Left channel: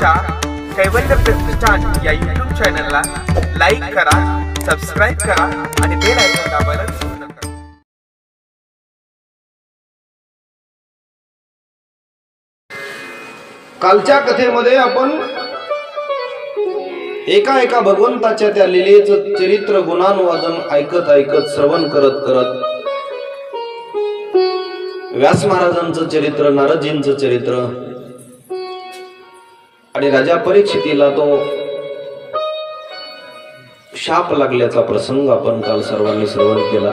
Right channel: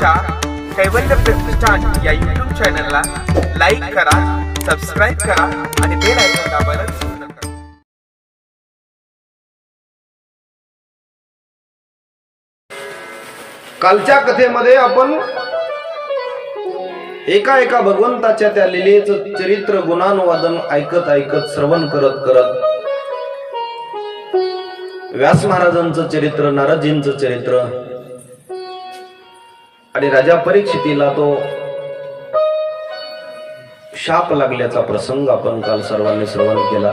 आमच्या कैवल्य प्रतिष्ठान या YouTube चॅनलला लाईक करा, सबस्क्राइब करा आणि बेल आयकॉन दाबायला विसरू नका। कालच्या कथेमध्ये आपण एका भगवंताच्या त्या लीलेचं चरित्र गुणानुवादन ऐकत ऐकत श्रवण करत करत व्यास महाराजांचं चरित्र, नारदजींचं चरित्र आणि राजा परीक्षितीला तो शाप लागल्याचा प्रसंग आपण काल सर्वांनी श्रवण केला।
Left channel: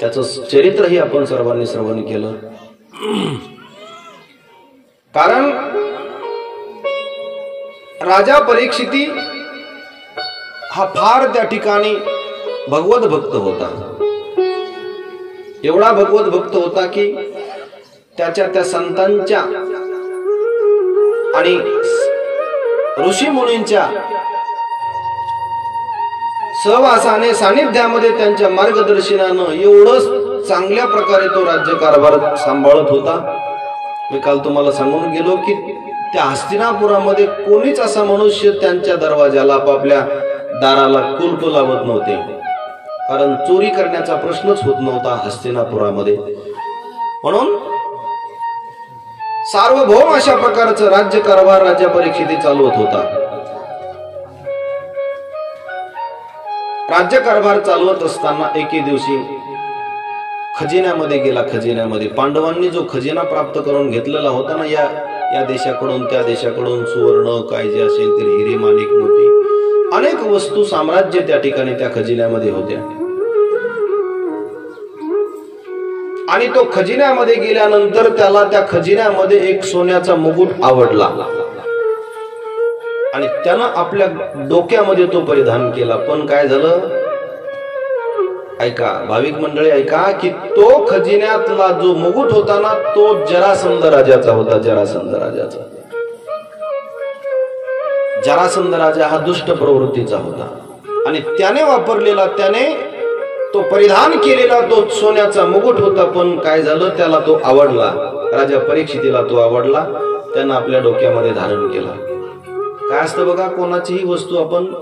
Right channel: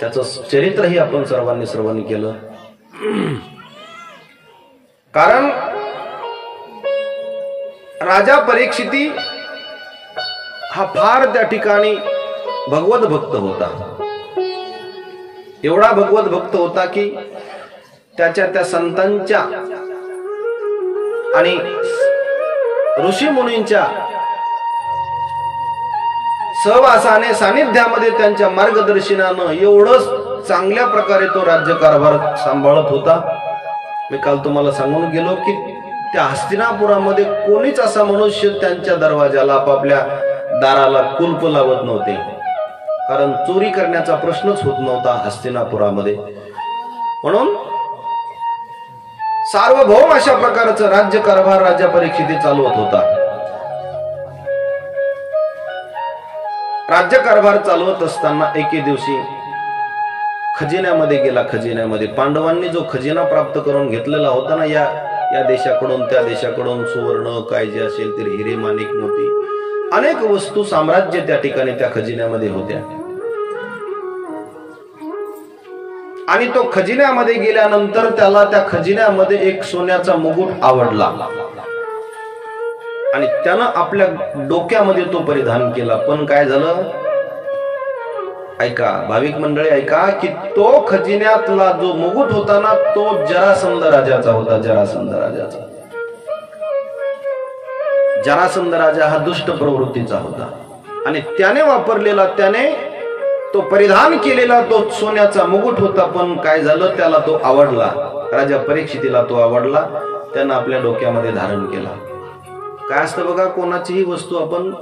त्याचं चरित्रही आपण सर्वांनी श्रवण केलं। कारण राजा परीक्षिती हा फार त्या ठिकाणी भगवत भक्त होता। एवढा भगवत भक्त होता की त्याच्या त्या संतांच्या आणि ऋषी मुनींच्या सहवासाने, सानिध्यामध्ये, त्यांच्या मार्गदर्शनानं एवढं चांगल्या प्रकारे तो राज्यकारभार सांभाळत होता। मी काल तुम्हाला सांगून गेलो की त्या हस्तिनापुरामध्ये कोणीच असा मनुष्य त्यांच्या दरवाजाला, आपापल्या दाराला कुलूप लावत नव्हते। कारण चोरी करण्याचा प्रश्नच होत नव्हता हस्तिनापुरामध्ये। म्हणून सार्वभौम अशा प्रकारचं राज्यकारभार राजा परीक्षिती चालवत होता। राज्यकारभार चालवत असताना एके दिवशी खजिन्यामध्ये गेला। खजिन्यामध्ये पांडवांनी जो खजिना प्राप्त करून घेतलेला होता ना, या देशाकडून त्या देशाकडून सुवर्ण काय जे असेल ते हिरे, माणिक, मोती, अनेक वस्तू, साम्राज्य त्या ठिकाणी त्या खजिन्यामध्ये होत्या। आणि तो खजिन्यामध्ये गेल्यानंतर त्याला त्या खजिन्यामध्ये एक सोन्याचा मुकुट आवडला आणि त्यानं आपल्या डोक्यामध्ये तो परिधान केला। पण काय झालं, ऐका भाविक मंडळी, ऐका की तो खजिन्यातला जो मुकुट होता ना, तो जरासंध राजाचा होता। जरासंध राजाचा। जरासंध राजा हा दुष्ट प्रवृत्तीचा होता आणि त्याने वापरलेला, त्याने तो परिधान केलेला तो सोन्याचा मुकुट होता। पण काय झालं, त्याला तो आवडला, राजा परीक्षितीला तो आवडला, त्यानं आपल्या डोक्यामध्ये धारण केला। काय असतं बघा, कोणाचीही वस्तू आपण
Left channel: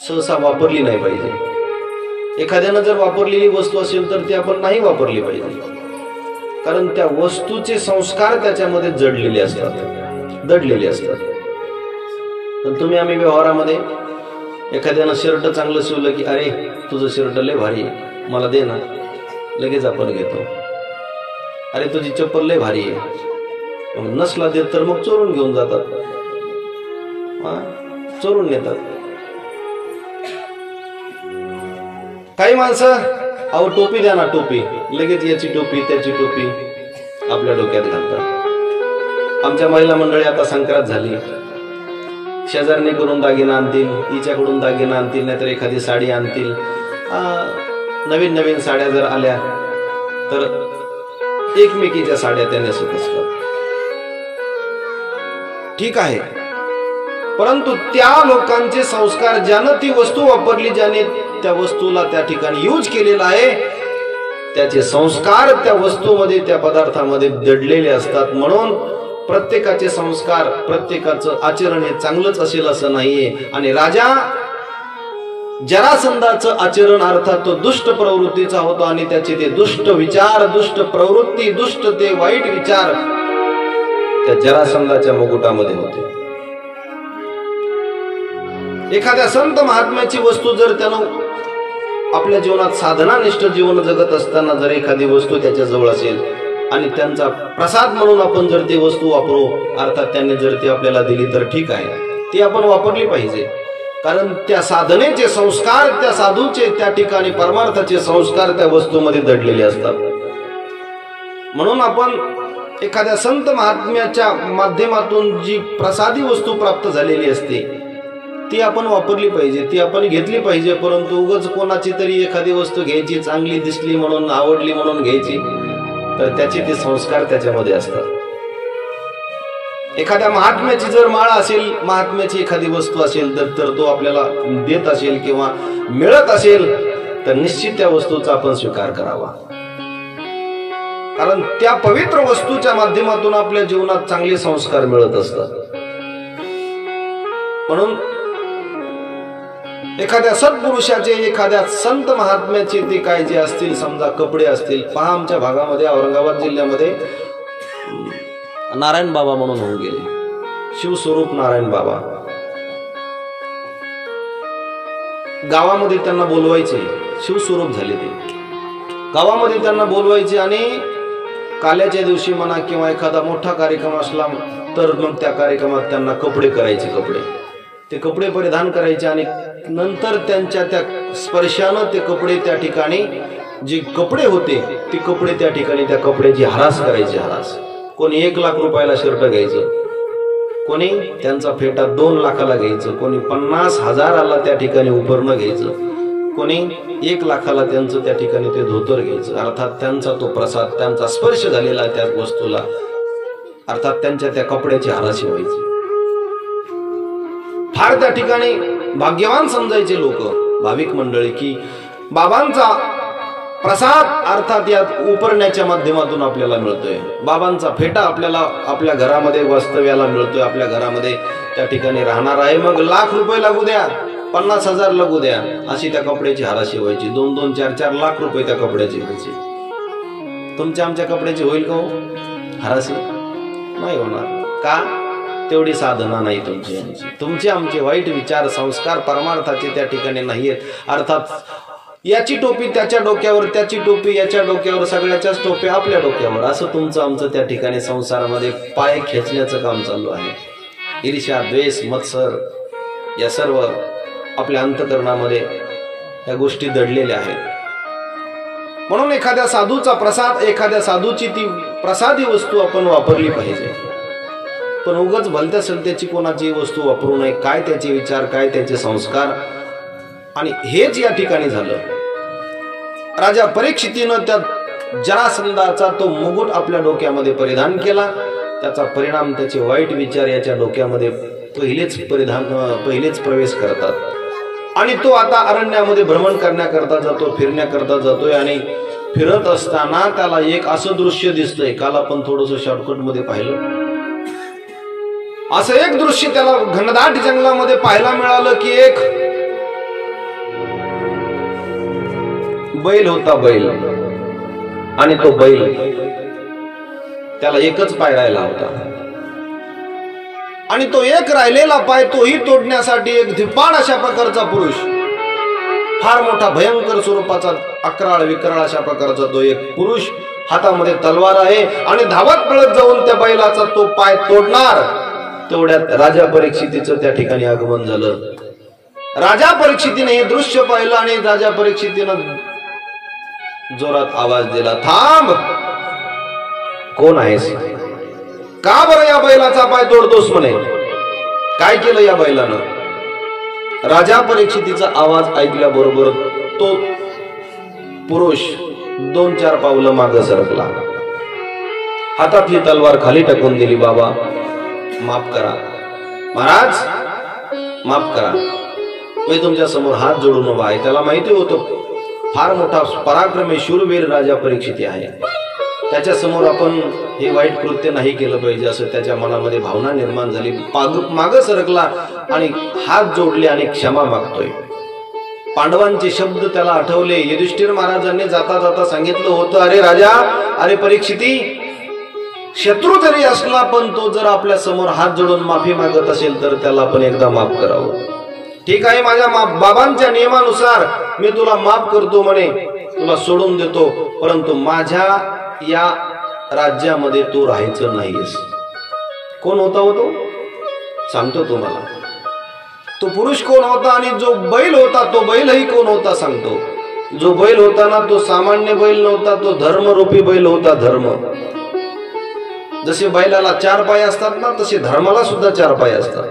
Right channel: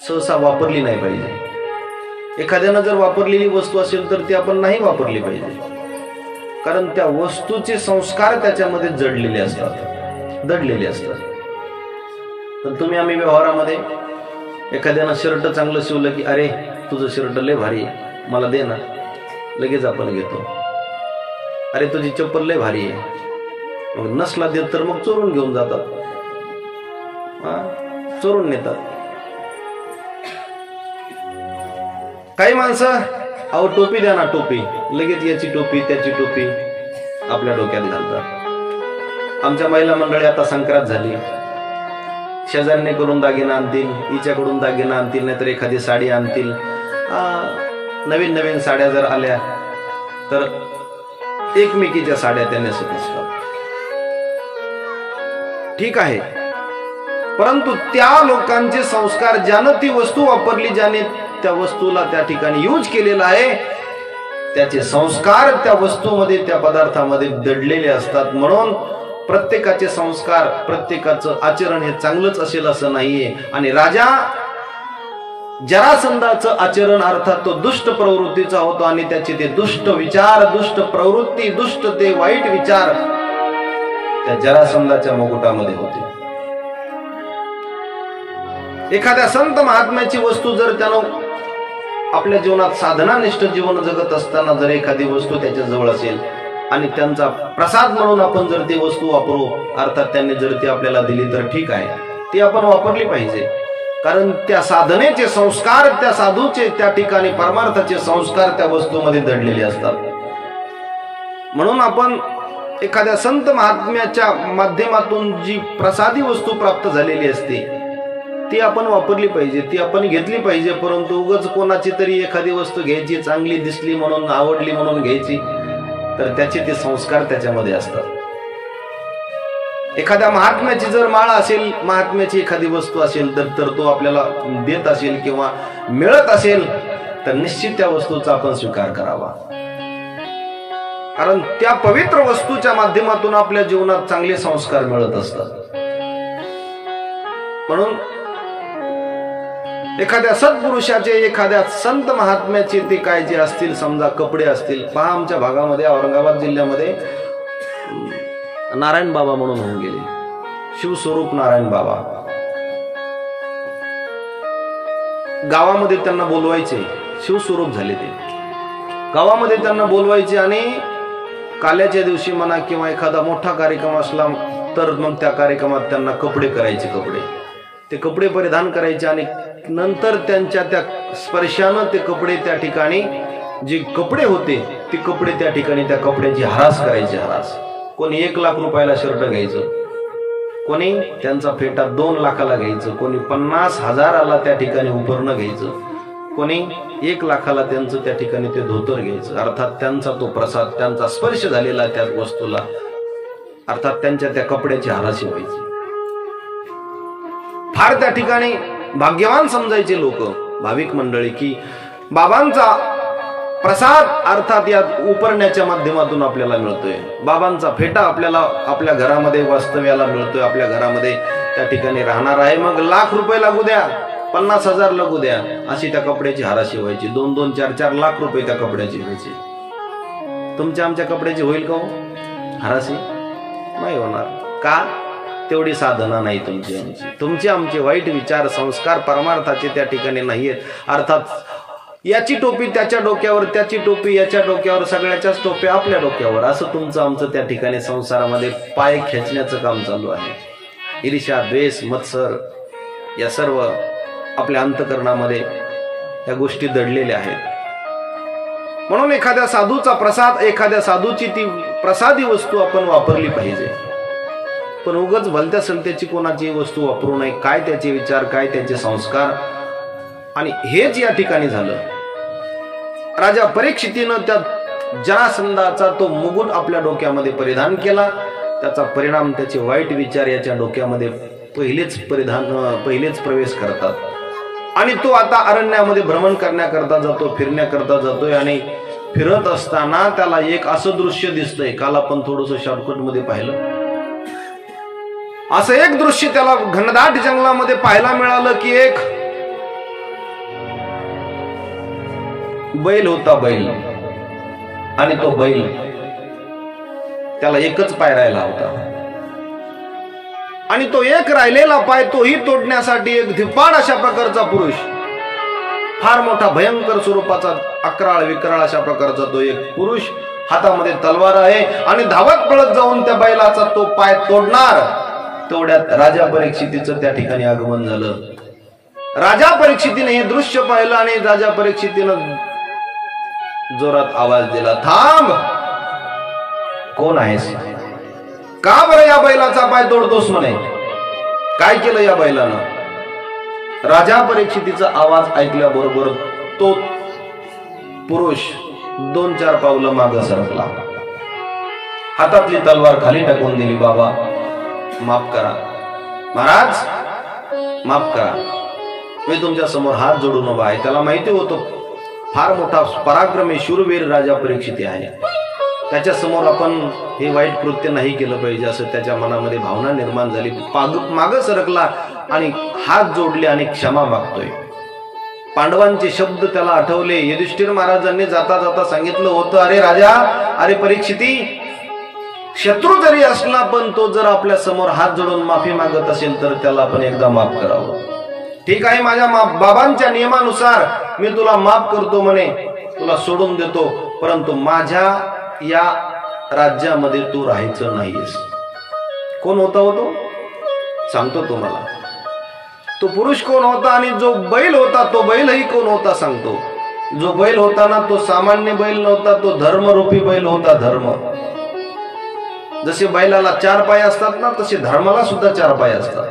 सहसा वापरली नाही पाहिजे। एखाद्यानं जर वापरलेली वस्तू असेल तर ती आपण नाही वापरली पाहिजे। कारण त्या वस्तूचे संस्कार त्याच्यामध्ये जडलेले असतात, दडलेले असतात। पण तुम्ही आम्ही व्यवहारामध्ये एखाद्यानं शर्ट चांगलं शिवलं की अरे तुझं शर्ट लय भारी आहे, मला दे ना, लगेच आपण घेतो। अरे तुझी चप्पल लय भारी आहे, मग नसला देत तर मग चोरून घेऊन जातात, चोरून नेतात। काही माणसं अहो टोपी द्या ना, टोपी, लगेच याची टोपी त्याची टोपी आपल्या डोक्यात घालतात। आमच्या महिला मंडळी आता संक्रांत झाली, शेजारने करून दागिना आणतील, हिच्याकडून दागिना आणतील, नाहीतर एखादी साडी आणतील। नवीन नवीन साड्या जर आल्या तर एकमेकीच्या साड्या त्या नेसत असतात। ठीक आहे, परंतु त्या लोकांचे संस्कार, ज्यानं ती वस्तू वापरली, ज्याने त्या वस्तूला त्या ठिकाणी यूज केलेला आहे, त्याचे संस्कार त्या वस्तूमध्ये, त्या पदार्थामध्ये दडलेले असतात। म्हणून प्रत्येकाचे संस्कार, प्रत्येकाचं आचरण हे चांगलंच असेल असं नाहीये। आणि राजा जरासंधाचं आचरण अर्थात तो दुष्ट प्रवृत्तीचा होता आणि त्याचे ते दुष्ट विचार, दुष्ट प्रवृत्ती, दुष्ट ते वाईट विचार त्या जरासंधाच्या मुकुटामध्ये होते। एखाद्या संत महात्म्याची वस्तू जर त्यानं आपल्या जीवनात साधनानिष्ठ जीवन जगत असताना जर एखादी वस्तू त्याच्या जवळ असेल आणि त्यांचा प्रसाद म्हणून आपण जर ती वस्तू वापरू, अर्थात त्यांनी जर ती आपल्याला दिली तर ठीक आहे, ती आपण वापरली पाहिजे। कारण त्या साधनेचे संस्कार, त्या साधूचे त्या ठिकाणी परमार्थाचे संस्कार त्या वस्तूमध्ये दडलेले असतात। म्हणून आपण एखाद्या संत महात्म्याच्या माध्यमातून जी प्रसादी वस्तू प्राप्त झालेली असते ती आपण वापरली पाहिजे, ती आपण घेतली पाहिजे। परंतु उगाच कोणाची तरी एखादी वस्तू घ्यायची, चांगली दिसली म्हणून, आवडली म्हणून घ्यायची, तर त्याचे ते संस्कार त्याच्यामध्ये असतात। एखाद्या महात्म्याची जर माळ असेल, महात्म्याची एखादी वस्तू असेल तर तो आपल्याला देत असेल किंवा मिळत असेल तर निश्चित त्या वस्तूचा आपण स्वीकार करावा। कारण त्या पवित्र वस्तूच्या माध्यमातून आपल्या जीवनात चांगले संस्कार मिळत असतात। म्हणून एखाद्या सत्पुरुषाचे, एखाद्या संत महात्म्याचे ते काय जे असतील, समजा कपडे असतील. पहा आमच्या भागामध्ये, औरंगाबाद जिल्ह्यामध्ये नारायण बाबा म्हणून होऊन गेले, शिवस्वरूप नारायण बाबा. गावामध्ये त्यांना बोलवायचे, शिवस्वरूप झाले ते. गावामध्ये त्यांना बोलवायचे आणि काल्याच्या दिवशी म्हणा किंवा एखादा मोठा कार्यक्रम असला तर मग त्या कार्यक्रमात त्यांना कपडे करायचे, ते कपडे परिधान करायचे आणि नंतर त्यांच्या त्या स्पर्शानं ते कपडे त्या ठिकाणी, जे कपडे होते ते कपडे त्या ठिकाणी, त्या कपड्याची हरास करायची. हरास. कोणी 1 लाख रुपयाला शर्ट घ्यायचं, कोणी त्यांचा फेटा 2 लाखाला घ्यायचं, कोणी 50,000ला त्या ठिकाणी उपरणं घ्यायचं, कोणी 1 लाखाला त्यांचं त्या ठिकाणी ते धोतर घ्यायचं. अर्थात त्यांचा तो प्रसाद, त्यांचा स्पर्श झालेला त्या वस्तूला, अर्थात त्यांच्या त्या कपड्याची हराशी व्हायची. फार त्या ठिकाणी भाग्यवान समजायचे लोक, भाविक मंडळी, की बाबांचा प्रसाद अर्थात या उपरण्याच्या माध्यमातून आपल्याला मिळतोय. बाबांचा फेटा आपल्याला आपल्या घरामध्ये वास्तव्याला मिळतोय, आपल्या घरामध्ये त्या ठिकाणी राहणार आहे. मग 1 लाख रुपये लागू द्या, 50,000 लागू द्या, अशी त्या कपड्याची हराशी व्हायची. 2-2, 4-4 लाख रुपये त्या कपड्याची व्हायची. तुमच्या आमच्या कपड्याची होईल का हो हराशी? नाही होणार. का? तेवढी साधना नाही तुमची आमची. तुमचे आमचे वाईट विचार, संस्कार परमार्थाचे त्या ठिकाणी नाहीयेत. अर्थात याची टोपी त्याच्या डोक्यावर, त्याची टोपी याच्या डोक्यावर, सगळ्याच्याच टोप्या आपल्या डोक्यावर, असं तुमचं आमचं त्या ठिकाणी संसारामध्ये पाय खेचण्याचं काम चालू आहे. ईर्ष्या, द्वेष, मत्सर या सर्व आपल्या अंतःकरणामध्ये या गोष्टी दडलेल्या आहेत. म्हणून एखाद्या साधूचा प्रसाद, एखाद्या साधूची ती प्रसादी वस्तू आपण वापरली पाहिजे. पण उगाच भलत्या सलत्याची कोणाची वस्तू वापरू नये. काय त्याचे विचार, काय त्याचे संस्कार. आणि हेच या ठिकाणी झालं. राजा परीक्षितीनं त्या जरासंधाचा तो मुकुट आपल्या डोक्यामध्ये परिधान केला. त्याचा परिणाम त्याचे वाईट विचार याच्या डोक्यामध्ये पहिलेच प्रवेश करतात. आणि तो आता अरण्यामध्ये भ्रमण करण्याकरता जातो, फिरण्याकरता जातोय. आणि फिरत असताना त्याला एक असं दृश्य दिसतंय, काल आपण थोडंसं शॉर्टकट मध्ये पाहिलं. असं एक दृश्य त्याला घनदाट जंगलामध्ये पाहायला मिळालं की एक बैल होता, बैल. आणि तो बैल, त्याला एकच पाय राहिला होता. आणि तो एक राहिलेला पाय तोही तोडण्यासाठी एक धिप्पाड अशा प्रकारचा पुरुष, फार मोठा भयंकर स्वरूपाचा, अकराळ विकराळ अशा प्रकारचा तो एक पुरुष, हातामध्ये तलवार आहे आणि धावत पळत जाऊन त्या बैलाचा तो पाय तोडणार. तेवढ्यात राजा परीक्षितीचं त्या ठिकाणी आगमन झालं. राजा परीक्षितीने हे दृश्य पाहिलं आणि राजा परीक्षितीनं जोरात आवाज दिला, थांब, कोण आहेस? का बरं या बैलाचा पाय तोडतोस म्हणे? काय केलं या बैलानं? राजा परीक्षितीचा आवाज ऐकल्याबरोबर तो पुरुष 2-4 पावलं मागे सरकला, हातातली तलवार खाली टाकून दिली. बाबा माफ करा, महाराज माफ करा, मी तुमच्या समोर हात जोडून उभा आहे. त्याला माहिती होतं फार मोठा पराक्रमी शूरवीर राजा परीक्षिती आहे, त्याच्या समोर आपण हे वाईट कृत्य नाही केलं पाहिजे असं त्याच्या मनामध्ये भावना निर्माण झाली. मागं सरकला आणि हात जोडले आणि क्षमा मागतोय. पांडवांचे शब्द त्याला आठवले. युधिष्ठिर महाराजांनी जाता जाता सांगितलं होतं, अरे राजा, अरे परीक्षिती, शत्रू जरी असला पण तो जर आपल्या समोर हात जोडून माफी मागत असेल तर त्याला आपण एकदा माफ करावं. ठीक आहे, माझ्या बाबांच्या नियमानुसार मी तुला माफ करतो म्हणे, तुला सोडून देतो, परंतु माझ्या या राज्यामध्ये तू राहायचं नाहीस. कोण होता हो तो? सांगतो तुम्हाला. तो पुरुष कोण होता आणि जो बैल होता तो बैलही कोण होता सांगतो. जो बैल होता ना तो सामान्य बैल नव्हता, तो धर्मरूपी बैल होता. धर्म. जसे बैलाला 4 पाय असतात ना, तसे धर्माला सुद्धा 4 पाय असतात.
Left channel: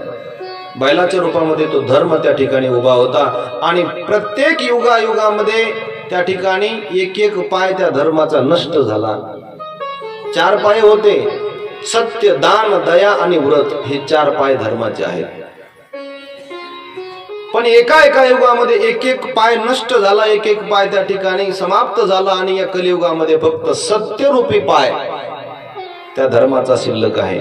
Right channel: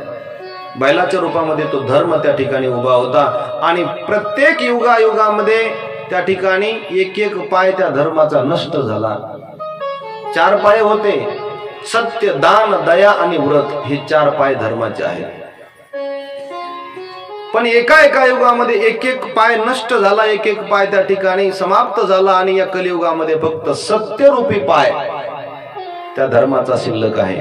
बैलाच्या रूपामध्ये तो धर्म त्या ठिकाणी उभा होता. आणि प्रत्येक युगायुगामध्ये त्या ठिकाणी एक पाय त्या धर्माचा नष्ट झाला. 4 पाय होते, सत्य, दान, दया आणि व्रत, हे 4 पाय धर्माचे आहेत. पण एका युगामध्ये एक पाय नष्ट झाला, एक पाय त्या ठिकाणी समाप्त झाला. आणि या कलियुगामध्ये फक्त सत्यरूपी पाय त्या धर्माचा शिल्लक आहे.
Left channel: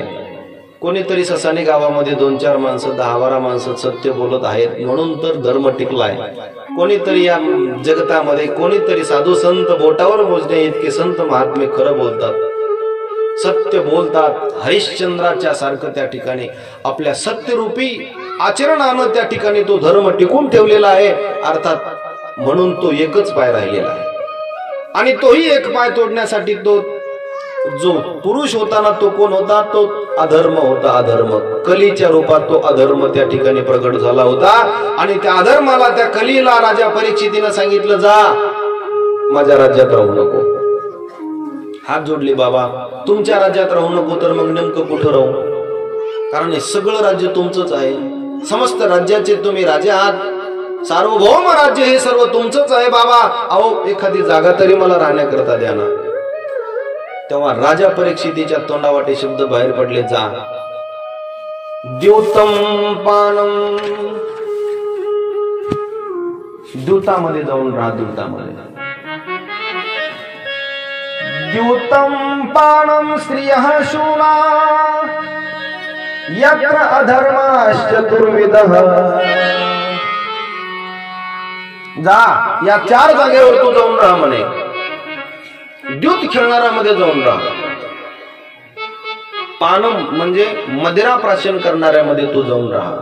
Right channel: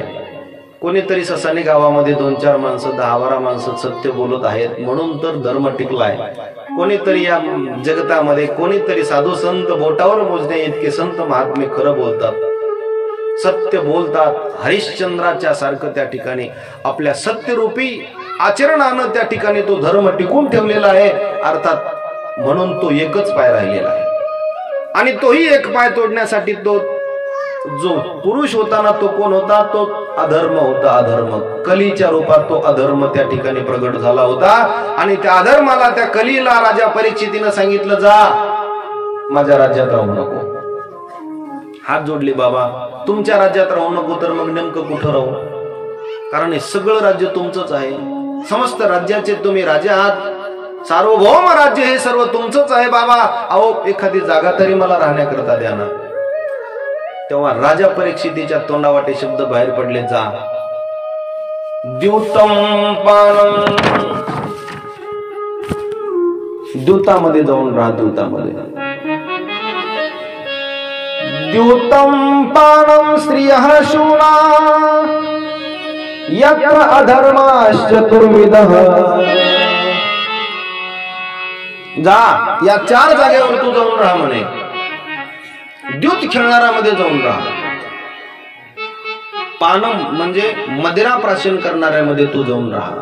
कोणीतरी ससाने गावामध्ये 2-4 माणसं 10-12 माणसं सत्य बोलत आहेत म्हणून तर धर्म टिकलाय. कोणीतरी या जगतामध्ये कोणीतरी साधू संत बोटावर मोजणे इतके संत महात्मे खरं बोलतात, सत्य बोलतात. हरिश्चंद्राच्या सारखं त्या ठिकाणी आपल्या सत्यरूपी आचरणानं त्या ठिकाणी तो धर्म टिकून ठेवलेला आहे. अर्थात म्हणून तो एकच पाय राहिलेला आहे आणि तोही एक पाय तोडण्यासाठी तो जो पुरुष होता ना तो कोण होता? तो अधर्म होता. अधर्म कलीच्या रूपात तो अधर्म त्या ठिकाणी प्रगट झाला होता आणि त्या अधर्माला त्या कलीला राजा परीक्षितीनं सांगितलं, जा माझ्या राज्यात राहू नको. हात जोडले, बाबा तुमच्या राज्यात राहू नको तर मग नेमकं कुठं राहू? कारण हे सगळं राज्य तुमचंच आहे. समस्त राज्याचे तुम्ही राजे आहात. सार्वभौम राज्य हे सर्व तुमचंच आहे बाबा. अहो एखादी जागा तरी मला राहण्याकरता द्या ना. तेव्हा राजा परीक्षितीच्या तोंडावाटे शब्द बाहेर पडले, जा. द्यूतम पानम, द्यूतामध्ये जाऊन राहा. द्यूतामध्ये द्यूतम पानम स्त्रियः शूना यत्र अधर्माश्चतुर्विधः. जा या 4 जागेवर तू जाऊन राहा म्हणे. द्यूत खेळणाऱ्यामध्ये जाऊन राहा. पानम म्हणजे मदिरा प्राशन करणाऱ्यामध्ये तू जाऊन राहा.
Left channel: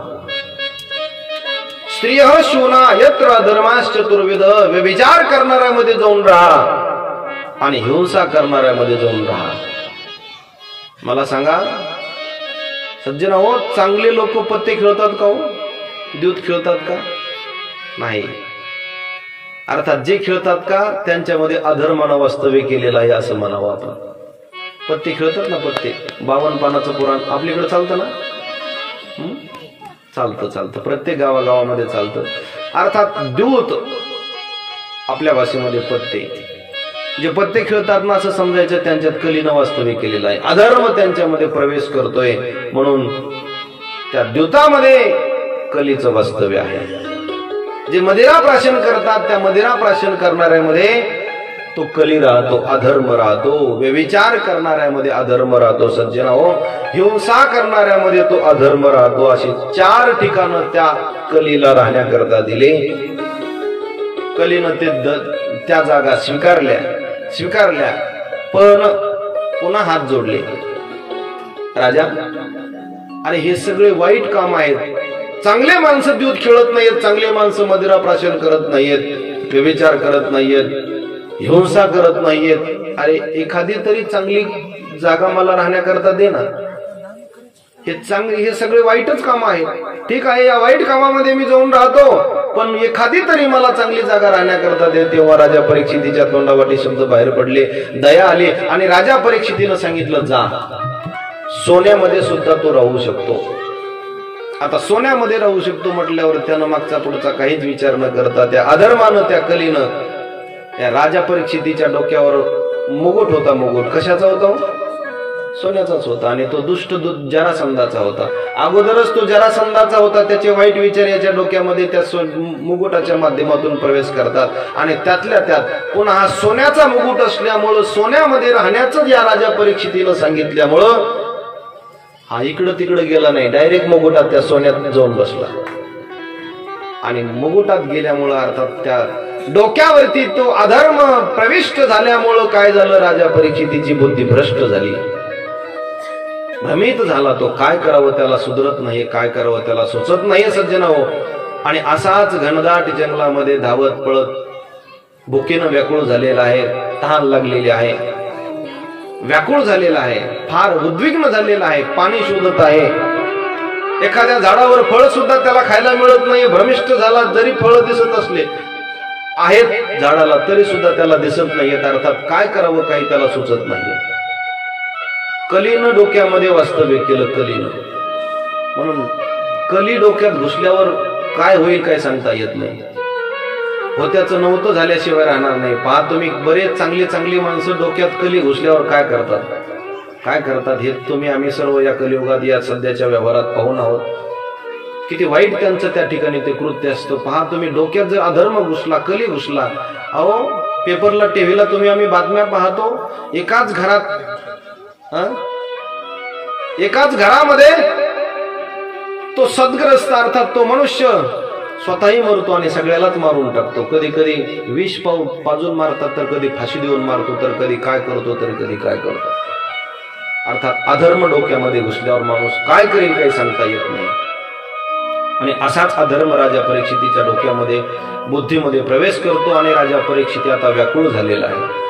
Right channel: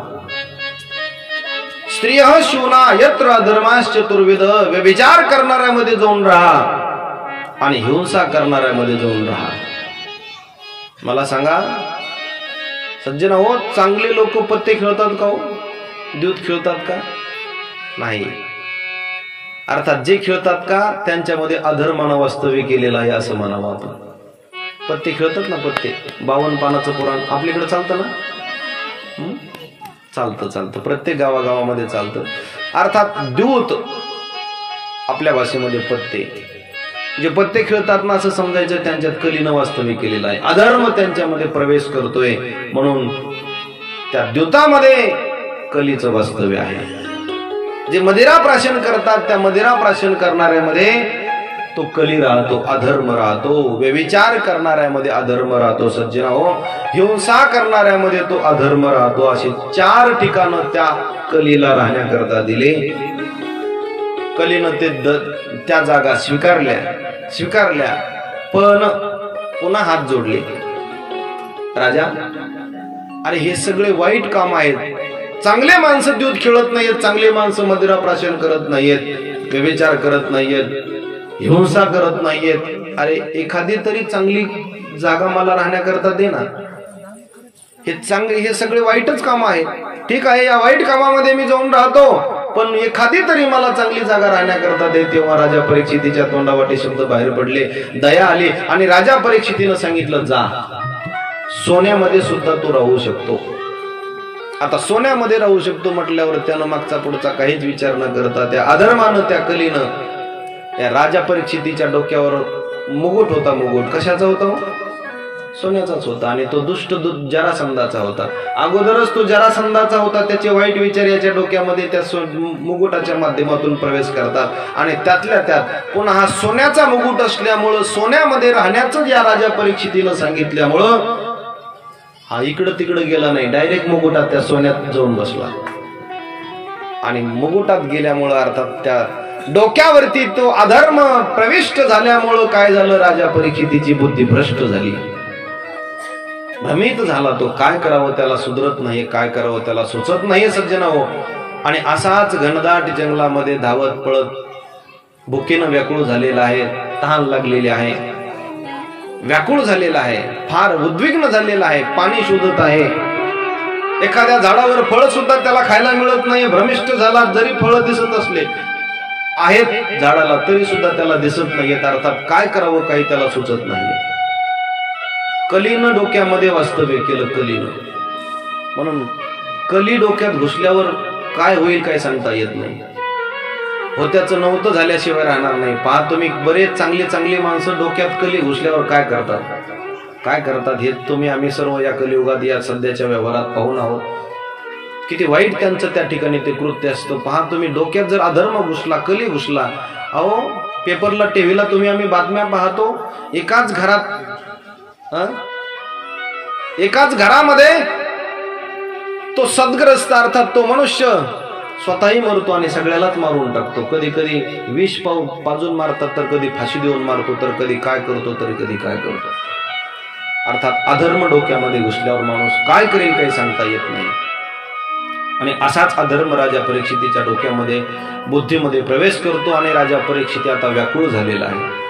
स्त्रियः शूना यत्र अधर्माश्चतुर्विध, व्यभिचार करणाऱ्यामध्ये जाऊन राहा आणि हिंसा करणाऱ्यामध्ये जाऊन राहा. मला सांगा सज्जन हो, चांगले लोक पत्ते खेळतात का हो? द्यूत खेळतात का? नाही. अर्थात जे खेळतात का त्यांच्यामध्ये अधर्मानं वास्तव्य केलेलं आहे असं म्हणावं आपण. पत्ते खेळतात ना, पत्ते 52 पानाचं पुराण आपल्याकडे चालतं ना. चालतं प्रत्येक गावागावामध्ये चालतं. अर्थात द्यूत आपल्या भाषेमध्ये पत्ते, जे पत्ते खेळतात ना असं समजायचं त्यांच्यात कलीनं वास्तव्य केलेलं आहे. अधर्म त्यांच्यामध्ये प्रवेश करतोय म्हणून त्या द्यूतामध्ये कलीचं वास्तव्य आहे. जे मदिरा प्राशन करतात त्या मदिरा प्राशन करणाऱ्यामध्ये तो कली राहतो, अधर्म राहतो. व्यभिचार करणाऱ्यामध्ये अधर्म राहतो सज्जनाओ. हिंसा करणाऱ्यामध्ये तो अधर्म राहतो. अशी 4 ठिकाणं त्या कलीला राहण्याकरता दिले. कलीनं ते त्या जागा स्वीकारल्या पण पुन्हा हात जोडले. राजा, अरे हे सगळे वाईट काम आहेत. चांगले माणसं द्यूत खेळत नाहीयेत, चांगले माणसं मदिरा प्राशन करत नाहीयेत, व्यभिचार करत नाहीयेत, हिंसा करत नाहीयेत. अरे एखादी तरी चांगली जागा मला राहण्याकरता दे ना. हे सगळे वाईटच काम आहेत. ठीक आहे, या वाईट कामामध्ये मी जाऊन राहतो पण एखादी तरी मला चांगली जागा राहण्याकरता दे. तेव्हा राजा परीक्षितीच्या तोंडावाटे शब्द बाहेर पडले, दया आली आणि राजा परीक्षितीनं सांगितलं, जा सोन्यामध्ये सुद्धा तो राहू शकतो. आता सोन्यामध्ये राहू शकतो म्हटल्यावर त्यानं मागचा पुढचा काहीच विचार न करता त्या अधर्मानं त्या कलीनं या राजा परीक्षितीच्या डोक्यावर मुकुट होता. मुकुट कशाचा होता? सोन्याचाच होता. आणि तो दुष्ट जरासंधाचा होता. अगोदरच तो जरासंधाचा होता. त्याचे वाईट विचार याच्या डोक्यामध्ये त्या मुकुटाच्या माध्यमातून प्रवेश करतात आणि त्यातल्या त्यात पुन्हा हा सोन्याचा मुकुट असल्यामुळं सोन्यामध्ये राहण्याचं या राजा परीक्षितीनं सांगितल्यामुळं हा इकडं तिकडं गेला नाही, डायरेक्ट मुकुटात त्या सोन्यात जाऊन बसला. आणि मुकुटात गेल्यामुळं अर्थात त्या डोक्यावरती तो अधर्म प्रविष्ट झाल्यामुळं काय झालं? राजा परीक्षितीची बुद्धी भ्रष्ट झाली, भ्रमित झाला. तो काय करावं त्याला सुधरत नाही, काय करावं त्याला सुचत नाही सज्जनाओ. आणि असाच घनदाट जंगलामध्ये धावत पळत भुकेनं व्याकुळ झालेला आहे, तहान लागलेली आहे, व्याकुळ झालेला आहे, फार उद्विग्न झालेला आहे, पाणी शोधत आहे. एखाद्या झाडावर फळ सुद्धा त्याला खायला मिळत नाही, भ्रमिष्ट झाला. जरी फळं दिसत असले आहेत झाडाला तरी सुद्धा त्याला दिसत नाहीयेत. अर्थात काय करावं काही त्याला सुचत नाही. कलीनं डोक्यामध्ये वास्तव्य केलं, कलीनं. म्हणून कली डोक्यात घुसल्यावर काय होईल काय सांगता येत नाही. होत्याचं नव्हतं झाल्याशिवाय राहणार नाही. पहा तुम्ही, बरेच चांगली माणसं डोक्यात कली घुसल्यावर काय करतात हे तुम्ही आम्ही सर्व या कलियुगात या सध्याच्या व्यवहारात पाहून आहोत. किती वाईट त्यांचं त्या ठिकाणी ते कृत्य असतं. पहा तुम्ही, डोक्यात जर अधर्म घुसला, कली घुसला, अहो पेपरला टीव्हीला तुम्ही आम्ही बातम्या पाहतो, एकाच घरात एकाच घरामध्ये तो सद्ग्रस्त अर्थात तो मनुष्य स्वतःही मरतो आणि सगळ्यालाच मारून टाकतो. कधी कधी विष पाजून मारतात, तर कधी फाशी देऊन मारतो, तर कधी काय करतो, तर कधी काय करतो. अर्थात अधर्म डोक्यामध्ये घुसल्यावर माणूस काय करेल काही सांगता येत नाही. आणि असाच अधर्म राजा परीक्षितीच्या डोक्यामध्ये बुद्धीमध्ये प्रवेश करतो आणि राजा परीक्षिती आता व्याकुळ झालेला आहे.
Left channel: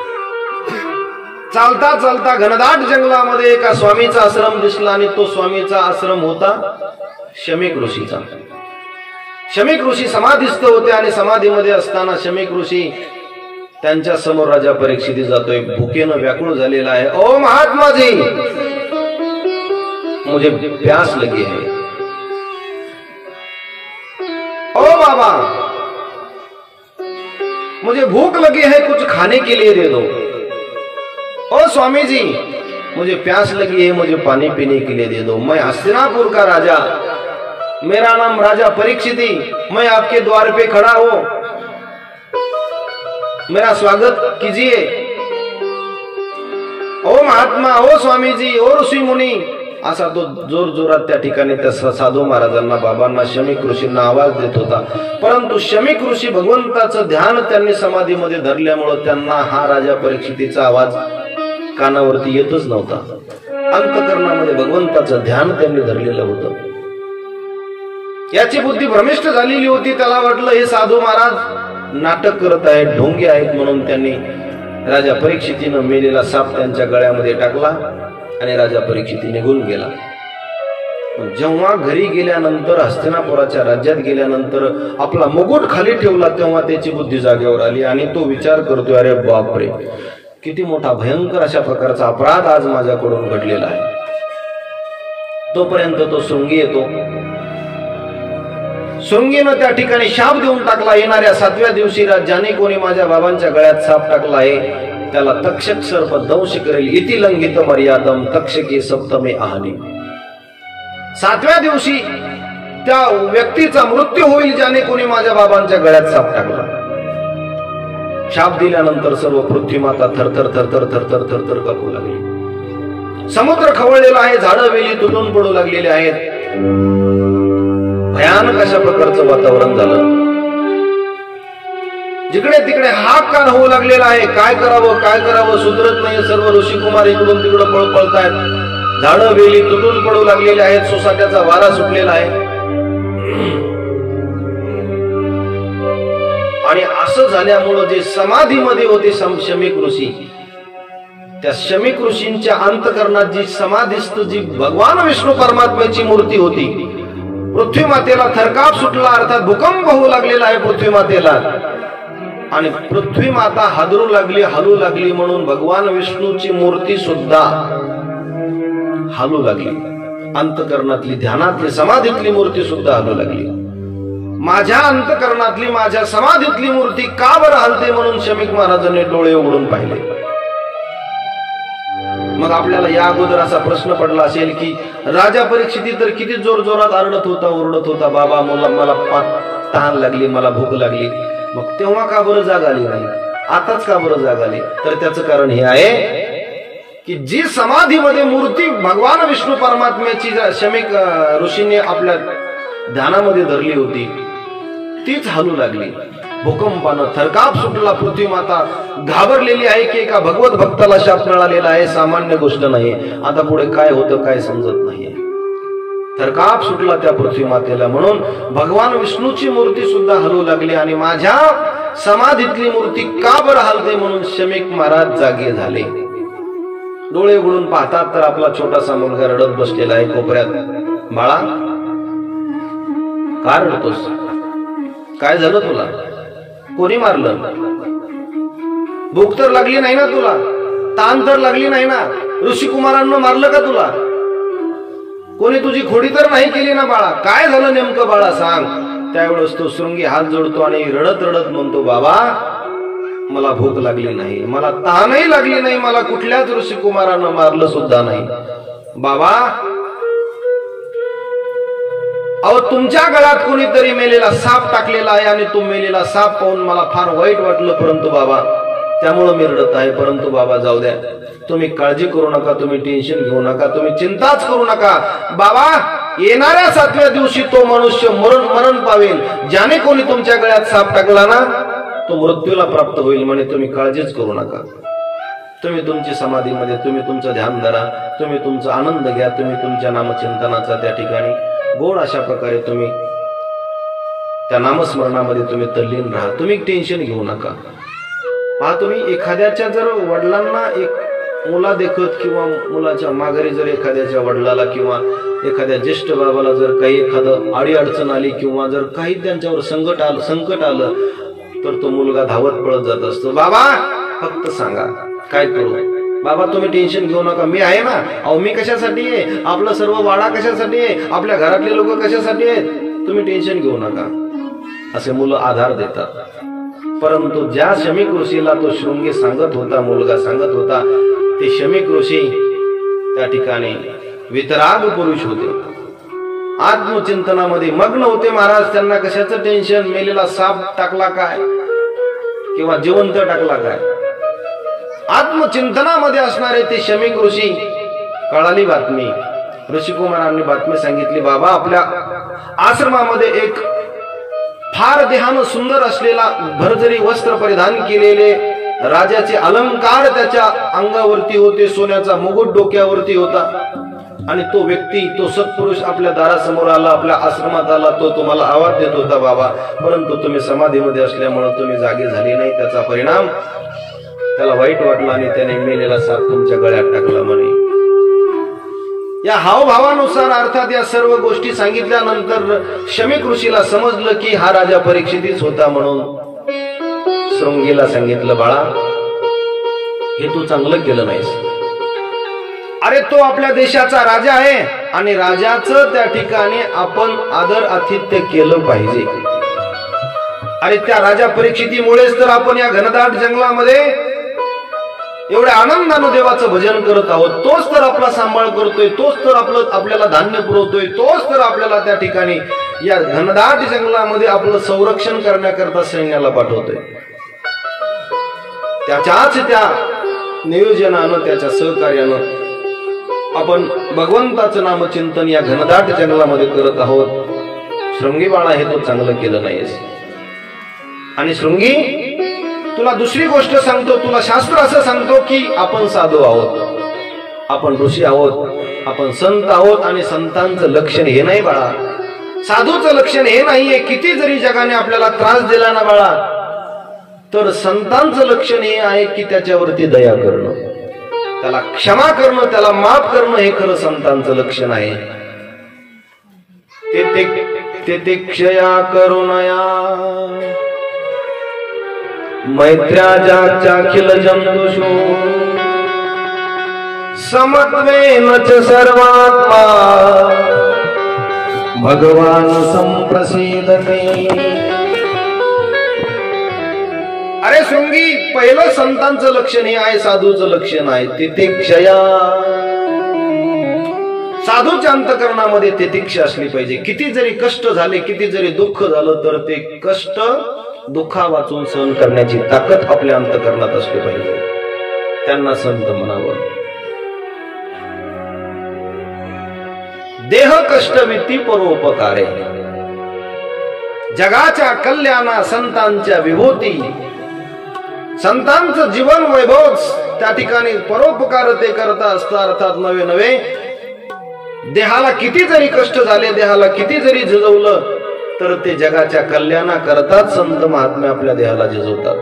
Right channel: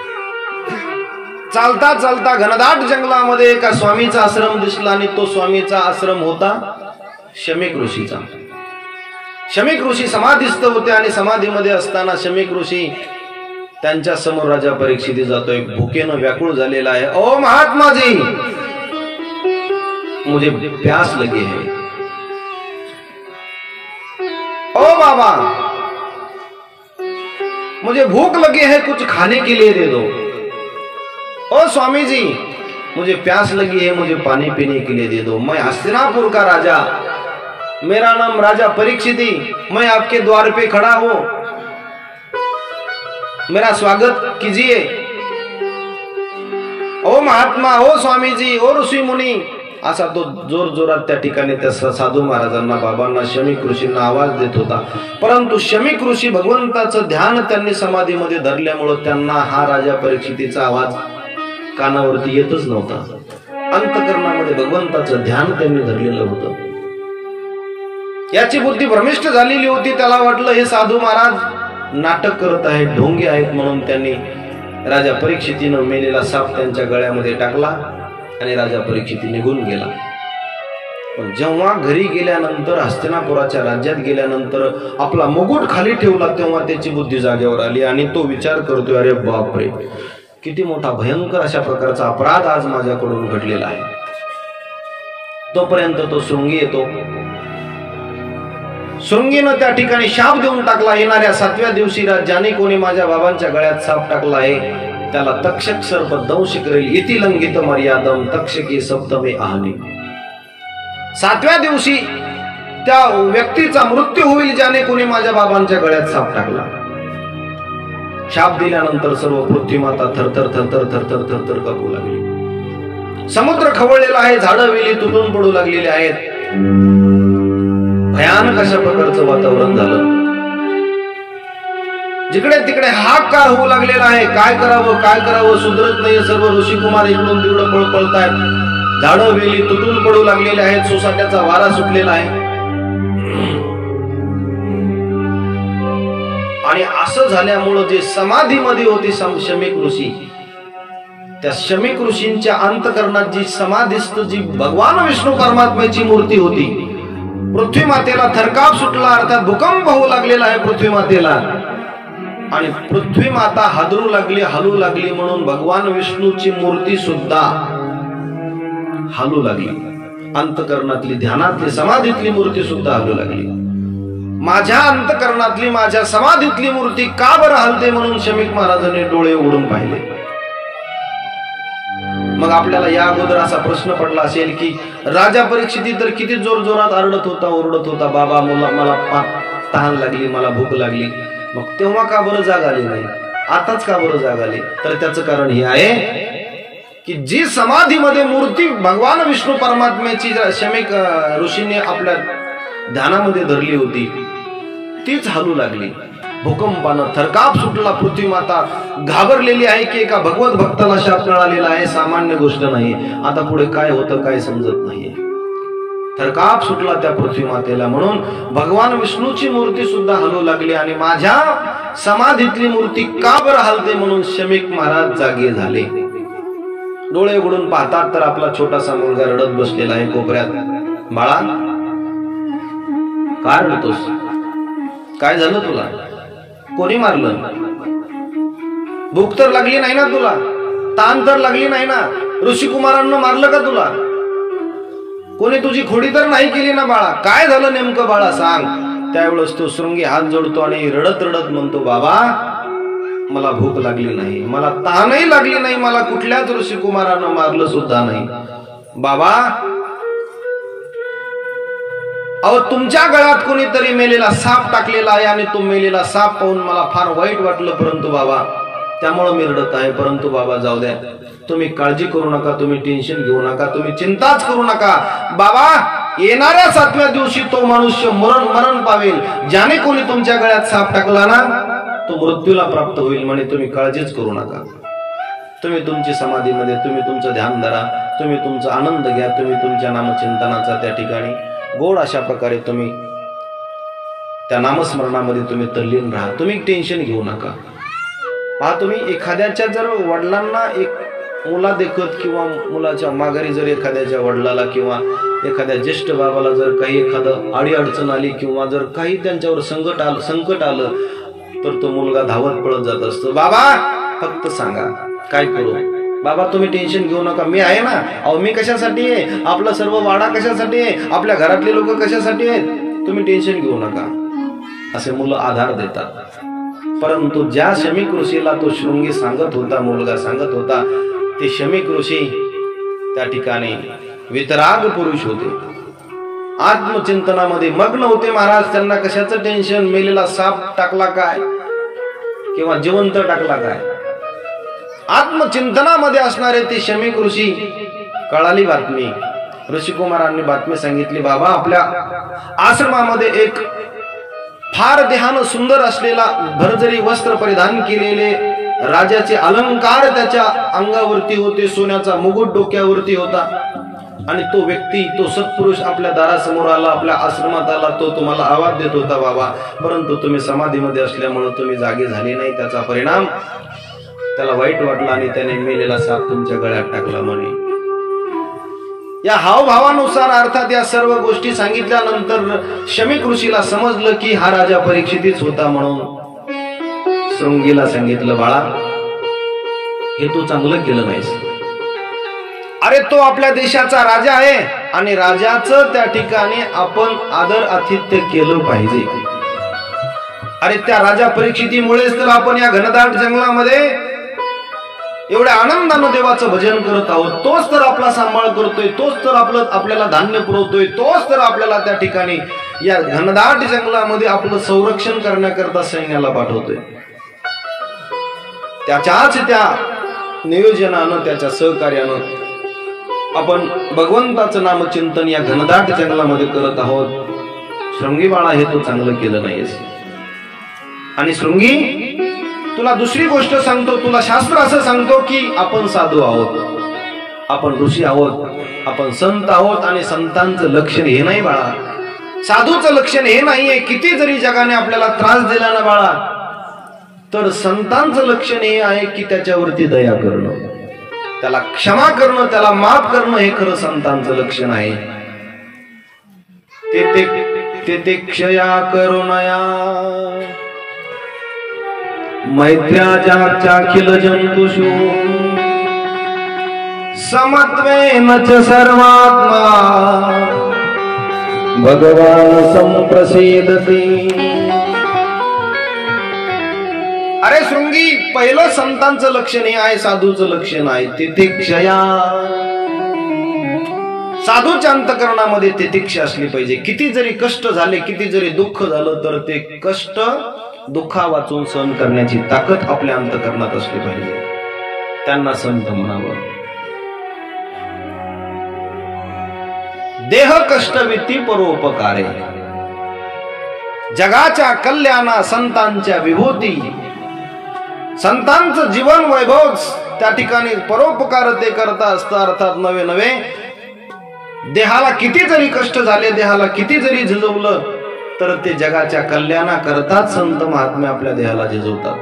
चालता चालता घनदाट जंगलामध्ये एका स्वामीचा आश्रम दिसला आणि तो स्वामीचा आश्रम होता शमीक ऋषीचा. शमीक ऋषी समाधीस्थ होते आणि समाधीमध्ये असताना शमीक ऋषी त्यांच्या समोर राजा परीक्षिती जातोय, भुकेनं व्याकुळ झालेला आहे. ओ महात्मा जी, मुझे प्यास लगी है. ओ बाबा, मुझे भूख लगी है, कुछ खाने के लिए दे दो. ओ स्वामी जी, मुझे प्यास लगी है, मुझे पानी पीने के लिए दे दो. मैं हस्तिनापुर का राजा, मेरा नाम राजा परीक्षिती, मैं आपके द्वार पे खड़ा हूं, मेरा स्वागत कीजिए. ओ महात्मा, ओ स्वामी जी, ओ ऋषी मुनी, असा तो जोर जोरात त्या ठिकाणी त्या साधू महाराजांना, बाबांना, शमीक ऋषींना आवाज देत होता. परंतु शमीक ऋषी भगवंताचं ध्यान त्यांनी समाधीमध्ये धरल्यामुळं त्यांना हा राजा परीक्षितीचा आवाज कानावरती येतच नव्हता. अंतकरणामध्ये भगवंताचं ध्यान त्यांनी धरलेलं होतं. याची बुद्धी भ्रमिष्ट झालेली होती. त्याला वाटलं हे साधू महाराज नाटक करत आहेत, ढोंगे आहेत, म्हणून त्यांनी राजा परीक्षितीनं मेलेला साप त्यांच्या गळ्यामध्ये टाकला आणि राजा परीक्षिती निघून गेला. पण जेव्हा घरी गेल्यानंतर, हस्तिनापुराच्या राज्यात गेल्यानंतर आपला मुकुट खाली ठेवला, तेव्हा त्याची बुद्धी जागेवर आली आणि तो विचार करतोय, अरे बापरे, किती मोठा भयंकर अशा प्रकारचा अपराध आज माझ्याकडून घडलेला आहे. तोपर्यंत तो शृंगी येतो. शृंगीनं त्या ठिकाणी शाप देऊन टाकला, येणाऱ्या 7व्या दिवशी ज्याने कोणी माझ्या बाबांच्या गळ्यात साप टाकला आहे त्याला तक्षक सर्प दंश करेल. इति लंघित मर्यादम तक्षकी सप्तमे आहनी. 7व्या दिवशी त्या व्यक्तीचा मृत्यू होईल ज्याने कोणी माझ्या बाबांच्या गळ्यात साप टाकला. शाप दिल्यानंतर सर्व पृथ्वीमाता थरथर थरथर थरथर थरथर कापू लागली. समुद्र खवळलेला आहे, झाडं वेली तुटून पडू लागलेली आहेत. भयानक अशा प्रकारचं वातावरण झालं. जिकडे तिकडे हाहाकार होऊ लागलेला आहे. काय करावं, काय करावं सुधरत नाही. सर्व ऋषी कुमार इकडून तिकडं पळतायत. झाडं वेली तुटून पडू लागलेले आहेत. सोसाट्याचा वारा सुटलेला आहे. आणि असं झाल्यामुळं जे समाधीमध्ये होते शमीक ऋषी, त्या शमीक ऋषींच्या अंतकरणात जी समाधीस्थ जी भगवान विष्णू परमात्म्याची मूर्ती होती, पृथ्वी मातेला थरकाप सुटला, अर्थात भूकंप होऊ लागलेला आहे पृथ्वी मातेला. आणि पृथ्वी माता हादरू लागली, हलू लागली, म्हणून भगवान विष्णूची मूर्ती सुद्धा हलू लागली. अंतकरणातली, ध्यानातली, समाधीतली मूर्ती सुद्धा हलू लागली. माझ्या अंतकरणातली, माझ्या समाधीतली मूर्ती का बरं हलते, म्हणून शमीक महाराजांनी डोळे उघडून पाहिले. मग आपल्याला या अगोदर असा प्रश्न पडला असेल की राजा परीक्षिती तर किती जोर जोरात आरडत होता, ओरडत होता, बाबा मला तहान लागली, मला भूक लागली. मग तेव्हा का बरं जाग आली नाही, आताच का बरं जाग आली? तर त्याचं कारण हे आहे की जी समाधीमध्ये मूर्ती भगवान विष्णू परमात्म्याची शमीक ऋषींनी आपल्या ध्यानामध्ये धरली होती तीच हलू लागली. भूकंपानं थरकाप सुटला. पृथ्वी माता घाबरलेली आहे की एका भगवत भक्ताला शाप मिळालेला आहे, सामान्य गोष्ट नाही. आता पुढे काय होतं काय समजत नाहीये. थरकाप सुटला त्या पृथ्वी मातेला, म्हणून भगवान विष्णूची मूर्ती सुद्धा हलू लागली. आणि माझ्या समाधीतली मूर्ती का बरं हलते, म्हणून शमीक महाराज जागे झाले. डोळे उघडून पाहतात तर आपला छोटासा मुलगा रडत बसलेला आहे कोपऱ्यात. बाळा, का रडतोस? काय झालं तुला? कोणी मारलं? भूक तर लागली नाही ना तुला? ताण तर लागली नाही ना? ऋषी कुमारांना मारलं का तुला? कोणी तुझी खोडी तर नाही केली ना बाळा? काय झालं नेमकं बाळा सांग. त्यावेळेस तो शृंगी हात जोडतो आणि रडत रडत म्हणतो, बाबा मला भूक लागली नाही, मला तहानही लागली नाही, मला कुठल्याच ऋषी कुमारांना मारलं सुद्धा नाही. बाबा अहो तुमच्या गळ्यात कोणीतरी मेलेला साप टाकलेला आहे आणि तो मेलेला साप पाहून मला फार वाईट वाटलं, परंतु बाबा त्यामुळे मी रडत आहे. परंतु बाबा जाऊ द्या, तुम्ही काळजी करू नका, तुम्ही टेन्शन घेऊ नका, तुम्ही चिंताच करू नका. बाबा येणाऱ्या 7व्या दिवशी तो मनुष्य मरण पावेल. ज्याने कोणी तुमच्या गळ्यात साप टाकला ना तो मृत्यूला प्राप्त होईल म्हणे. तुम्ही काळजीच करू नका. तुम्ही तुमची समाधीमध्ये तुम्ही तुमचं ध्यान धरा, तुम्ही तुमचा आनंद घ्या, तुम्ही तुमच्या नामचिंतनाचा त्या ठिकाणी गोड अशा प्रकारे तुम्ही त्या नामस्मरणामध्ये तुम्ही तल्लीन राहा. तुम्ही टेन्शन घेऊ नका. पहा, तुम्ही एखाद्याच्या जर वडिलांना एक मुला देखत किंवा मुलाच्या माघारी जर एखाद्याच्या वडिलाला किंवा एखाद्या ज्येष्ठ बाबाला जर काही एखादं आडी अडचण आली किंवा जर काही त्यांच्यावर संकट आलं तर तो मुलगा धावत पळत जात असतो. बाबा फक्त सांगा काय करू. बाबा तुम्ही टेन्शन घेऊ नका, मी आहे ना. अहो मी कशासाठी आहे, आपलं सर्व वाडा कशासाठी आहे, आपल्या घरातले लोक कशासाठी आहेत, तुम्ही टेन्शन घेऊ नका असे मुलं आधार देतात. परंतु ज्या शमीक ऋषीला तो शृंगी सांगत होता, मुलगा सांगत होता, ते शमीक ऋषी त्या ठिकाणी वितराग पुरुष होते, आत्मचिंतनामध्ये मग्न होते. महाराज त्यांना कशाचं टेन्शन, मेलेला साप टाकला काय किंवा जिवंत टाकला काय, आत्मचिंतनामध्ये असणारे ते शमीक ऋषी. कळाली बातमी, ऋषिकुमारांनी बातमी सांगितली, बाबा आपल्या आश्रमामध्ये एक फार देहानं सुंदर असलेला भरजरी वस्त्र परिधान केलेले राजाचे अलंकार त्याच्या अंगावरती होते, सोन्याचा मुकुट डोक्यावरती होता. आणि तो व्यक्ती, तो सत्पुरुष आपल्या दारासमोर आला, आपल्या आश्रमात आला. तो तुम्हाला आवाज देत होता, बाबा परंतु तुम्ही समाधीमध्ये असल्यामुळे तुम्ही जागे झाले नाही. त्याचा परिणाम त्याला वाईट वाटला आणि त्याने मेलेला साप तुमच्या गळ्यात टाकला म्हणे. या हावभावानुसार अर्थात या सर्व गोष्टी सांगितल्यानंतर शमीक ऋषीला समजलं की हा राजा परीक्षितच होता. म्हणून शृंगीला सांगितलं, बाळा हे तू चांगलं केलं नाहीस. अरे तो आपल्या देशाचा राजा आहे आणि राजाचं त्या ठिकाणी आपण आदर आतिथ्य केलं पाहिजे. अरे त्या राजा परीक्षितीमुळेच तर आपण या घनदाट जंगलामध्ये एवढ्या आनंदानं देवाचं भजन करत आहोत. तोच तर आपला सांभाळ करतोय, तोच तर आपल्याला धान्य पुरवतोय, तोच तर आपल्याला त्या ठिकाणी या घनदाट जंगलामध्ये आपलं संरक्षण करण्याकरता सैन्याला पाठवतोय. त्याच्याच त्या नियोजनानं, त्याच्या सहकार्यानं आपण भगवंताचं नामचिंतन या घनदाट जंगलामध्ये करत आहोत. शृंगी बाळा हे तू चांगलं केलं नाहीस. आणि शृंगी तुला दुसरी गोष्ट सांगतो, तुला शास्त्र असं सांगतो की आपण साधू आहोत, आपण ऋषी आहोत, आपण संत आहोत. आणि संतांचं लक्षण हे नाही बाळा, साधूचं लक्षण हे नाहीये. किती जरी जगाने आपल्याला त्रास दिला ना बाळा, तर संतांचं लक्षण हे आहे की त्याच्यावरती दया करणं, त्याला क्षमा करणं, त्याला माफ करणं, हे खरं संतांचं लक्षण आहे. ते क्षया करुणया मैत्र्याजाख्याखिल जंतुषु समत्वेन च सर्वात्मा भगवान संप्रसीदते. अरे शृंगी, पहिलं संतांचं लक्षण हे आहे, साधूचं लक्षण आहे तितिक्षया. साधूच्या अंतकरणामध्ये तितिक्षा असली पाहिजे. किती जरी कष्ट झाले, किती जरी दुःख झालं, तर ते कष्ट दुःखा वाचून सहन करण्याची ताकद आपल्या अंतकरणात असली पाहिजे. त्यांना संत म्हणावं. देह कष्टविती परोपकारे, जगाच्या कल्याणा संतांच्या विभूती, संतांचं जीवन वैभव त्या ठिकाणी परोपकार ते करता असता. अर्थात नवे नवे देहाला किती जरी कष्ट झाले, देहाला किती जरी झिजवलं, तर ते जगाच्या कल्याणाकरताच संत महात्मे आपल्या देहाला झिजवतात.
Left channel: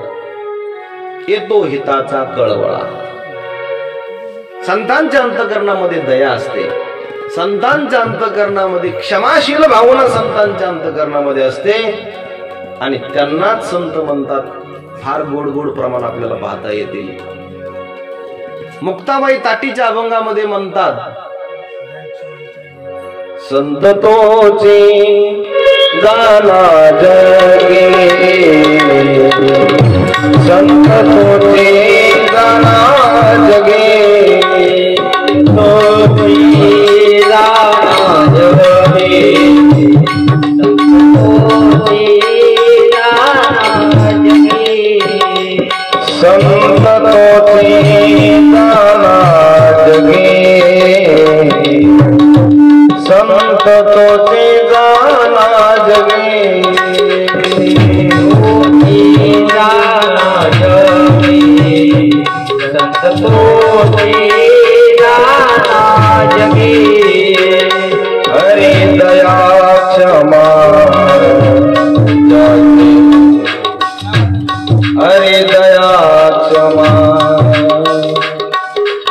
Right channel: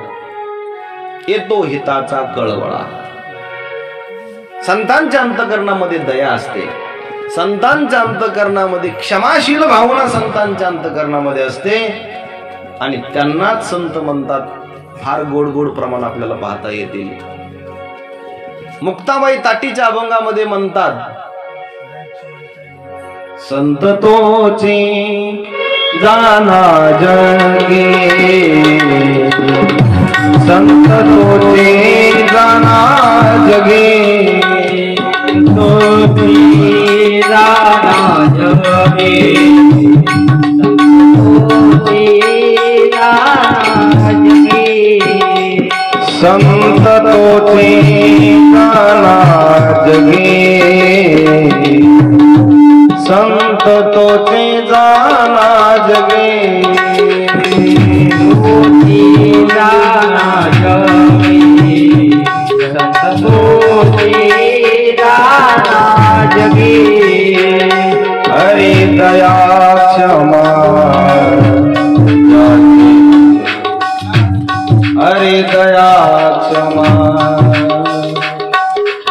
येतो हिताचा कळवळा. संतांच्या अंतकरणामध्ये दया असते, संतांच्या अंतकरणामध्ये क्षमाशील भावना संतांच्या अंतकरणामध्ये असते. आणि त्यांनाच संत म्हणतात. फार गोड गोड प्रमाण आपल्याला पाहता येतील. मुक्ताबाई ताटीच्या अभंगामध्ये म्हणतात, संत तोचे जाना जगे, संत तोचे जाना जगे, तोची जाना जगे, संत तोचे जाना हरि दया क्षमा हरि दया क्षमा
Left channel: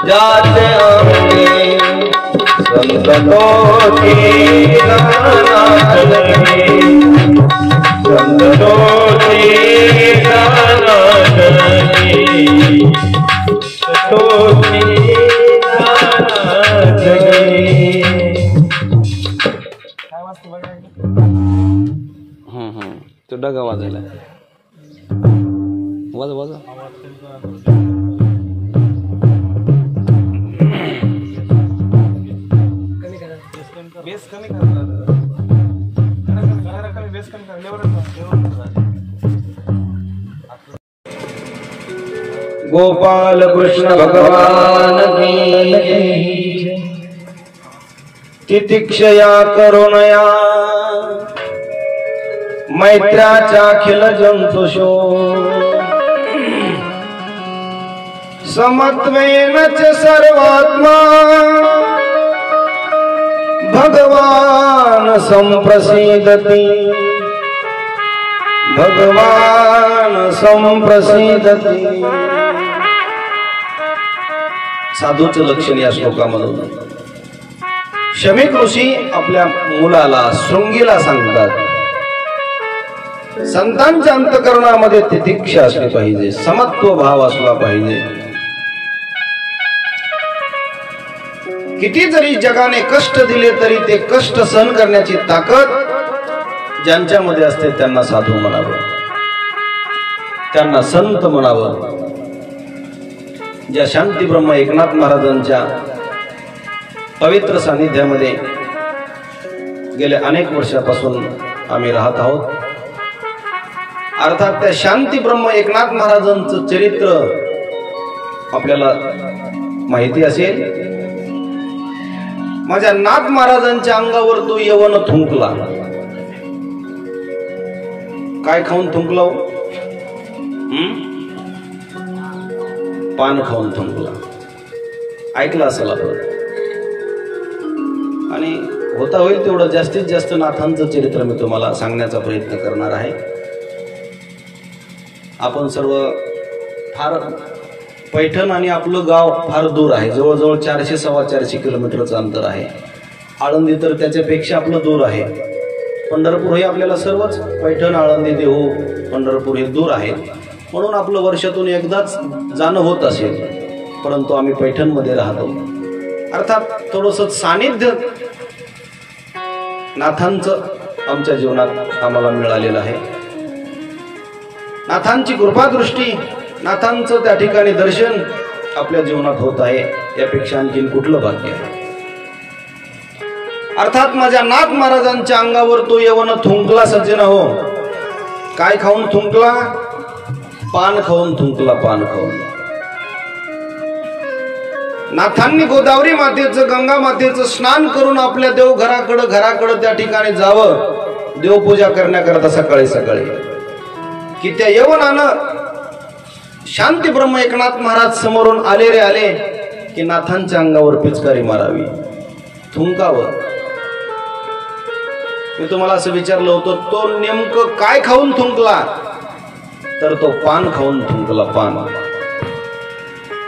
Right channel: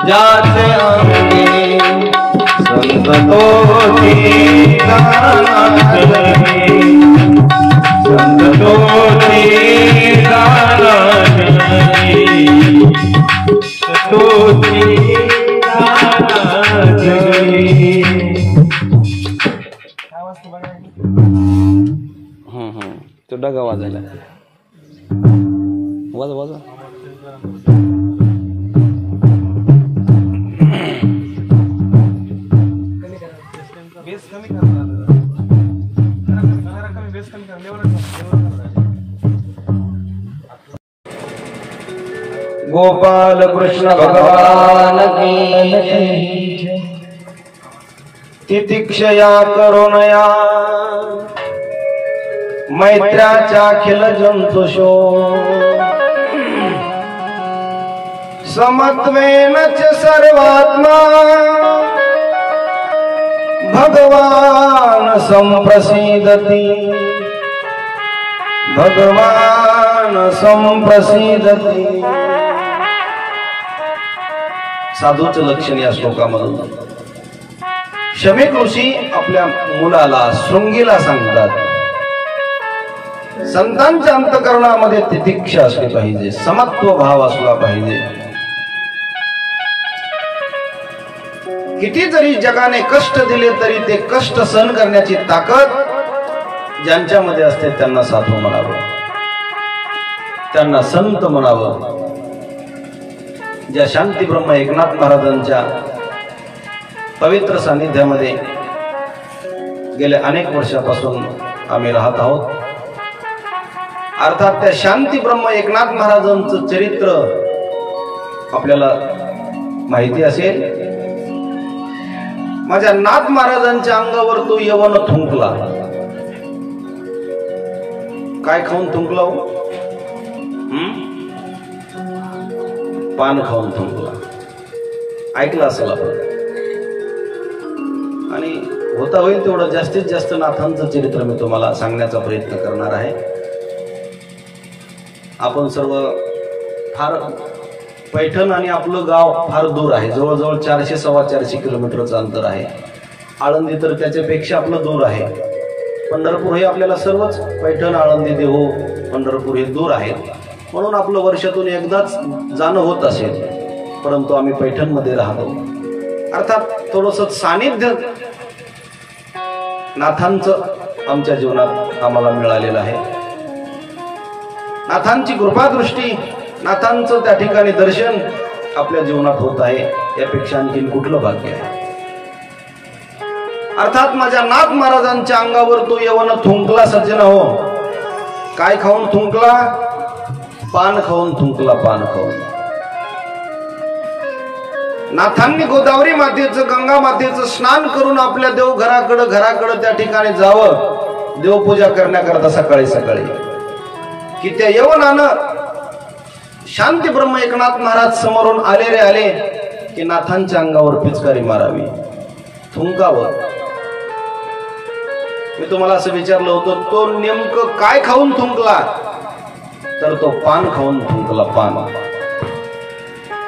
जाते अंगे संतों की संतों तो डगा वाजायला वाजा वाजा गोपाल कृष्ण भगवान की तितिक्षया करुणया मैत्राच्या खिल जंतुषो समत्वेन च सर्वात्मा भगवान संप्रसीदति भगवान संप्रसीदति साधूचं लक्षण या श्लोकामधून शमीक ऋषी आपल्या मुलाला शृंगीला सांगतात संतांच्या अंतःकरणामध्ये तितिक्षा असली पाहिजे, समत्व भाव असला पाहिजे. किती जरी जगाने कष्ट दिले तरी ते कष्ट सहन करण्याची ताकद ज्यांच्यामध्ये असते त्यांना साधू म्हणावं, त्यांना संत म्हणावं. ज्या शांती ब्रह्म एकनाथ महाराजांच्या पवित्र सानिध्यामध्ये गेल्या अनेक वर्षापासून आम्ही राहत आहोत. अर्थात त्या शांती ब्रह्म एकनाथ महाराजांचं चरित्र आपल्याला माहिती असेल. माझ्या नाथ महाराजांच्या अंगावर तो यवन थुंकला. काय खाऊन थुंकला हो? पान खाऊन थुंकला. ऐकलं असेल आपण. आणि होता होईल तेवढं जास्तीत जास्त नाथांचं चरित्र मी तुम्हाला सांगण्याचा प्रयत्न करणार आहे. आपण सर्व फार पैठण आणि आपलं गाव फार दूर आहे, जवळजवळ 400-450 किलोमीटरचं अंतर आहे. आळंदी तर त्याच्यापेक्षा आपलं दूर आहे. पंढरपूर हे आपल्याला सर्वच पैठण, आळंदी, देहू, पंढरपूर हे दूर आहेत. म्हणून आपलं वर्षातून एकदाच जाणं होत असेल, परंतु आम्ही पैठणमध्ये राहतो. अर्थात थोडंसं सानिध्य नाथांचं आमच्या जीवनात आम्हाला मिळालेलं आहे. नाथांची कृपादृष्टी, नाथांचं त्या ठिकाणी दर्शन आपल्या जीवनात होत आहे. यापेक्षा आणखीन कुठलं भाग्य आहे? अर्थात माझ्या नाथ महाराजांच्या अंगावर तो यवन थुंकला सज्जन हो. काय खाऊन थुंकला? पान खाऊन थुंकला. पान खाऊन. नाथांनी गोदावरी मातेचं, गंगा मातेचं स्नान करून आपल्या घराकडं त्या ठिकाणी जावं देवपूजा करण्याकरता सकाळी सकाळी, की त्या यवनानं शांती ब्रह्म एकनाथ महाराज समोरून आले की नाथांच्या अंगावर पिचकारी मारावी, थुंकावं. मी तुम्हाला असं विचारलं होतं, तो नेमकं काय खाऊन थुंकला? तर तो पान खाऊन थुंकला. पान.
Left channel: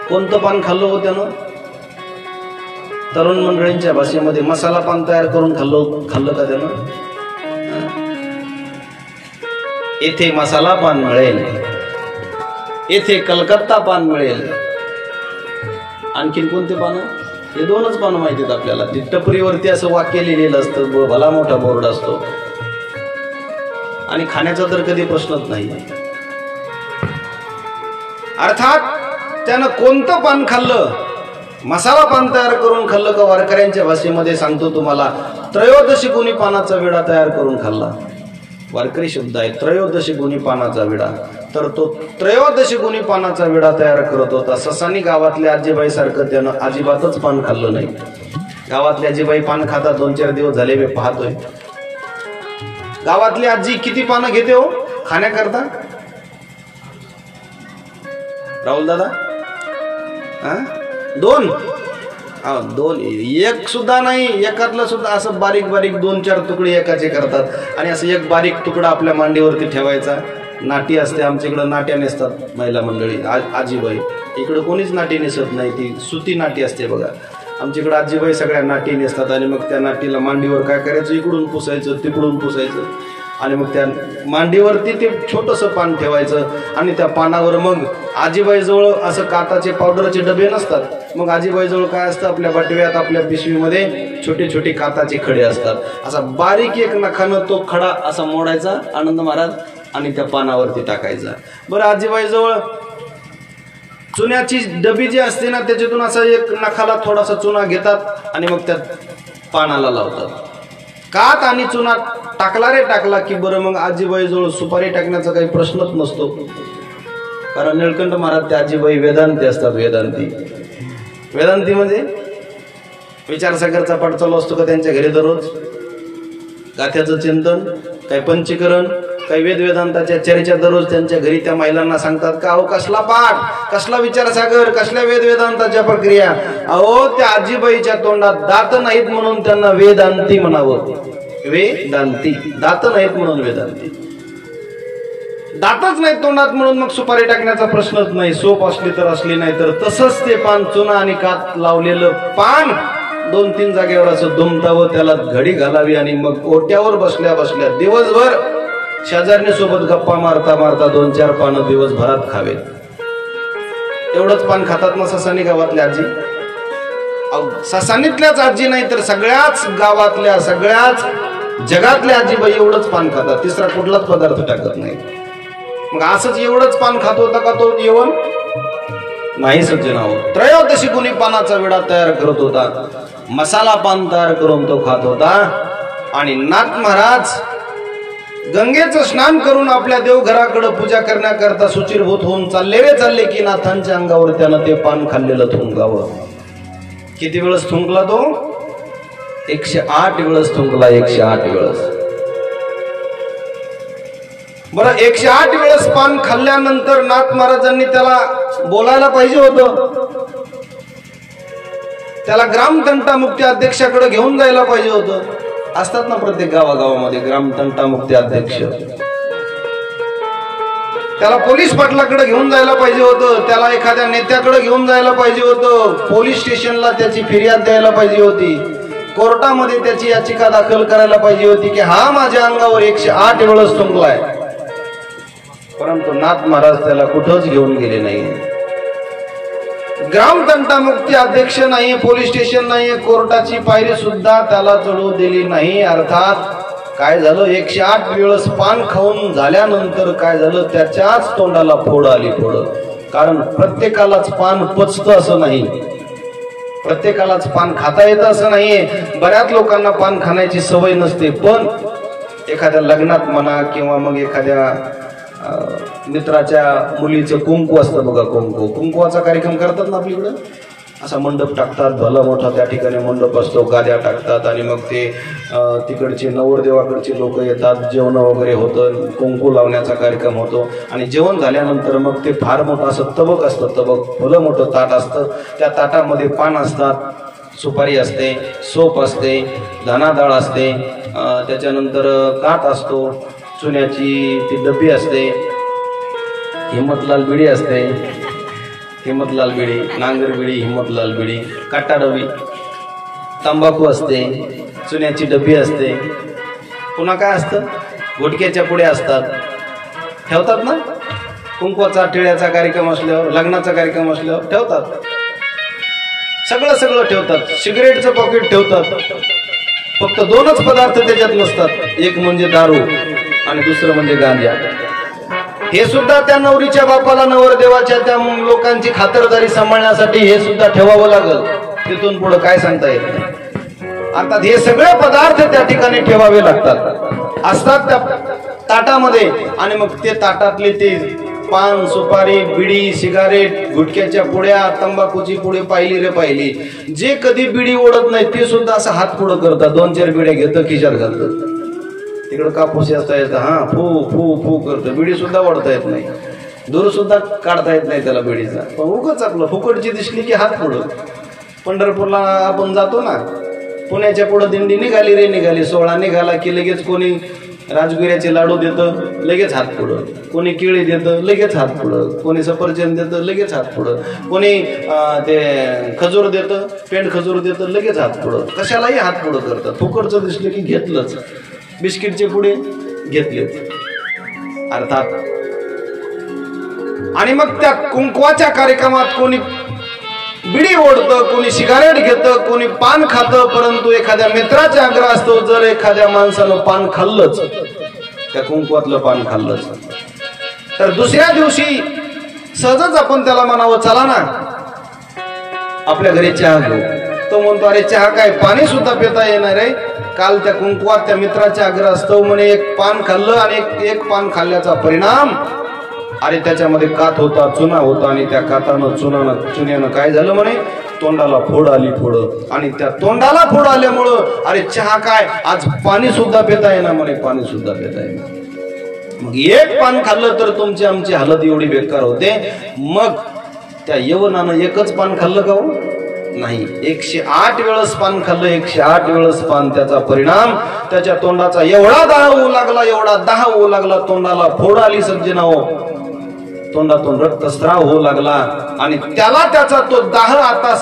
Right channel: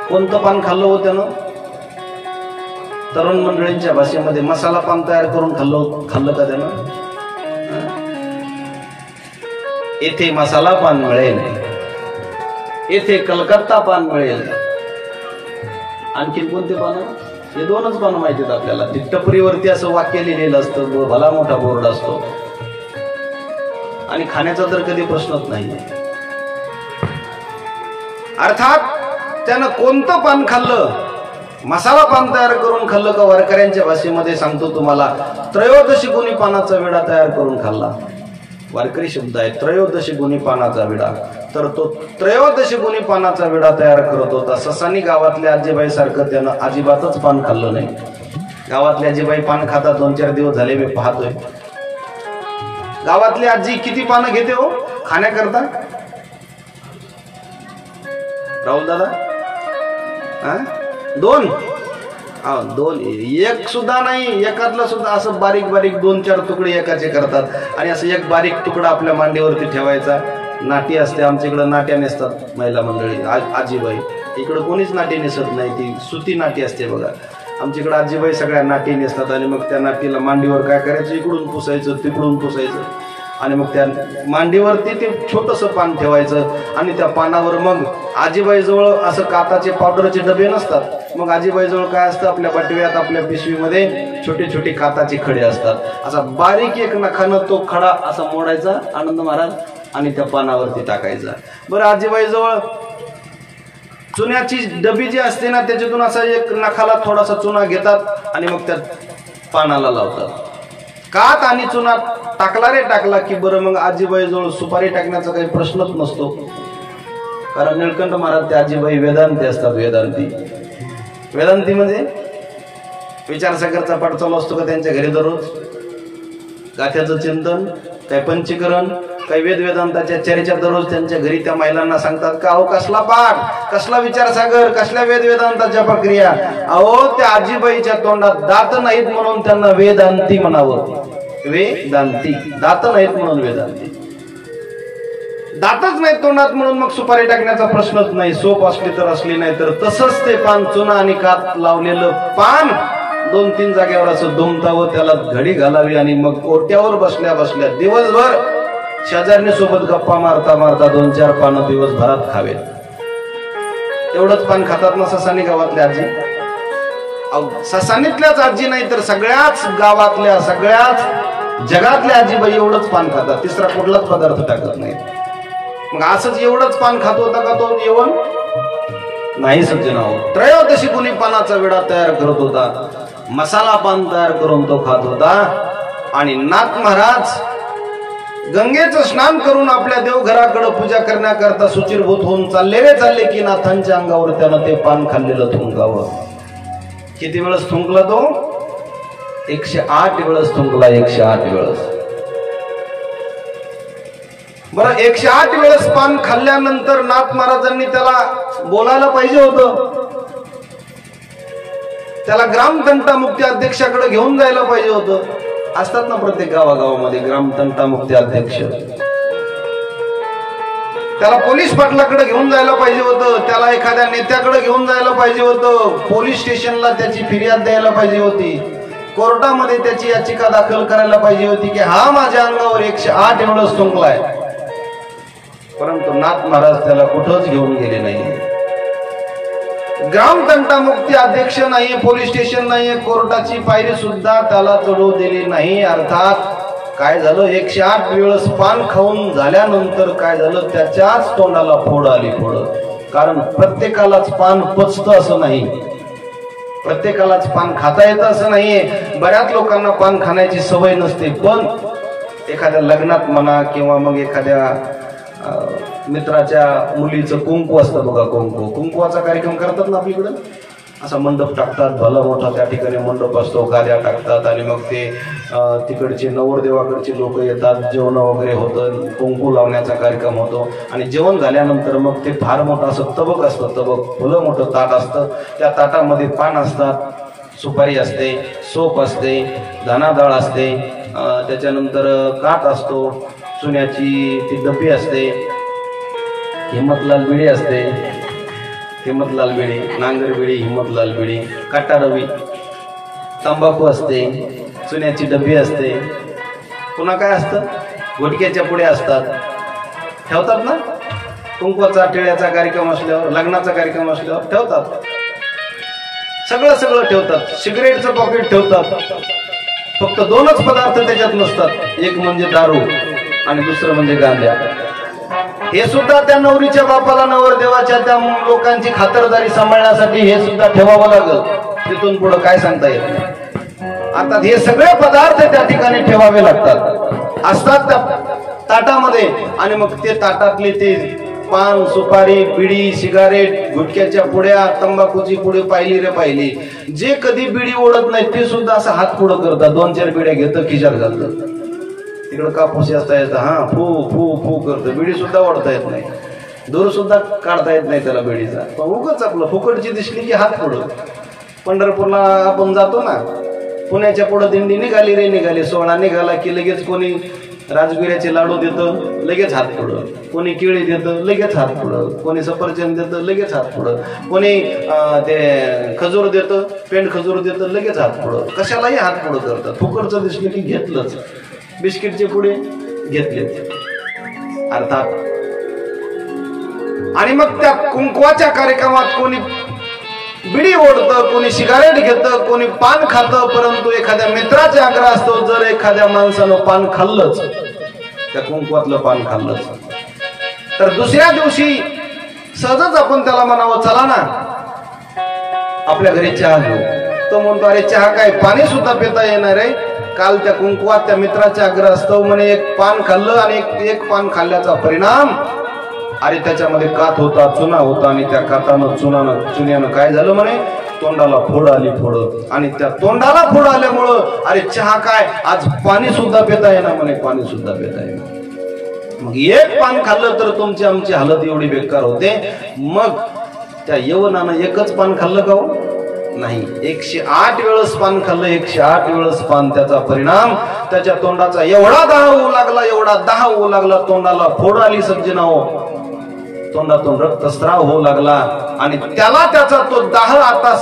कोणतं पान खाल्लं हो त्यानं? तरुण मंडळींच्या भाषेमध्ये मसाला पान तयार करून खाल्लं का त्यानं? येथे मसाला पान मिळेल, येथे कलकत्ता पान मिळेल. आणखीन कोणते पान? हे दोनच पानं माहितीत आपल्याला. ती टपरीवरती असं वाक्य लिहिलेलं असतं, भला मोठा बोर्ड असतो, आणि खाण्याचा तर कधी प्रश्नच नाही. अर्थात त्यानं कोणतं पान खाल्लं? मसाला पान तयार करून खाल्लं का? वारकऱ्यांच्या भाषेमध्ये सांगतो तुम्हाला, त्रयोदशी गुणी पानाचा विडा तयार करून खाल्ला. वारकरी शब्द आहे, त्रयोदशी गुणी पानाचा विडा. तर तो त्रयोदशी गुणी पानाचा विडा तयार करत होता. ससानी गावातल्या आजीबाई सारखं त्यानं अजिबातच पान खाल्लं नाही. गावातली आजीबाई पान खातात, 2-4 दिवस झाले मी पाहतोय. गावातली आजी किती पानं घेते हो खाण्याकरता? राहुल दादा, दोन दोन, एक सुद्धा नाही, एकातलं सुद्धा असं बारीक बारीक 2-4 तुकडे एकाचे करतात आणि असं एक बारीक तुकडा आपल्या मांडीवरती ठेवायचा. नाटी असते आमच्याकडं, नाट्या नेसतात महिला मंडळी, आजीबाई. इकडं कोणीच नाटी नेसत नाही, ती सुती नाटी असते बघा. आमच्याकडे आजीबाई सगळ्या नाटी नेसतात आणि मग त्या नाटीला मांडीवर काय करायचं, इकडून पुसायचं तिकडून पुसायचं आणि मग त्या मांडीवरती ते छोटंसं पान ठेवायचं आणि त्या पानावर मग आजीबाईजवळ असं काताचे पावडरचे डबे नसतात, मग आजीबाईजवळ काय असतं, आपल्या बटव्यात आपल्या पिशवीमध्ये छोटे छोटे काताचे खडे असतात. असा बारीक एक नखानं तो खडा असा मोडायचा आनंद महाराज आणि त्या पानावरती टाकायचा. बरं, आजीबाईजवळ चुन्याची डबी जी असते ना, त्याच्यातून असा एक नखाला थोडासा चुना घेतात आणि मग त्या पानाला लावतात. कात आणि चुना टाकला रे टाकला की बरं मग आजीबाईजवळ सुपारी टाकण्याचा काही प्रश्नच नसतो, कारण निळकंठ महाराज त्या आजीबाई वेदांती असतात. वेदांती म्हणजे विचारसागरचा पाठ चालू असतो का त्यांच्या घरी दररोज, गाथ्याचं चिंतन, काही पंचीकरण, काही वेदांताच्या चर्चा दररोज त्यांच्या घरी त्या महिलांना सांगतात का अहो कसला पाठ, कसला विचारसागर, कसल्या वेदांताच्या प्रक्रिया. अहो त्या आजीबाईच्या तोंडात दात नाहीत म्हणून त्यांना वेदांती म्हणावं. वेदांती, दात नाहीत म्हणून वेदांती. दातच नाही तोंडात म्हणून मग सुपारी टाकण्याचा प्रश्नच नाही. सोप असली तर असली नाही तर तसंच ते पान, चुना आणि कात लावलेलं पान 2-3 जागेवर असं दुमतावं, त्याला घडी घालावी आणि मग ओट्यावर बसल्या बसल्या दिवसभर शेजारणी सोबत गप्पा मारता मारता 2-4 पानं दिवसभरात खावेत. एवढंच पान खातात ना ससानी गावातल्या आजी. ससानीतल्याच आजी नाही तर सगळ्याच गावातल्या, सगळ्याच जगातल्या आजीबाई एवढंच पान खातात, तिसरा कुठलाच पदार्थ टाकत नाही. मग असंच एवढंच पान खात होता का तो जेवण नाही सज्जनाहो. त्रयोदशी गुणी पानाचा विडा तयार करत होता, मसाला पान तयार करून तो खात होता. आणि नाथ महाराज गंगेचं स्नान करून आपल्या देवघराकडे पूजा करण्याकरता सुचिरभूत होऊन चालले की नाथांच्या अंगावर त्यानं ते पान खाल्लेलं थुंकावं. किती वेळेस थुंकला तो? 108 वेळेस थुंकला, 108 वेळेस. बरं, 108 वेळेस पान खाल्ल्यानंतर नाथ महाराजांनी त्याला बोलायला पाहिजे होतं, त्याला ग्रामतंटा मुक्ती अध्यक्षाकडे घेऊन जायला पाहिजे होतं. असतात ना प्रत्येक गावागावामध्ये ग्रामतंटा मुक्ती अध्यक्ष. त्याला पोलीस पाटलाकडे घेऊन जायला पाहिजे होतं, त्याला एखाद्या नेत्याकडे घेऊन जायला पाहिजे होतं, पोलीस स्टेशनला त्याची फिर्याद द्यायला पाहिजे होती, कोर्टामध्ये त्याची याचिका दाखल करायला पाहिजे होती की हा माझ्या अंगावर 108 वेळेस थुंकलाय. परंतु नाथ महाराज त्याला कुठंच घेऊन गेले नाही. ग्रामतंटा मुक्ती अध्यक्ष नाही, पोलीस स्टेशन नाही, कोर्टाची पायरी सुद्धा त्याला चढू दिली नाही. अर्थात काय झालं, 108 वेळेस पान खाऊन झाल्यानंतर काय झालं, त्याच्याच तोंडाला फोड आली, फोड. कारण प्रत्येकालाच पान पचतं असं नाही, प्रत्येकालाच पान खाता येतं असं नाहीये. बऱ्याच लोकांना पान खाण्याची सवय नसते, पण एखाद्या लग्नात म्हणा किंवा मग एखाद्या मित्राच्या मुलीचं कुंकू असतं बघा, कुंकुवाचा कार्यक्रम करतात ना आपल्याकडे. असा मंडप टाकतात, भला मोठा त्या ठिकाणी मंडप असतो, गाद्या टाकतात आणि मग ते तिकडचे नवरदेवाकडचे लोक येतात, जेवण वगैरे होतं, कुंकू लावण्याचा कार्यक्रम होतो. आणि जेवण झाल्यानंतर मग ते फार मोठं असं तबक असतं, तबक फुलं मोठं ताट असतं, त्या ताटामध्ये पान असतात, सुपारी असते, सोप असते, धनाडाळ असते, त्याच्यानंतर कात असतो, चुन्याची ती डबी असते, हिम्मतलाल बिडी असते, हिम्मतलाल बिडी, नांगर बिडी, हिम्मतलाल बिडी, काटा डबी, तंबाखू असते, चुन्याची डबी असते, पुन्हा काय असतं, घोटक्याच्या पुड्या असतात, ठेवतात ना. कुंकवाचा टिळ्याचा कार्यक्रम असल्यावर, लग्नाचा कार्यक्रम असल्यावर ठेवतात, सगळं सगळं ठेवतात. सिगरेटचं पॉकेट ठेवतात. फक्त 2च पदार्थ त्याच्यात नसतात, एक म्हणजे दारू आणि दुसरं म्हणजे गांजा. हे सुद्धा त्या नवरीच्या बापाला, नवरदेवाच्या त्या लोकांची खातरदारी सांभाळण्यासाठी हे सुद्धा ठेवावं लागलं. तिथून पुढे काय सांगता येत नाही. अर्थात हे सगळे पदार्थ त्या ठिकाणी ठेवावे लागतात, असतात त्या ताटामध्ये. आणि मग ते ताटातले ते पान, सुपारी, बिडी, सिगारेट, गुटख्याच्या पुड्या, तंबाखूची पुढे पाहिली रे पाहिली. जे कधी बिडी ओढत नाही ते सुद्धा असं हात पुढं करतात, 2-4 बिड्या घेतं, खिशात घालतं. तिकडं कापूस असता येतं, हा फू फू फू करतं, बिडी सुद्धा ओढता येत नाही. दूर सुद्धा काढता येत नाही त्याला बेडीचा, पण उगाच आपलं फुकटची दिसली की हात पुढं. पंढरपूरला आपण जातो ना, पुण्याच्या पुढं दिंडी निघाली रे निघाली, सोहळा निघाला की लगेच कोणी राजगिऱ्याचे लाडू देतं, लगेच हात पुढं. कोणी केळी देतं, लगेच हात पुढं. कोणी सफरचंद देतं, लगेच हात पुढं. कोणी ते खजूर देतं, पेंड खजूर देतं, लगेच हात पुढं. कशालाही हात पुढं करतात. फुकटचं दिसलं की घेतलंच. बिस्किटचे पुढे घेतलेच अर्थात. आणि मग त्या कुंकवाच्या कार्यक्रमात कोणी बिडी ओढतं, कोणी सिगारेट घेतं, कोणी पान खातं. परंतु एखाद्या मित्राचे आग्रह असतो, जर एखाद्या माणसानं पान खाल्लंच, त्या कुंकवातलं पान खाल्लंच, तर दुसऱ्या दिवशी सहजच आपण त्याला म्हणावं, चला ना आपल्या घरी चहा घेऊ. तो म्हणतो, अरे चहा काय, पाणी सुद्धा पिता येणार आहे. काल त्या कुंकवात त्या मित्राचे आग्रह असतो म्हणे, एक पान खाल्लं आणि एक पान खाल्ल्याचा परिणाम, अरे त्याच्यामध्ये कात होता, चुना होता, आणि त्या कातानं चुन्यानं काय झालं म्हणे, तोंडाला फोड आली फोड. आणि त्या तोंडाला फोड आल्यामुळं अरे चहा काय, आज पाणी सुद्धा पिता येणार म्हणे, पाणी सुद्धा पिता येणार. मग एक पान खाल्लं तर तुमची आमची हालत एवढी बेकार होते. मग त्या यवनानं एकच पान खाल्लं का हो? नाही, 108 वेळेस पान खाल्लं, 108 वेळेस पान. त्याचा परिणाम त्याच्या तोंडाचा एवढा दाह होऊ लागला, एवढा दाह होऊ लागला, तोंडाला फोड आली सज्जनाओ, तोंडातून रक्तस्राव होऊ लागला. आणि त्याला त्याचा तो दाह आता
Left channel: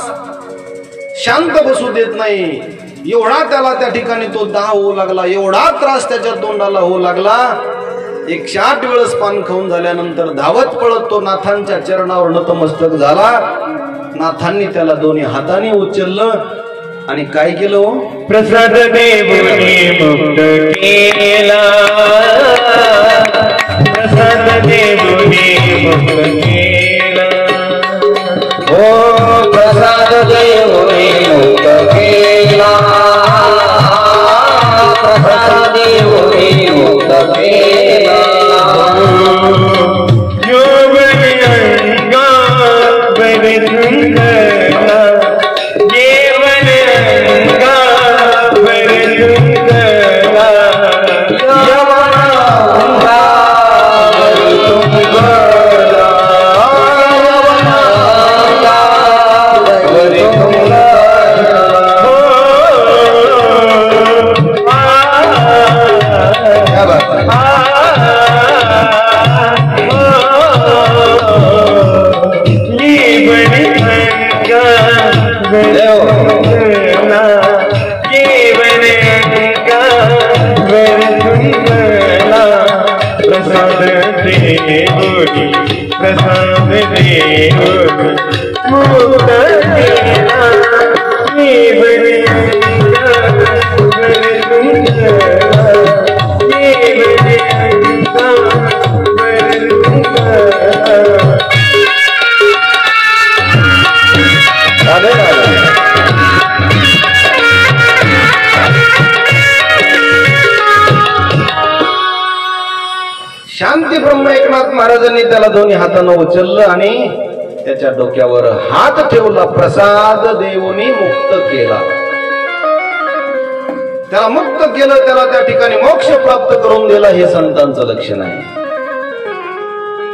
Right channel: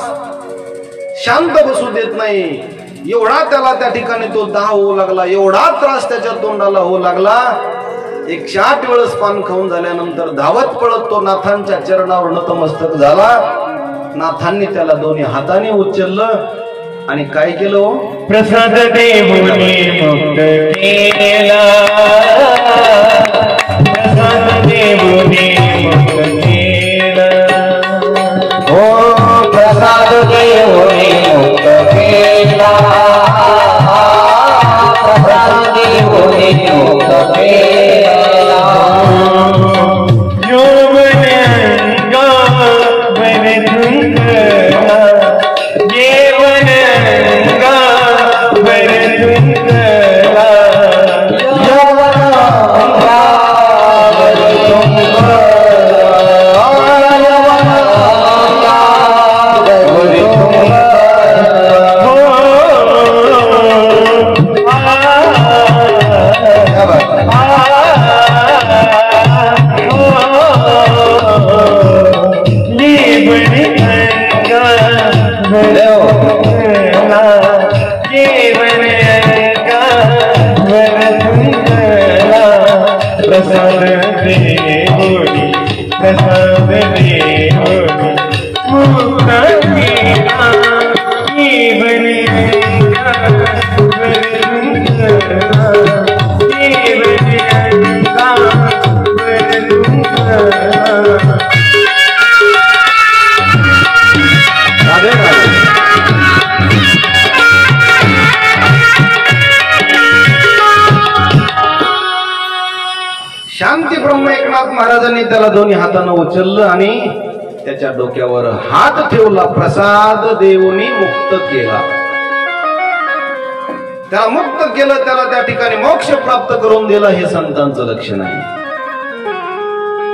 शांत बसू देत नाही. एवढा त्याला त्या ठिकाणी तो दाह होऊ लागला, एवढा त्रास त्याच्या तोंडाला होऊ लागला. 108 वेळेस पान खाऊन झाल्यानंतर धावत पळत तो नाथांच्या चरणावर नतमस्तक झाला. नाथांनी त्याला दोन्ही हाताने उचललं आणि काय केलं हो? प्रसाद देवने मुक्त केला, प्रसाद देवने मुक्त केला, हो प्रसाद देवने मुक्त केला, प्रसाद देवने मुक्त केला. शांती ब्रह्म एकनाथ महाराजांनी त्याला दोन्ही हातानं उचललं आणि त्याच्या डोक्यावर हात ठेवला. प्रसाद देवनी मुक्त केला, त्याला मुक्त केलं, त्याला त्या ठिकाणी मोक्ष प्राप्त करून दिला. हे संतांचं लक्षण आहे.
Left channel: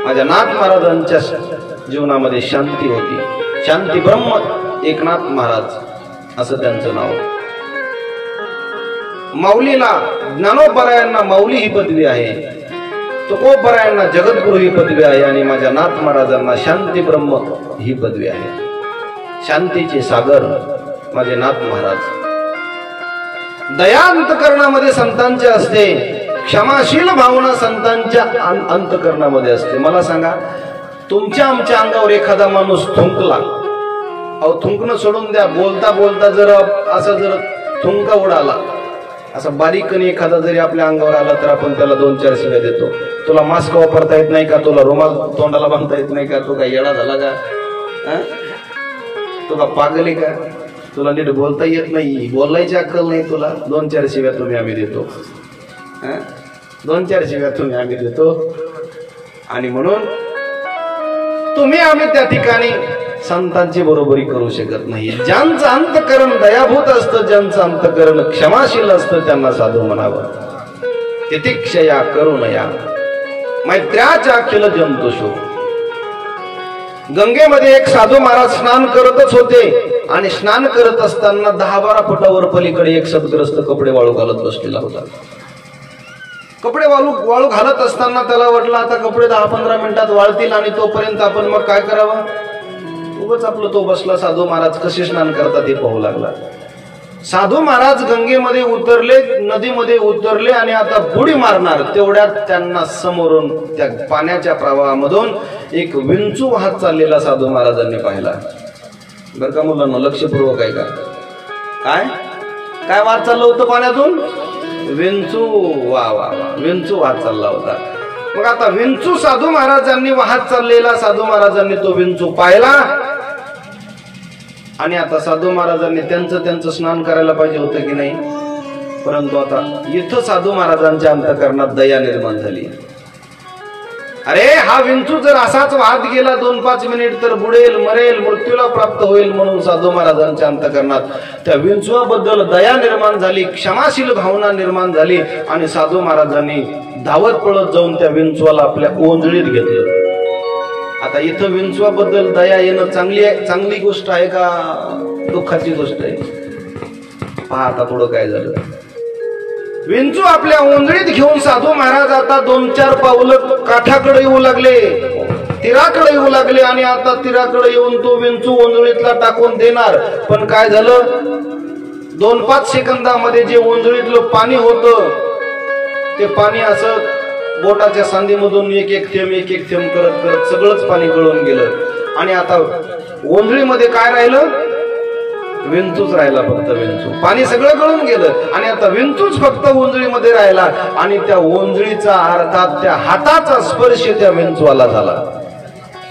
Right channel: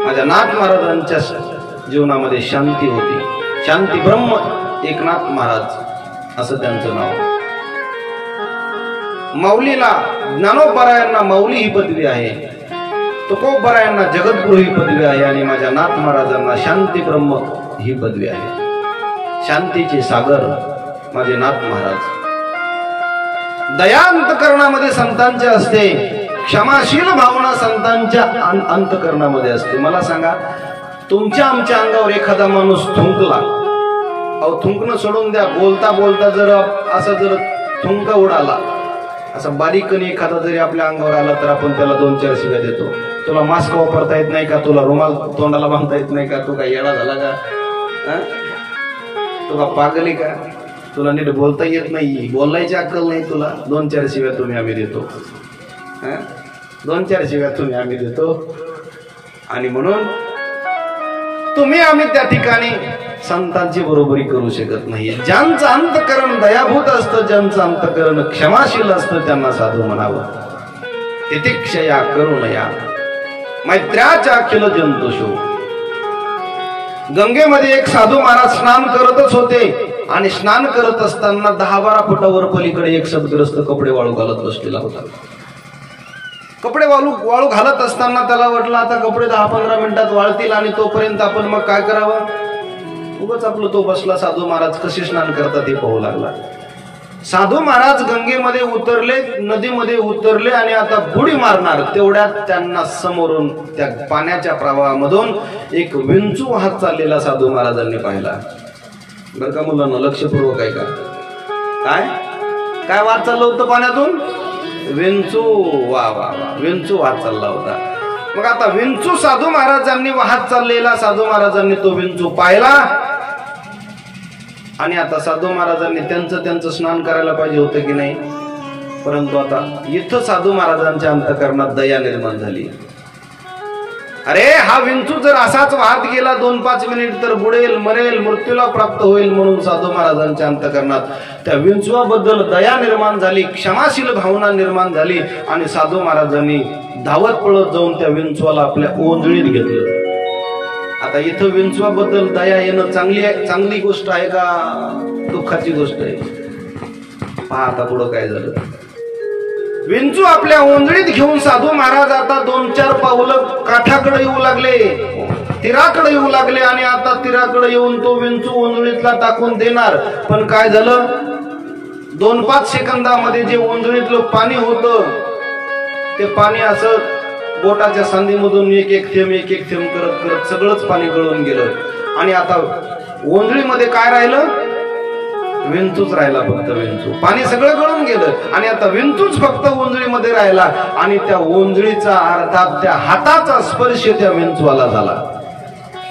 माझ्या नाथ महाराजांच्या जीवनामध्ये शांती होती. शांती ब्रह्म एकनाथ महाराज असं त्यांचं नाव. माऊलीला, ज्ञानोबरायांना माऊली ही पदवी आहे, तुकोबरायांना जगद्गुरु ही पदवी आहे, आणि माझ्या नाथ महाराजांना शांती ब्रह्म ही पदवी आहे. शांतीचे सागर माझे नाथ महाराज. दया अंतकरणामध्ये संतांचे असते, क्षमाशील भावना संतांच्या अंतकरणामध्ये असते. मला सांगा, तुमच्या आमच्या अंगावर एखादा माणूस थुंकला, अहो थुंकणं सोडून द्या, बोलता बोलता जर असं जर थुंका उडाला, असं बारीकने एखादा जरी आपल्या अंगावर आला तर आपण त्याला 2-4 शिव्या देतो. तुला मास्क वापरता येत नाही का, तुला रुमाल तोंडाला बांधता येत नाही का, तू का येडा झाला का, तू का पागली का, तुला नीट बोलता येत नाही, बोलायची अक्कल नाही तुला, 2-4 शिव्या तुम्ही आम्ही देतो. 2-4 शिव्या तुम्ही आम्ही देतो. आणि म्हणून तुम्ही आम्ही त्या ठिकाणी संतांची बरोबरी करू शकत नाही. ज्यांचं अंतकरण दयाभूत असतं, ज्यांचं अंतकरण क्षमाशील असतं, त्यांना साधू म्हणावं. तितिक्षया करुणया मैत्र्याच्या अखिल जंतुषु गंगेमध्ये एक साधू महाराज स्नान करतच होते आणि स्नान करत असताना 10-12 फुटावर पलीकडे एक सद्ग्रस्त कपडे वाळू घालत बसलेला होता. कपडे वाळू घालत असताना त्याला वाटलं आता कपडे 10-15 मिनिटात वाळतील आणि तोपर्यंत आपण मग काय करावं. उगाच आपलं तो बसला साधू महाराज कसे स्नान करतात हे पाहू लागला. साधू महाराज गंगेमध्ये उतरले, नदीमध्ये उतरले आणि आता बुडी मारणार तेवढ्यात त्यांना समोरून त्या पाण्याच्या प्रवाहामधून एक विंचू वाहत चाललेला साधू महाराजांनी पाहिला. बरं का मुलांना, लक्षपूर्वक आहे का? काय काय वाहत चाललं होतं पाण्यातून? विंचू. वा वा वा, विंचू वाहत चालला होता. मग आता विंचू साधू महाराजांनी वाहत चाललेला साधू महाराजांनी तो विंचू पाहिला आणि आता साधू महाराजांनी त्यांचं स्नान करायला पाहिजे होतं की नाही. परंतु आता इथं साधू महाराजांच्या अंतःकरणात दया निर्माण झाली. अरे हा विंचू जर असाच वाहत गेला 2-5 मिनिट तर बुडेल, मरेल, मृत्यूला प्राप्त होईल. म्हणून साधू महाराजांच्या अंतःकरणात त्या विंचूबद्दल दया निर्माण झाली, क्षमाशील भावना निर्माण झाली आणि साधू महाराजांनी धावत पळत जाऊन त्या विंचूला आपल्या ओंजळीत घेतलं. आता इथं विंचवाबद्दल दया येणं चांगली गोष्ट आहे का दुःखाची गोष्ट आहे? पहा आता पुढं काय झालं. विंचू आपल्या ओंजळीत घेऊन साधू महाराज आता 2-4 पावलं काठाकडे येऊ लागले, तीराकडे येऊ लागले आणि आता तीराकडे येऊन तो विंचू ओंजळीतला टाकून देणार. पण काय झालं, 2-5 सेकंदामध्ये जे ओंजळीतलं पाणी होतं ते पाणी असं बोटाच्या सांधीमधून एक थेंब करत करत सगळंच पाणी गळून गेलं आणि आता ओंजळीमध्ये काय राहिलं? विंचूच राहिला, फक्त विंचू. पाणी सगळं गळून गेलं आणि आता विंचूच फक्त ओंजळीमध्ये राहिला आणि त्या ओंजळीचा अर्थात त्या हाताचा स्पर्श त्या विंचवाला झाला.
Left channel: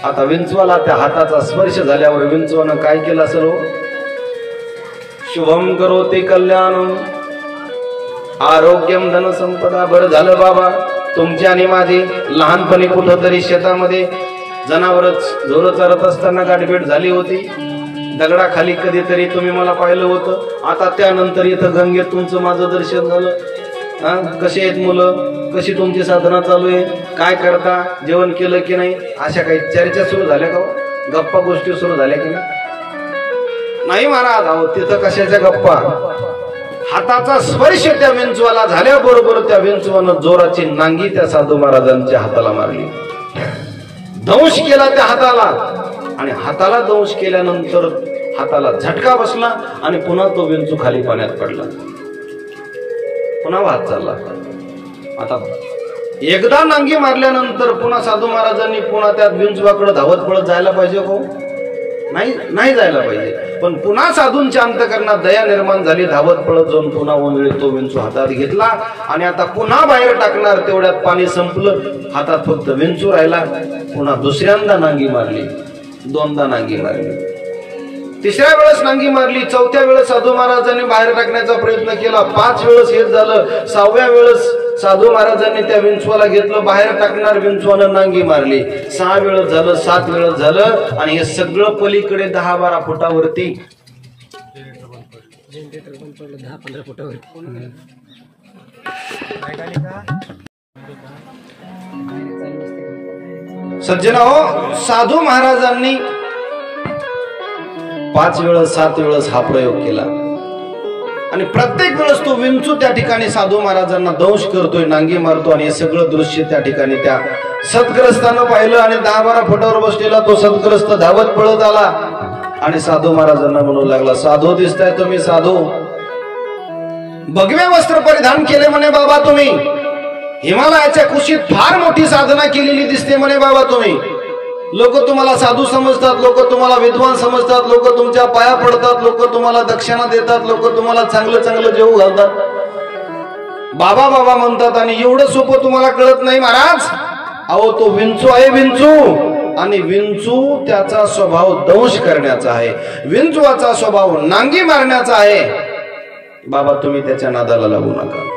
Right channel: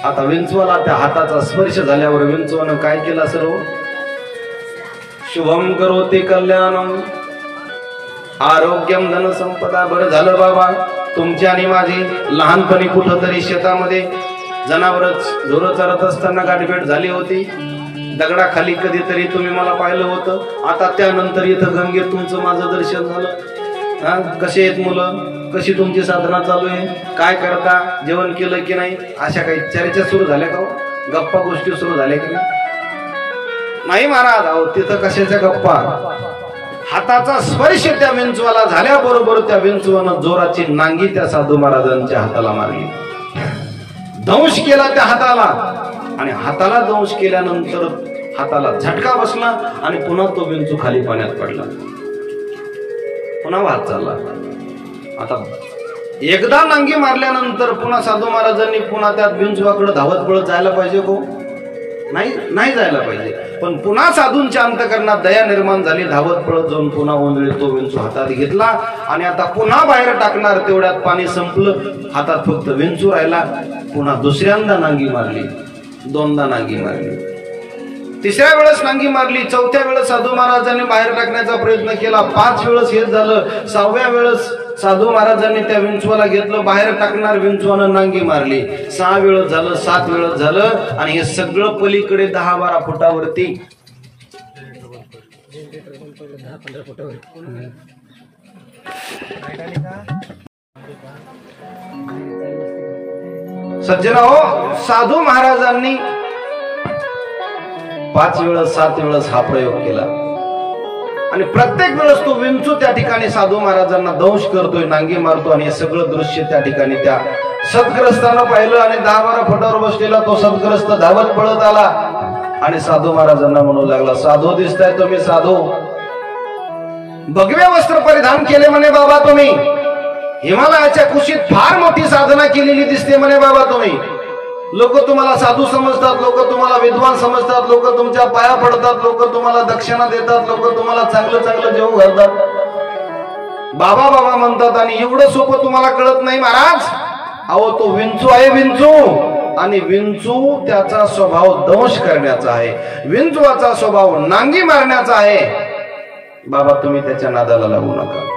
आता विंचवाला त्या हाताचा स्पर्श झाल्यावर विंचवानं काय केलं सर्व? शुभम करोति कल्याणम आरोग्यम धन संपदा. बरं झालं बाबा, तुमची आणि माझी लहानपणी कुठंतरी शेतामध्ये जनावरच ढोरं चरत असताना गाठभेट झाली होती. दगडाखाली कधीतरी तुम्ही मला पाहिलं होतं. आता त्यानंतर इथं गंगेत तुमचं माझं दर्शन झालं. कसे आहेत मुलं, कशी तुमची साधना चालू आहे, काय करता, जेवण केलं की नाही, अशा काही चर्चा सुरू झाल्या का हो? गप्पा गोष्टी सुरू झाल्या की नाही महाराज? अहो तिथं कशाच्या गप्पा. हाताचा स्पर्श त्या विंचवाला झाल्याबरोबर त्या विंचवानं जोराची नांगी त्या साधू महाराजांच्या हाताला मारली, दंश केला त्या हाताला आणि हाताला दंश केल्यानंतर हाताला झटका बसला आणि पुन्हा तो विंचू खाली पाण्यात पडला, पुन्हा वाहत चालला. आता एकदा नांगी मारल्यानंतर पुन्हा साधू महाराजांनी पुन्हा त्या विंचवाकडे धावत पळत जायला पाहिजे को? नाही जायला पाहिजे. पण पुन्हा साधूंच्या अंतःकरणात दया निर्माण झाली. धावत पळत जाऊन पुन्हा ओंजळीत तो विंचू हातात घेतला आणि आता पुन्हा बाहेर टाकणार तेवढ्यात पाणी संपलं, हातात फक्त विंचू राहिला. पुन्हा दुसऱ्यांदा नांगी मारली, 2दा नांगी मारली, 3ऱ्या वेळेस नांगी मारली, 4थ्या वेळेस साधू महाराजांनी बाहेर टाकण्याचा प्रयत्न केला, 5 वेळेस हेच झालं. 6व्या वेळेस साधू महाराजांनी त्या विंचवाला घेतलं, बाहेर टाकणार विंचवानं नांगी मारली. 6 वेळेस झालं, 7 वेळेस झालं आणि हे सगळं पलीकडे 10-12 फुटावरती सज्जनो, साधू महाराजांनी 5 वेळेस 7 वेळेस हा प्रयोग केला आणि प्रत्येक वेळेस तो विंचू त्या ठिकाणी साधू महाराजांना दंश करतोय, नांगी मारतो आणि हे सगळं दृश्य त्या ठिकाणी त्या सद्ग्रस्तानं पाहिलं आणि 10-12 फुटावर बसलेला तो सद्ग्रस्त धावत पळत आला आणि साधू महाराजांना म्हणू लागला, साधू दिसताय तुम्ही, साधू भगवे वस्त्र परिधान केले म्हणे बाबा तुम्ही, हिमालयाच्या कुशीत फार मोठी साधना केलेली दिसते म्हणे बाबा तुम्ही. लोक तुम्हाला साधू समजतात, लोक तुम्हाला विद्वान समजतात, लोक तुमच्या पाया पडतात, लोक तुम्हाला दक्षिणा देतात, लोक तुम्हाला चांगलं चांगलं जेवू घालतात, बाबा बाबा म्हणतात आणि एवढं सोपं तुम्हाला कळत नाही महाराज. अहो तो विंचू आहे, विंचू, आणि विंचू त्याचा स्वभाव दंश करण्याचा आहे, विंचवाचा स्वभाव नांगी मारण्याचा आहे. बाबा तुम्ही त्याच्या नादाला लागू नका.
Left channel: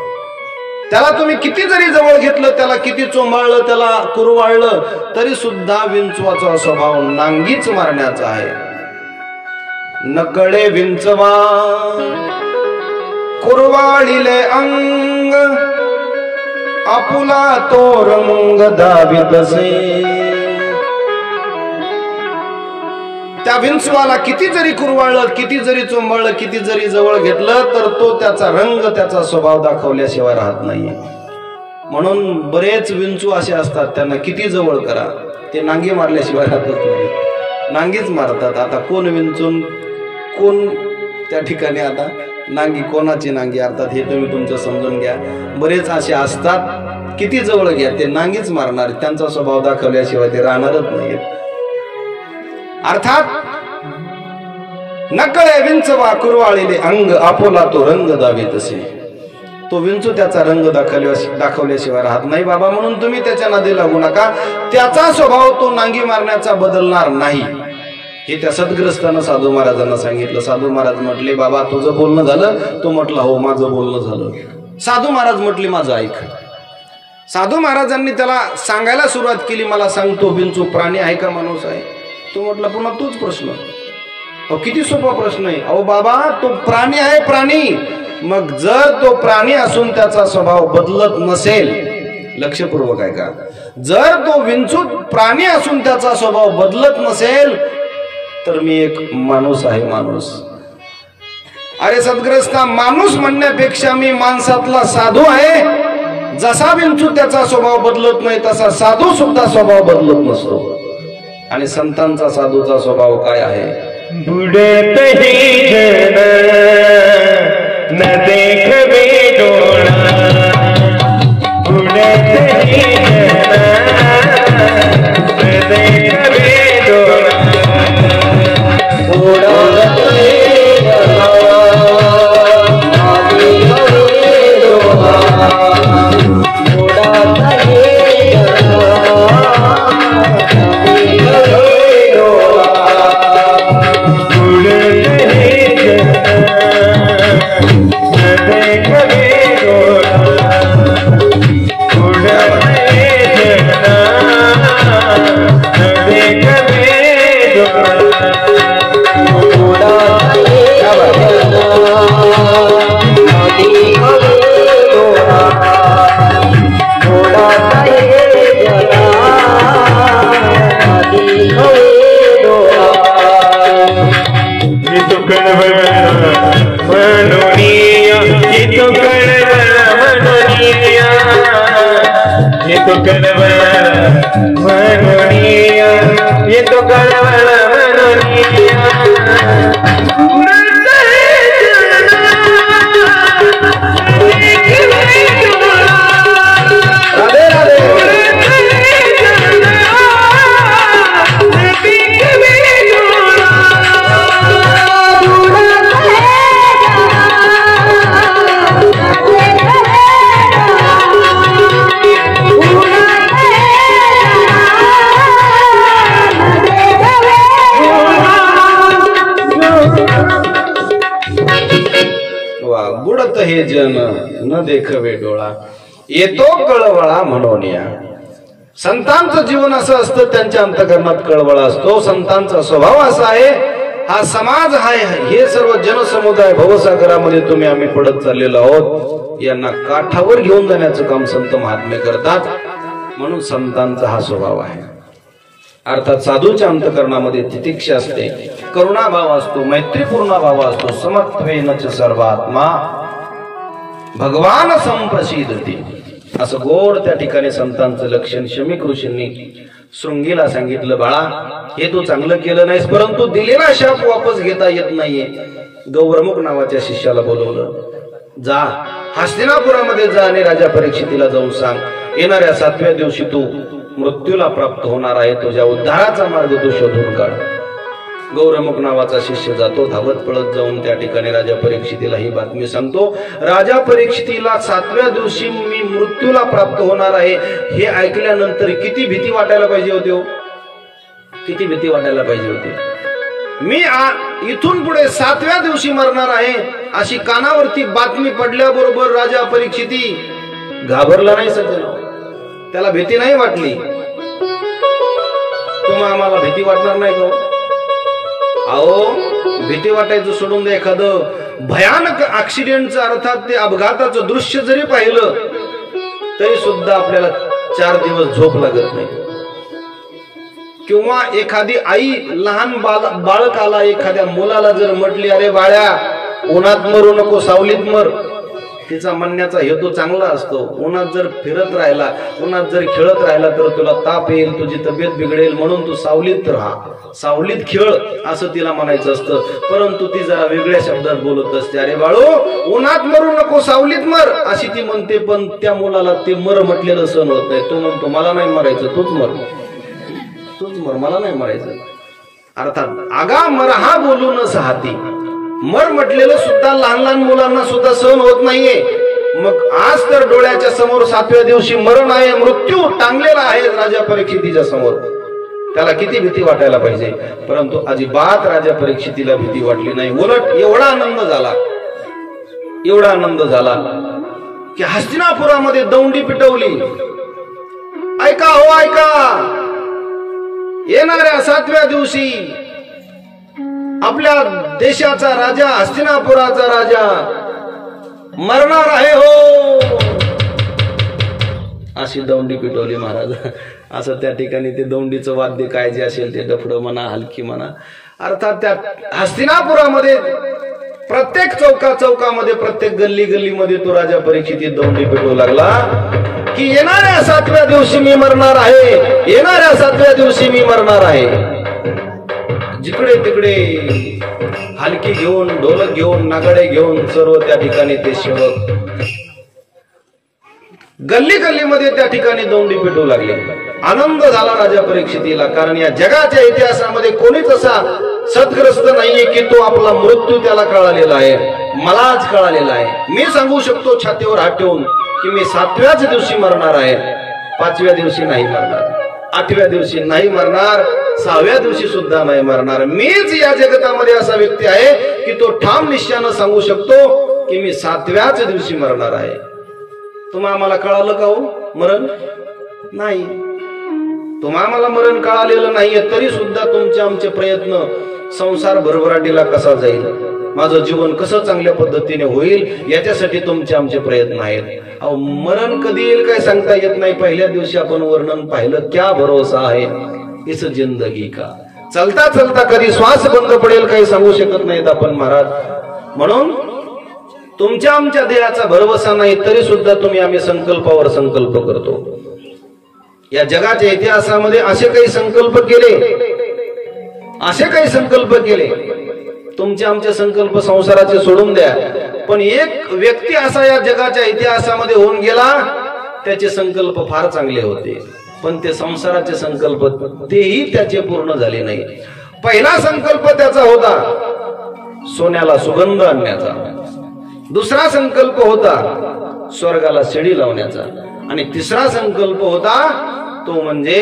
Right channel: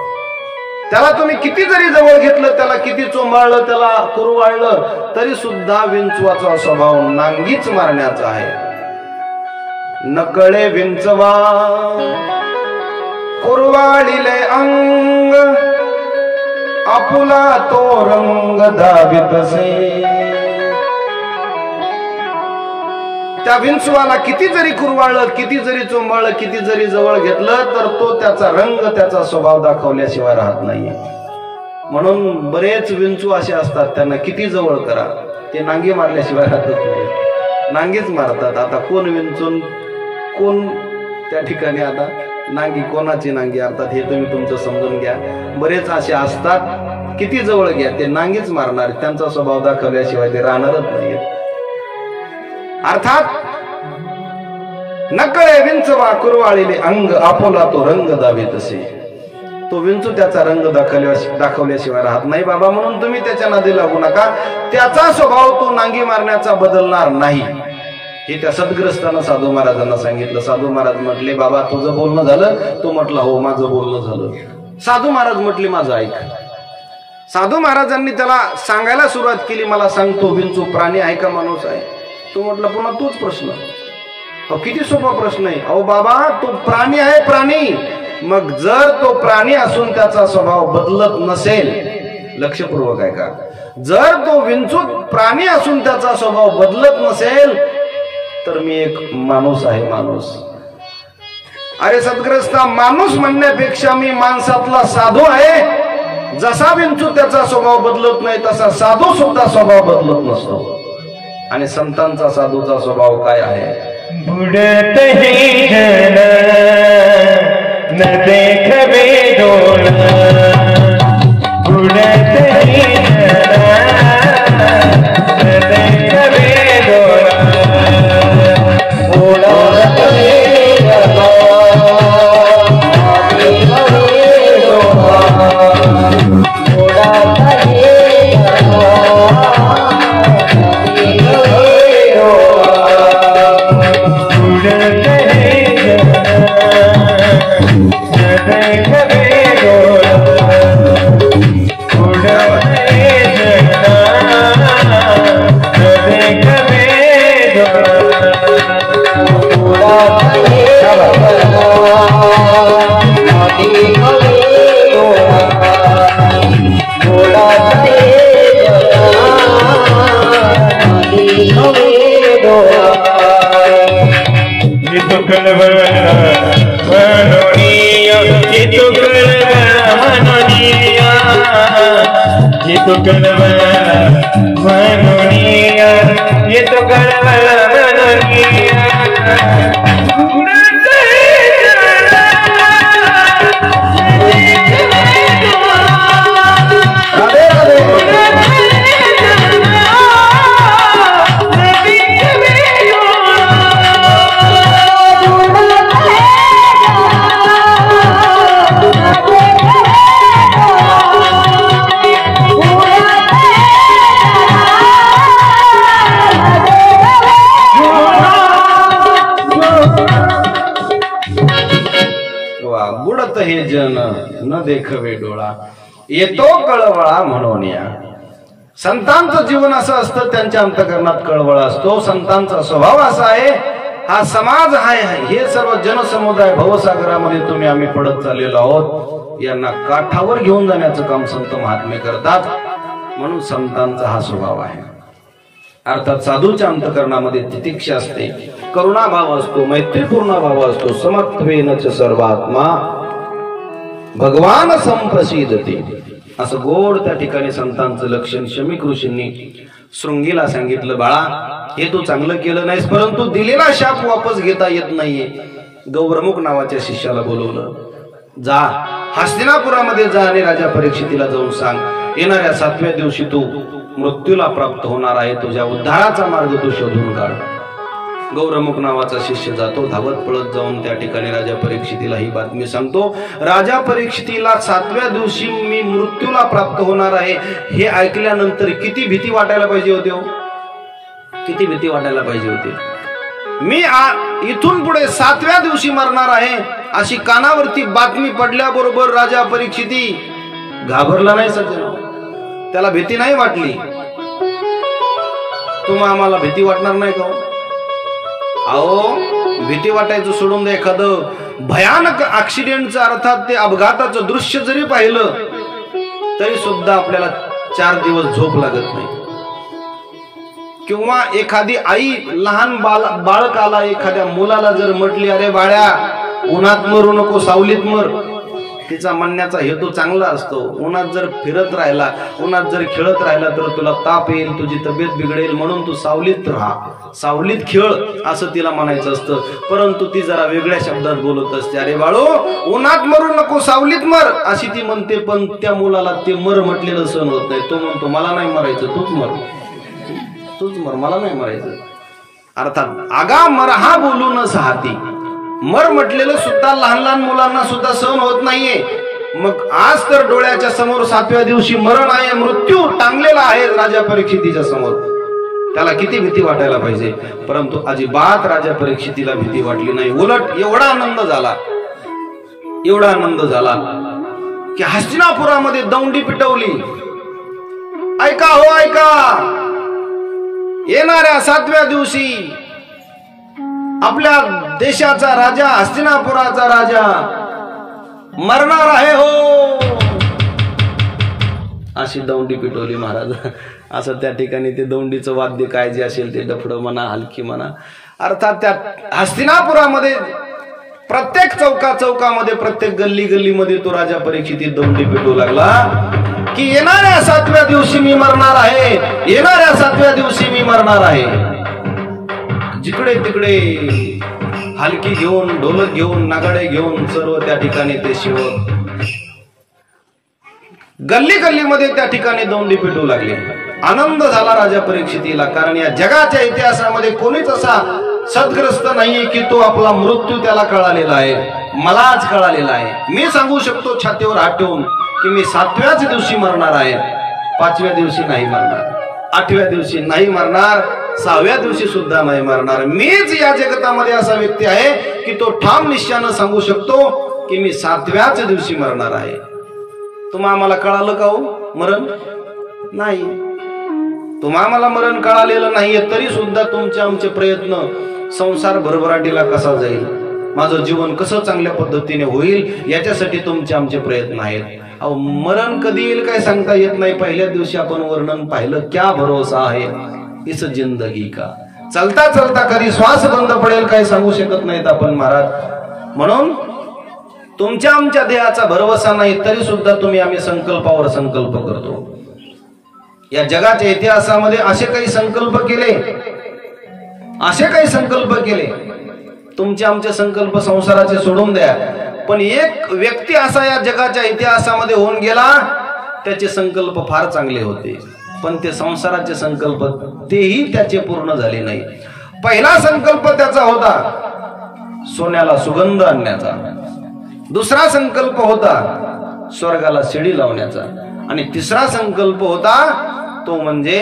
त्याला तुम्ही किती जरी जवळ घेतलं, त्याला किती चोंबाळलं, त्याला कुरवाळलं तरी सुद्धा विंचवाचा स्वभाव नांगीच मारण्याचा आहे. नकळे विंचवा कुरवाळीले अंग, आपुला तो रंग दाबितसे. त्या विंचवाला किती जरी कुरवाळलं, किती जरी चोंबाळलं, किती जरी जवळ घेतलं तर तो त्याचा रंग, त्याचा स्वभाव दाखवल्याशिवाय राहत नाहीये. म्हणून बरेच विंचू असे असतात, त्यांना किती जवळ करा ते नांगी मारल्याशिवाय राहतच नाही, नांगीच मारतात. आता कोण विंचून कोण त्या ठिकाणी, आता नांगी कोणाची नांगी अर्थात हे तुम्ही तुमचं समजून घ्या. बरेच असे असतात, किती जवळ घ्या ते नांगीच मारणार, त्यांचा स्वभाव दाखवल्याशिवाय ते राहणारच नाही. अर्थात नकळे विंचवा कुरवाळीले अंग, आपोला तो रंग दावे तसे. तो विंचू त्याचा रंग दाखवल्याशिवाय राहत नाही बाबा. म्हणून तुम्ही त्याच्या नादी लागू नका. त्याचा स्वभाव तो नांगी मारण्याचा बदलणार नाही, हे त्या सद्ग्रस्तानं साधू महाराजांना सांगितलं. साधू महाराज म्हटले, बाबा तुझं बोलणं झालं? तो म्हटला, हो माझं बोलणं झालं. साधू महाराज म्हटले, माझं ऐक. साधू महाराजांनी त्याला सांगायला सुरुवात केली, मला सांग, तो विंचू प्राणी आहे का माणूस आहे? तो म्हटला, पुन्हा तोच प्रश्न. अहो किती सोपा प्रश्न आहे. अहो बाबा, तो प्राणी आहे, प्राणी. मग जर तो प्राणी असून त्याचा स्वभाव बदलत नसेल, लक्षपूर्वक आहे का, जर तो विंचू प्राणी असून त्याचा स्वभाव बदलत नसेल तर मी एक माणूस आहे, माणूस. अरे सद्ग्रस्ता, माणूस म्हणण्यापेक्षा मी माणसातला साधू आहे. जसा विंचू त्याचा स्वभाव बदलत नाही तसा साधू सुद्धा स्वभाव बदलत नसतो. आणि संतांचा साधूचा स्वभाव काय आहे? बुडत ही जन न देखवे डोळा, बुडत ही जन न देखवे डोळा, बुडत ही बुडत हे जन न देखवे डोळा, येतो कळवळा म्हणून या. संतांचं जीवन असं असतं, त्यांच्या अंतःकरणात कळवळा असतो. संतांचा स्वभाव असा आहे, हा समाज आहे, हे सर्व जनसमुदाय भवसागरामध्ये तुम्ही आम्ही पडत चाललेलो आहोत, यांना काठावर घेऊन जाण्याचं काम संत महात्मे करतात. म्हणून संतांचा हा स्वभाव आहे. अर्थात साधूच्या अंतःकरणामध्ये तितिक्षा असते, करुणाभाव असतो, मैत्रीपूर्ण भाव असतो. समत्वेनच सर्वात्मा भगवान संप्रसिद्धती, असं गोड त्या ठिकाणी संतांचं लक्षण शमीक ऋषींनी शृंगीला सांगितलं. बाळा, हे तू चांगलं केलं नाहीस, परंतु दिलेला शाप वापस घेता येत नाहीये. गौरमुख नावाच्या शिष्याला बोलवलं, जा हस्तिनापुरामध्ये जा आणि राजा परीक्षितीला जाऊन सांग, येणाऱ्या 7व्या दिवशी तू मृत्यूला प्राप्त होणार आहे, तुझ्या उद्धाराचा मार्ग तू शोधून काढ. गौरमुख नावाचा शिष्य जातो, धावत पळत जाऊन त्या ठिकाणी राजा परीक्षितीला ही बातमी सांगतो. राजा परीक्षितीला 7व्या दिवशी मी मृत्यूला प्राप्त होणार आहे हे ऐकल्यानंतर किती भीती वाटायला पाहिजे होती हो, किती भीती वाटायला पाहिजे होती. मी इथून पुढे 7व्या दिवशी मरणार आहे अशी कानावरती बातमी पडल्याबरोबर राजा परीक्षिती घाबरला नाही सज्जनो, त्याला भीती नाही वाटली. तुम्हा आम्हाला भीती वाटणार नाही का? अहो, भीती वाटायचं सोडून दे, एखादं भयानक ऍक्सिडेंटचं अर्थात ते अपघाताचं दृश्य जरी पाहिलं तरी सुद्धा आपल्याला 4 दिवस झोप लागत नाही. किंवा एखादी आई लहान बाळकाला, एखाद्या मुलाला जर म्हटली, अरे बाळ्या उन्हात मरू नको, सावलीत मर, तिचा म्हणण्याचा हेतू चांगला असतो. उन्हात जर फिरत राहिला, उन्हात जर खेळत राहिला तर तुला ताप येईल, तुझी तब्येत बिघडेल, म्हणून तू सावलीत राहा, सावलीत खेळ, असं तिला म्हणायचं असतं. परंतु ती जरा वेगळ्या शब्दात बोलत असते. अरे बाळू उन्हात मरू नको, सावलीत मर, अशी ती म्हणते. पण त्या मुलाला ते मर म्हटलेलं सहन होत नाही. तो म्हणतो मला नाही मरायचं, तूच मर, तूच मर, मला नाही मरायचं. अर्थात आगा मर हा बोलूनच हाती, मर म्हटलेलं सुद्धा लहान लहान मुलांना सुद्धा सहन होत नाहीये. मग आज तर डोळ्याच्या समोर 7व्या दिवशी मरण आहे, मृत्यू टांगलेला आहे राजा परीक्षितीच्या समोर. त्याला किती भीती वाटायला पाहिजे. परंतु अजिबात राजा परीक्षितीला भीती वाटली नाही. उलट एवढा आनंद झाला, एवढा आनंद झाला की हस्तिनापुरामध्ये दौंडी पिटवली. ऐका हो ऐका, येणाऱ्या 7व्या दिवशी आपल्या देशाचा राजा, हस्तिनापुराचा राजा मरणार आहे हो, अशी दौंडी पिटवली महाराज. असं त्या ठिकाणी ते दौंडीचं वाद्य काय जे असेल ते डफडं म्हणा, हलकी म्हणा. अर्थात त्या हस्तिनापुरामध्ये प्रत्येक चौकामध्ये, प्रत्येक गल्ली गल्लीमध्ये तो राजा परीक्षित दौंडी पिटवू लागला की येणाऱ्या 7व्या दिवशी मी मरणार आहे, येणाऱ्या 7व्या दिवशी मी मरणार आहे. जिकडे तिकडे हलकी घेऊन, ढोलक घेऊन, नगाडे घेऊन सर्व त्या ठिकाणी ते सेवक गल्ली गल्लीमध्ये त्या ठिकाणी दौंडी पिटू लागले. आनंद झाला राजा परीक्षितीला, कारण या जगाच्या इतिहासामध्ये कोणीच असा सद्ग्रस्त नाहीये की तो आपला मृत्यू त्याला कळालेला आहे. मलाच कळालेला आहे. मी सांगू शकतो छातीवर हात ठेवून की मी 7व्याच दिवशी मरणार आहे, 5व्या दिवशी नाही मरणार, 8व्या दिवशी नाही मरणार, 6व्या दिवशी सुद्धा नाही मरणार. मीच या जगतामध्ये असा व्यक्ती आहे की तो ठाम निश्चयानं सांगू शकतो की मी 7व्याच दिवशी मरणार आहे. तुम्हा आम्हाला कळालं का हो मरण? नाही. तुम्हा आम्हाला मरण कळालेलं नाहीये, तरी सुद्धा तुमचे आमचे प्रयत्न, संसार भरभराटीला कसा जाईल, माझं जीवन कसं चांगल्या पद्धतीने होईल, याच्यासाठी तुमचे आमचे प्रयत्न आहेत. अहो मरण कधी येईल काय सांगता येत नाही. पहिल्या दिवशी आपण वर्णन पाहिलं, क्या भरोसा आहे इस जिंदगी का, चलता चलता कधी श्वास बंद पडेल काही सांगू शकत नाहीत आपण महाराज. म्हणून तुमच्या आमच्या देहाचा भरवसा नाही, तरी सुद्धा तुम्ही आम्ही संकल्पावर संकल्प करतो. या जगाच्या इतिहासामध्ये असे काही संकल्प केले, असे काही संकल्प केले. तुमचे आमचे संकल्प संसाराचे सोडून द्या, पण एक व्यक्ती असा या जगाच्या इतिहासामध्ये होऊन गेला, त्याचे संकल्प फार चांगले होते, पण ते संसाराचे संकल्प तेही त्याचे पूर्ण झाले नाही. पहिला संकल्प त्याचा होता सोन्याला सुगंध आणण्याचा, दुसरा संकल्प होता स्वर्गाला शिडी लावण्याचा, आणि तिसरा संकल्प होता तो म्हणजे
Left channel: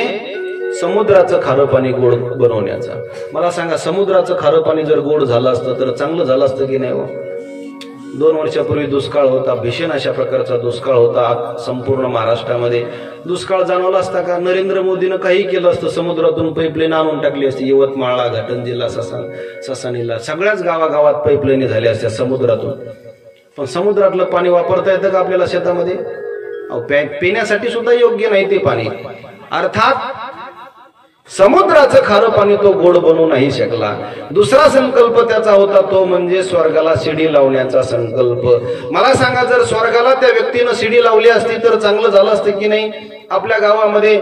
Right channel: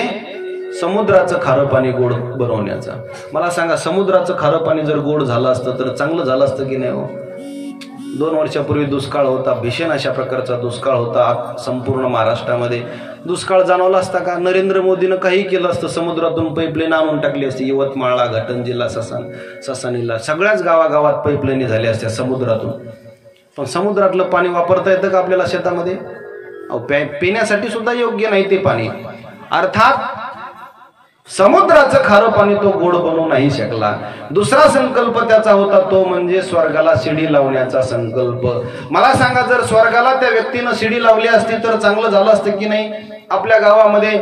समुद्राचं खारं पाणी गोड बनवण्याचा. मला सांगा, समुद्राचं खारं पाणी जर गोड झालं असतं तर चांगलं झालं असतं की नाही हो? 2 वर्षापूर्वी दुष्काळ होता, भीषण अशा प्रकारचा दुष्काळ होता संपूर्ण महाराष्ट्रामध्ये. दुष्काळ जाणवला असता का? नरेंद्र मोदीनं काही केलं असतं, समुद्रातून पाईपलाईन आणून टाकली असती. यवतमाळला, घाटंजीला, ससानीला, सगळ्याच गावागावात पाईपलाईन झाल्या असत्या समुद्रातून. पण समुद्रातलं पाणी वापरता येतं का आपल्याला शेतामध्ये? पिण्यासाठी सुद्धा योग्य नाही ते पाणी. अर्थात समुद्राचं खारं पाणी तो गोड बनवू नाही शकला. दुसरा संकल्प त्याचा होता तो म्हणजे स्वर्गाला शिडी लावण्याचा संकल्प. मला सांगा, जर स्वर्गाला त्या व्यक्तीनं शिडी लावली असती तर चांगलं झालं असतं की नाही? आपल्या गावामध्ये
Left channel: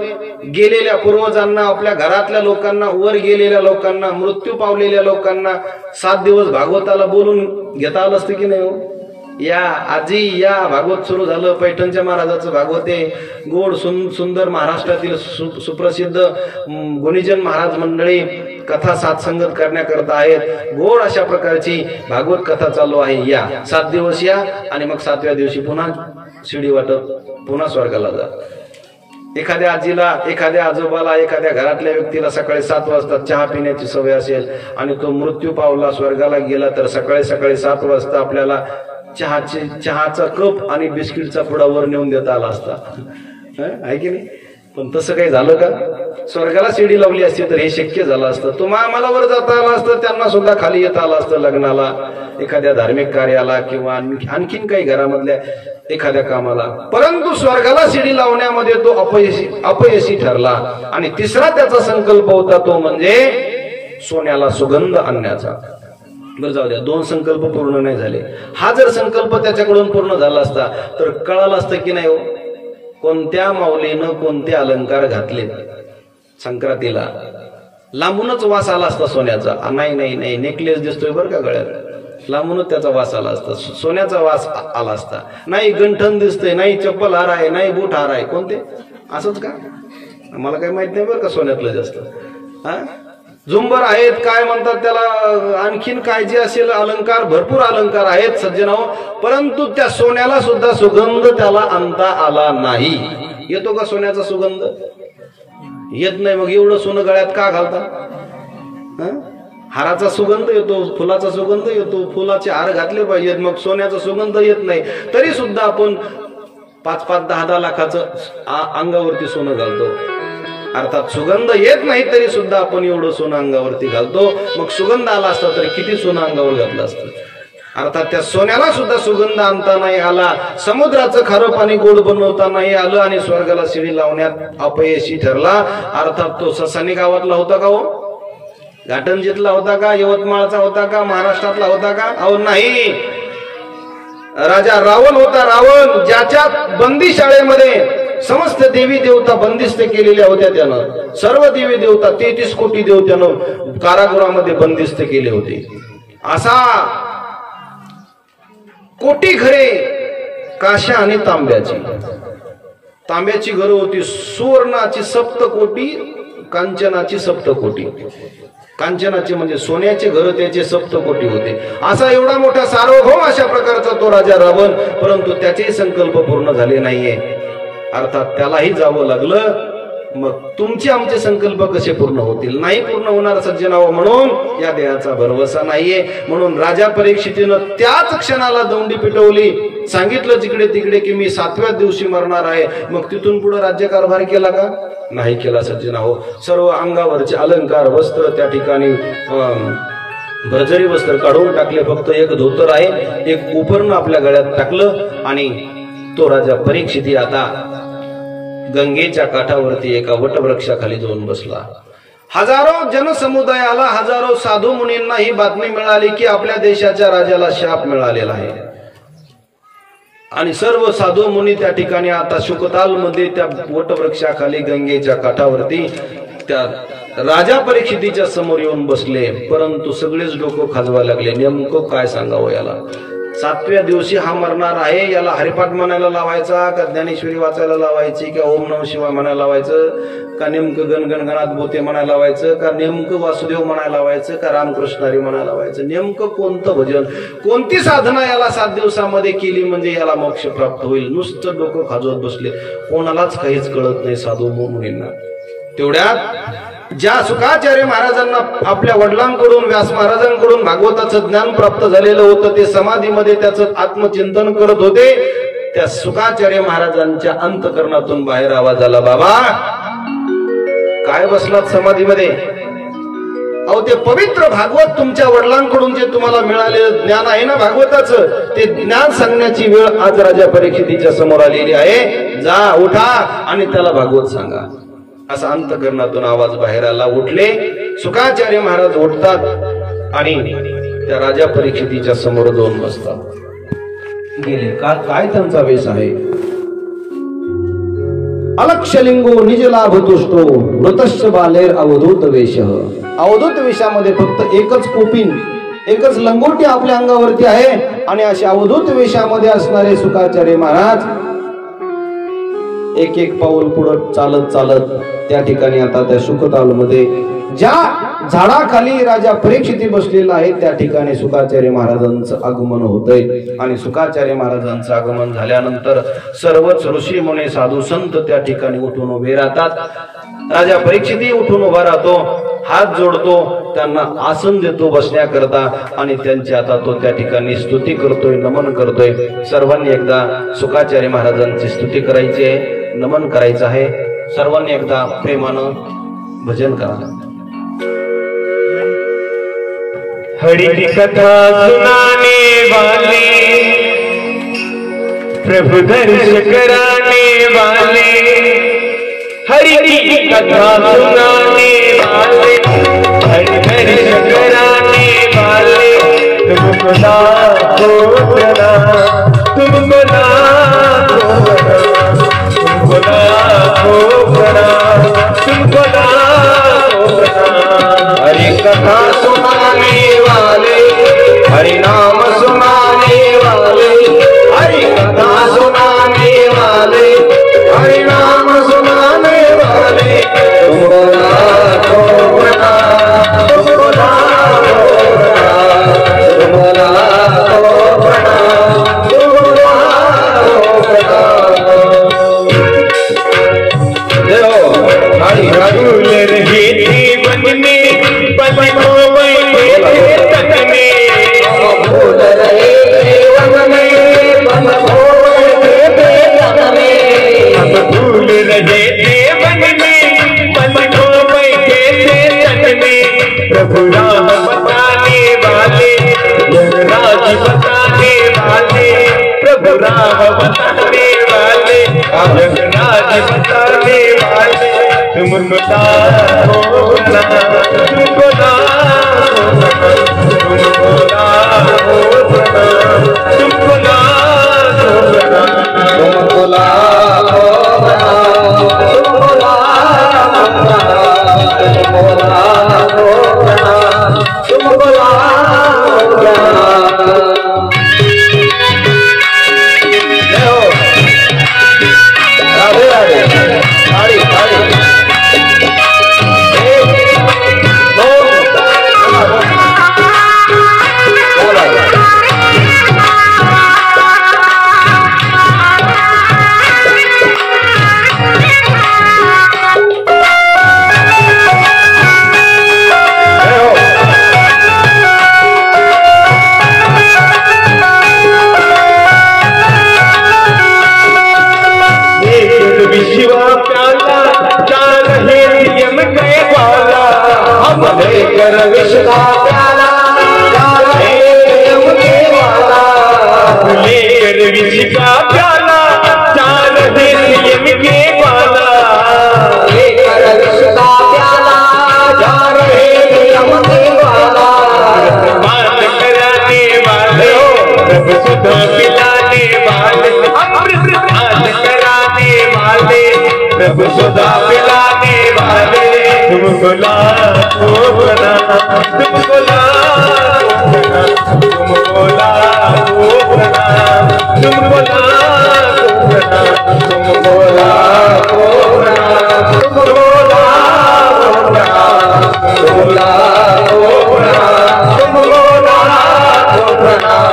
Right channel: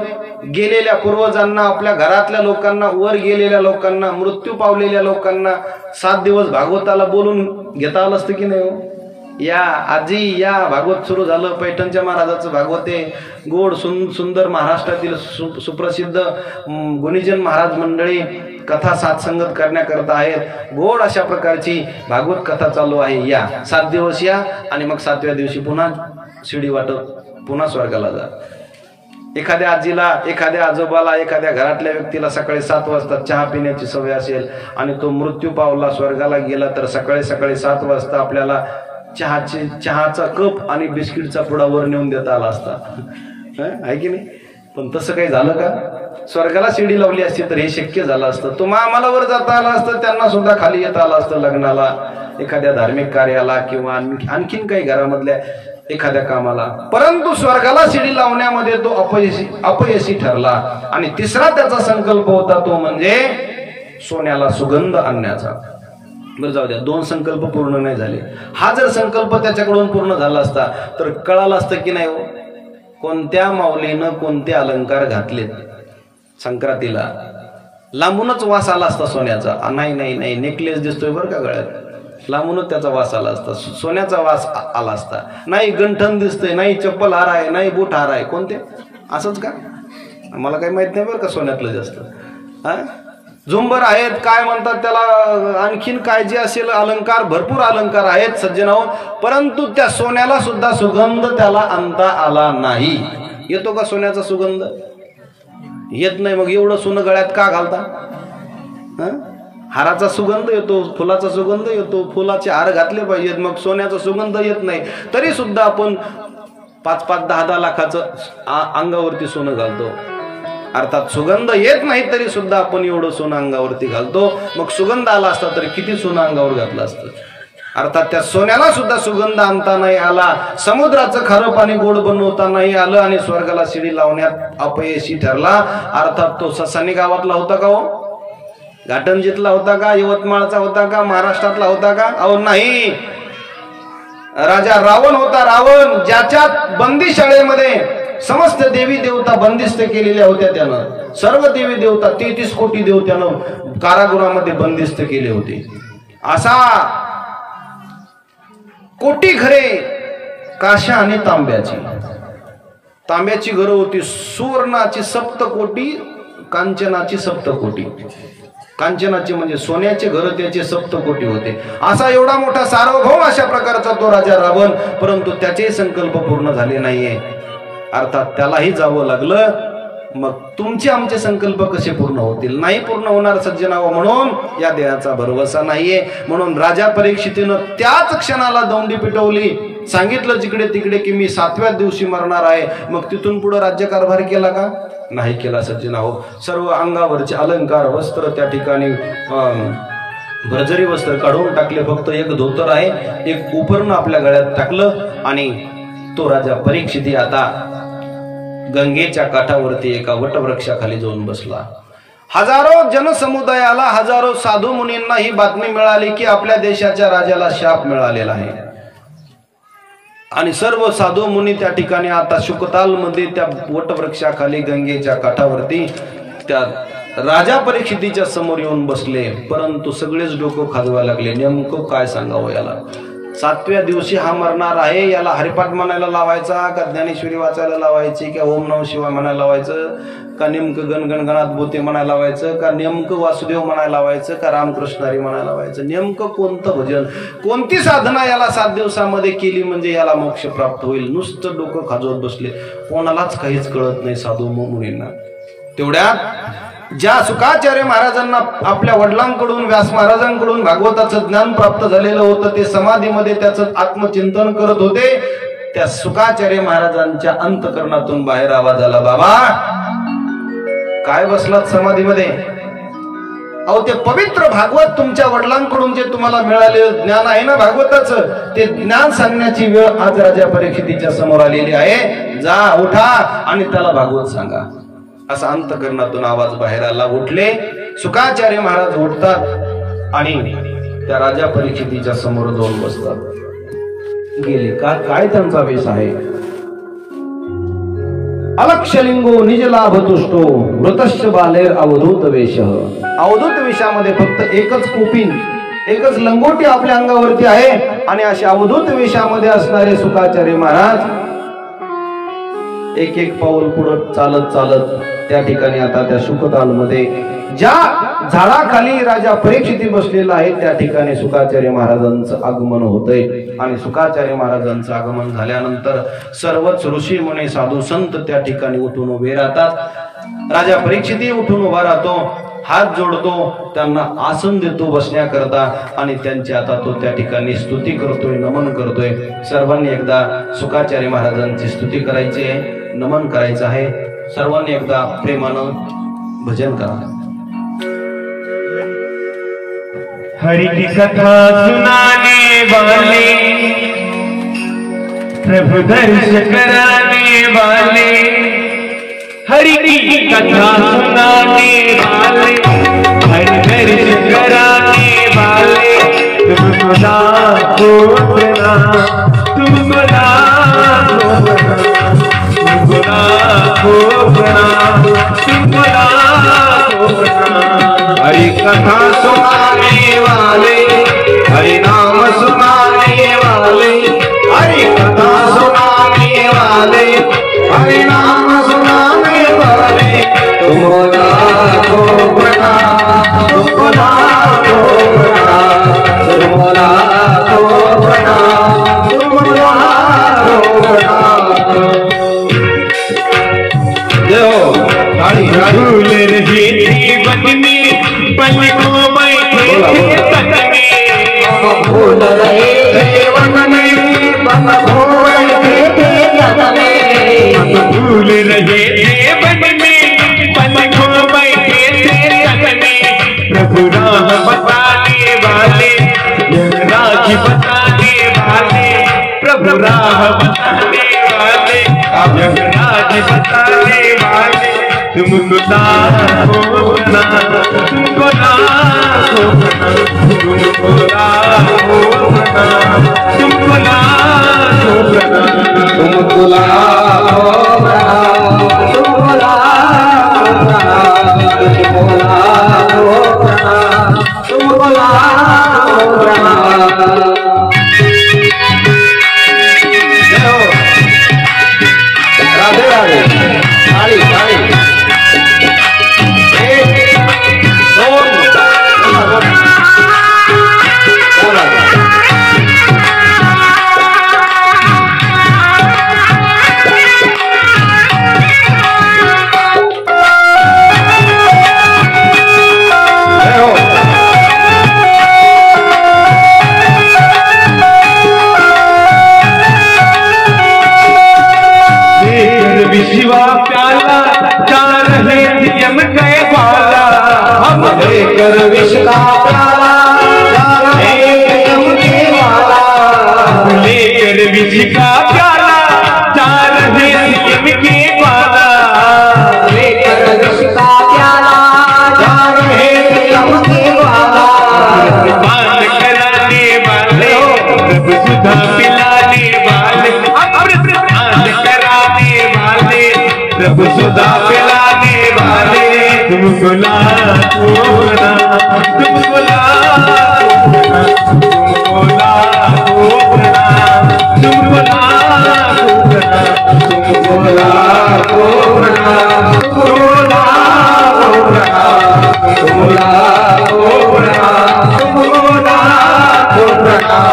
गेलेल्या पूर्वजांना, आपल्या घरातल्या लोकांना, वर गेलेल्या लोकांना, मृत्यू पावलेल्या लोकांना 7 दिवस भागवताला बोलून घेता आलं असतं की नाही हो? या आजी या, भागवत सुरू झालं. पैठणच्या महाराजाचं भागवत आहे. गोड सुंदर महाराष्ट्रातील सुप्रसिद्ध गुणीजन महाराज मंडळी कथा साथसंगत करण्याकरता आहेत. गोड अशा प्रकारची भागवत कथा चालू आहे. या 7 दिवस या, आणि मग 7व्या दिवशी पुन्हा शिडी वाटत पुन्हा स्वर्गाला जा. एखाद्या आजीला, एखाद्या आजोबाला, एखाद्या घरातल्या व्यक्तीला सकाळी 7 वाजता चहा पिण्याची सवय असेल आणि तो मृत्यू पावला, स्वर्गाला गेला, तर सकाळी 7 वाजता आपल्याला चहाचा कप आणि बिस्किटचा पुडा वर नेऊन देता आला असता, आहे की नाही? पण तसं काही झालं का? स्वर्गाला शिडी लावली असती तर हे शक्य झालं असतं. तुम्हा आम्हाला वर जाता आलं असतं, त्यांना सुद्धा खाली येता आलं असतं, लग्नाला, एखाद्या धार्मिक कार्याला किंवा आणखीन काही घरामधल्या एखाद्या कामाला. परंतु स्वर्गाला शिडी लावण्यामध्ये तो अपयशी ठरला. आणि तिसरा त्याचा संकल्प होता तो म्हणजे सोन्याला सुगंध आणण्याचा. बरं जाऊ द्या, 2 संकल्प पूर्ण नाही झाले. हा जर संकल्प त्याच्याकडून पूर्ण झाला असता तर कळालं असतं की नाही हो कोणत्या माऊलीनं कोणते अलंकार घातले संक्रांतीला. लांबूनच वास आला असता सोन्याचा. नाही नाही नाही, नेकलेस दिसतोय बरं का गळ्यात, लांबूनच त्याचा वास आला असता, सोन्याचा वास आला असता. नाही गंठन दिसतंय, नाही चप्पल हार आहे, नाही बूट हार आहे, कोणते असंच का, मला काही माहित नाही बरं का सोन्यातलं जास्त. हा झुंबर आहेत, काय म्हणतात त्याला, आणखीन काय जे असेल अलंकार, भरपूर अलंकार आहेत सज्जनाओ, परंतु त्या सोन्याला सुद्धा सुगंध त्याला आणता आला नाही. येतो का सोन्याचा सुगंध? येत नाही. मग एवढं सोनं गळ्यात का घालता? हाराचा सुगंध येतो, फुलाचा सुगंध येतो, फुलाचे हार घातले पाहिजेत, मग सोन्याचा सुगंध येत नाही. तरी सुद्धा आपण 5-5, 10-10 लाखाचं अंगावरती सोनं घालतो. अर्थात सुगंध येत नाही तरी सुद्धा आपण एवढं सोनं अंगावरती घालतो. मग सुगंध आला असता तरी किती सोनं अंगावर घातलं असतं. अर्थात त्या सोन्याला सुद्धा सुगंध आणता नाही आला, समुद्राचं खारं पाणी गोड बनवता नाही आलं आणि स्वर्गाला शिडी लावण्यात अपयशी ठरला. अर्थात तो ससानी गावातला होता का हो? घाटंजीतला होता का? यवतमाळचा होता का? महाराष्ट्रातला होता का? अहो नाही, राजा रावण होता. रावण ज्याच्यात बंदी शाळेमध्ये समस्त देवी देवता बंदिस्त केलेल्या होत्या. त्यानं सर्व देवी देवता 33 कोटी देव त्यानं कारागृहामध्ये बंदिस्त केले होते. असा कोटी घरे काशा आणि तांब्याची घरं होती. सुवर्णाची 7 कोटी, कांचनाची 7 कोटी. कांचनाचे म्हणजे सोन्याचे घर त्याचे 7 कोटी होते. असा एवढा मोठा सार्वभौम अशा प्रकारचा तो राजा रावण, परंतु त्याचे संकल्प पूर्ण झाले नाहीये. अर्थात त्यालाही जावं लागलं. मग तुमचे आमचे संकल्प कसे पूर्ण होतील? नाही पूर्ण होणार सज्जनाव. म्हणून या देहाचा भरवसा नाहीये. म्हणून राजा परीक्षितीनं त्याच क्षणाला दौंडी पिटवली, सांगितलं जिकडे तिकडे की मी 7व्या दिवशी मरणार आहे. मग तिथून पुढे राज्यकारभार केला का? नाही केला सज्जनाव. सर्व अंगावरचे अलंकार वस्त्र त्या ठिकाणी भरजरी वस्त्र काढून टाकले. फक्त एक धोतर आहे, एक उपरण आपल्या गळ्यात टाकलं आणि तो राजा परीक्षिती आता गंगेच्या काठावरती एका वटवृक्षाखाली जाऊन बसला. हजारो जनसमुदायाला, हजारो साधू मुनींना ही बातमी मिळाली की आपल्या देशाच्या राजाला शाप मिळालेला आहे. आणि सर्व साधू मुनी त्या ठिकाणी आता शुकतालमध्ये त्या वटवृक्षाखाली गंगेच्या काठावरती त्या राजा परीक्षितीच्या समोर येऊन बसले. परंतु सगळेच डोकं खाजवायला लागले, नेमकं काय सांगावं याला. 7व्या दिवशी हा मरणार आहे, याला हरिपाठ म्हणायला लावायचा का, ज्ञानेश्वरी वाचायला लावायची का, ओम नमः शिवाय म्हणायला लावायचं का, नेमकं गणगणगणात बोते म्हणायला लावायचं का, नेमकं वासुदेव म्हणायला लावायचं का, रामकृष्ण हरी म्हणायला लावायचं, नेमकं कोणतं भजन, कोणती साधना याला 7 दिवसामध्ये केली म्हणजे याला मोक्ष प्राप्त होईल. नुसतं डोकं खाजवत बसले. कोणालाच काहीच कळत नाही साधू मुनींना. तेवढ्यात ज्या शुकाचार्य महाराजांना आपल्या वडिलांकडून, व्यास महाराजांकडून भागवताचं ज्ञान प्राप्त झालेलं होतं, ते समाधीमध्ये त्याचं आत्मचिंतन करत होते. त्या शुकाचार्य महाराजांच्या अंतकरणातून बाहेर आवाज आला, बाबा काय बसलात समाधीमध्ये? अहो ते पवित्र भागवत तुमच्या वडिलांकडून जे तुम्हाला मिळालेलं ज्ञान आहे ना भागवताचं, ते ज्ञान सांगण्याची वेळ आज राजा परीक्षितीच्या समोर आलेली आहे. जा उठा आणि त्याला भागवत सांगा. असा अंतकरणातून आवाज बाहेर आला. उठले. शुकाचार्य महाराज उठतात आणि त्या राजा परीक्षितीच्या समोर जाऊन बसतात. गेले काय त्यांचा वेश आहे? अलक्षलिंगो निज लाभ तुष्टो मृतश्च बालेर अवधूत वेश. अवधूत वेशामध्ये फक्त एकच कोपिन, एकच लंगोटी आपल्या अंगावरती आहे आणि अशा अवधूत वेशामध्ये असणारे शुकाचार्य महाराज एक एक पाऊल पुढे चालत चालत त्या ठिकाणी आता त्या शुकतालमध्ये ज्या झाडाखाली राजा परीक्षिती बसलेला आहे त्या ठिकाणी शुकाचार्य महाराजांचं आगमन होतंय. आणि शुकाचार्य महाराजांचं आगमन झाल्यानंतर सर्वच ऋषी मुनी साधू संत त्या ठिकाणी उठून उभे राहतात. राजा परीक्षिती उठून उभा राहतो, हात जोडतो, त्यांना आसन देतो बसण्याकरता आणि त्यांची आता तो त्या ठिकाणी स्तुती करतोय, नमन करतोय. सर्वांनी एकदा शुकाचार्य महाराजांची स्तुती करायची आहे, नमन करायचं आहे. सर्वांनी एकदा प्रेमानं भजन करा। हरि की कथा सुनाने वाले, प्रभु दर्श कराने वाले, हरि की कथा सुनाने वाले, हरि दर्श कराने वाले, तुमको लाखों प्रणाम, तुमको लाखों प्रणाम, तुमको लाखों प्रणाम, तुमको लाखों प्रणाम। हरि कथा सुनाने वाले, हरि नाम सुनाने वाले, हरि कथा सुनाने वाले, हरि नाम सुनाने वाले, तुमको लाखों प्रणाम, तुमको लाखों प्रणाम, तुमको लाखों प्रणाम, तुमको लाखों प्रणाम। जय हो। हरि हरि रहे थे बंदने, पलकों बैठे थे तकने, भूल रहे थे बंदने, पलकों बैठे थे तकने, भूल रहे थे बंदने, पलकों बैठे थे तकने। प्रभु राह बताने वाले, राज बताने वाले, प्रभु राह बताने वाले, राज बताने वाले, तुमको लाखों प्रणाम, तुमको लाखों प्रणाम, तुमको लाखों प्रणाम, तुमको लाखों प्रणाम, तुमको लाखों प्रणाम, तुमको लाखों प्रणाम, तुमको लाखों प्रणाम, तुमको लाखों प्रणाम। जय हो। राधे राधे। ताली ताली। क्या बात है। विश्वा प्याला चार है नियम के वाला, हम लेकर विश्वा प्याला चार है नियम के वाला, लेकर विश्वा प्याला चार है नियम के वाला, लेकर विश्वा प्याला चार है नियम के वाला। पान कराने वाले, प्रभु सुधा पिलाने वाले, अमृत पान कराने वाले, प्रभु सुधा पिलाने वाले, तुमको लाखों प्रणाम, तुमको लाखों प्रणाम, तुमको लाखों प्रणाम, तुमको लाखों प्रणाम, तुमको लाखों प्रणाम, तुमको लाखों प्रणाम, तुमको लाखों प्रणाम, तुमको लाखों प्रणाम।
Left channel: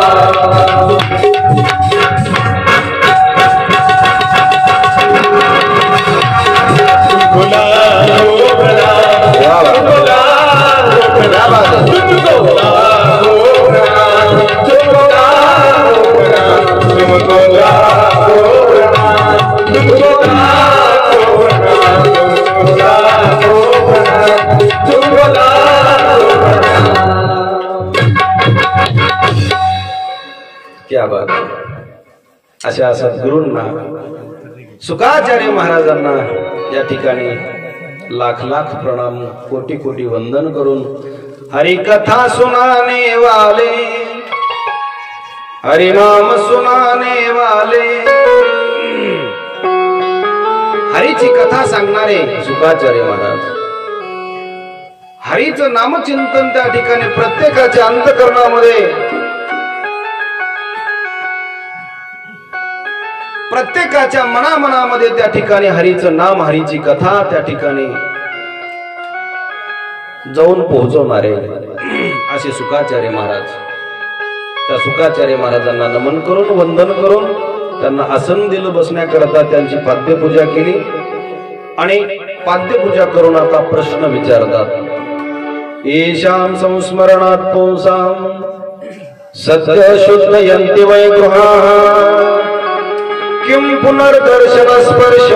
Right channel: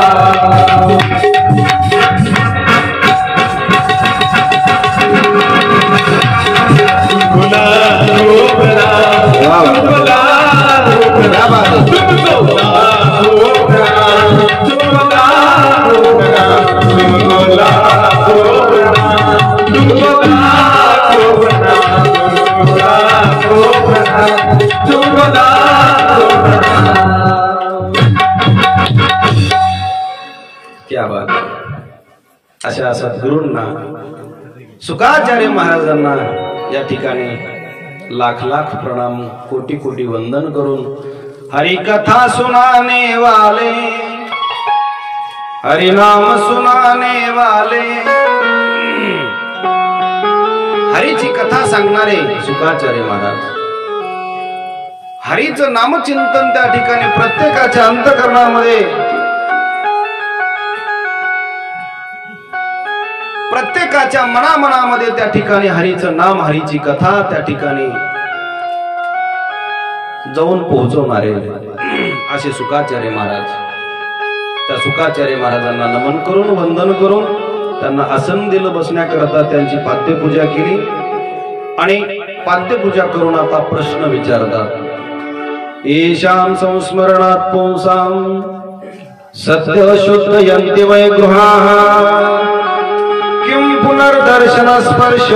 क्या बात है। अशा सद्गुरूंना, सुखाचार्य महाराजांना या ठिकाणी लाख लाख प्रणाम, कोटी कोटी वंदन करून, हरि कथा सुनाने वाले, हरि नाम सुनाने वाले, हरीची कथा सांगणारे सुखाचार्य महाराज, हरीचं नामचिंतन त्या ठिकाणी प्रत्येकाच्या अंतःकरणामध्ये, प्रत्येकाच्या मनामनामध्ये त्या ठिकाणी हरीचं नाम, हरीची कथा त्या ठिकाणी जाऊन पोहोचवणारे असे सुखाचार्य महाराज। त्या सुखाचार्य महाराजांना नमन करून, वंदन करून, त्यांना आसन दिलं बसण्याकरता, त्यांची पाद्यपूजा केली आणि पाद्यपूजा करून आता प्रश्न विचारतात। येषां संस्मरणात् पुंसां सत्य शुद्धयन्ति वै गृहाः, किं पुनर्दर्शन स्पर्श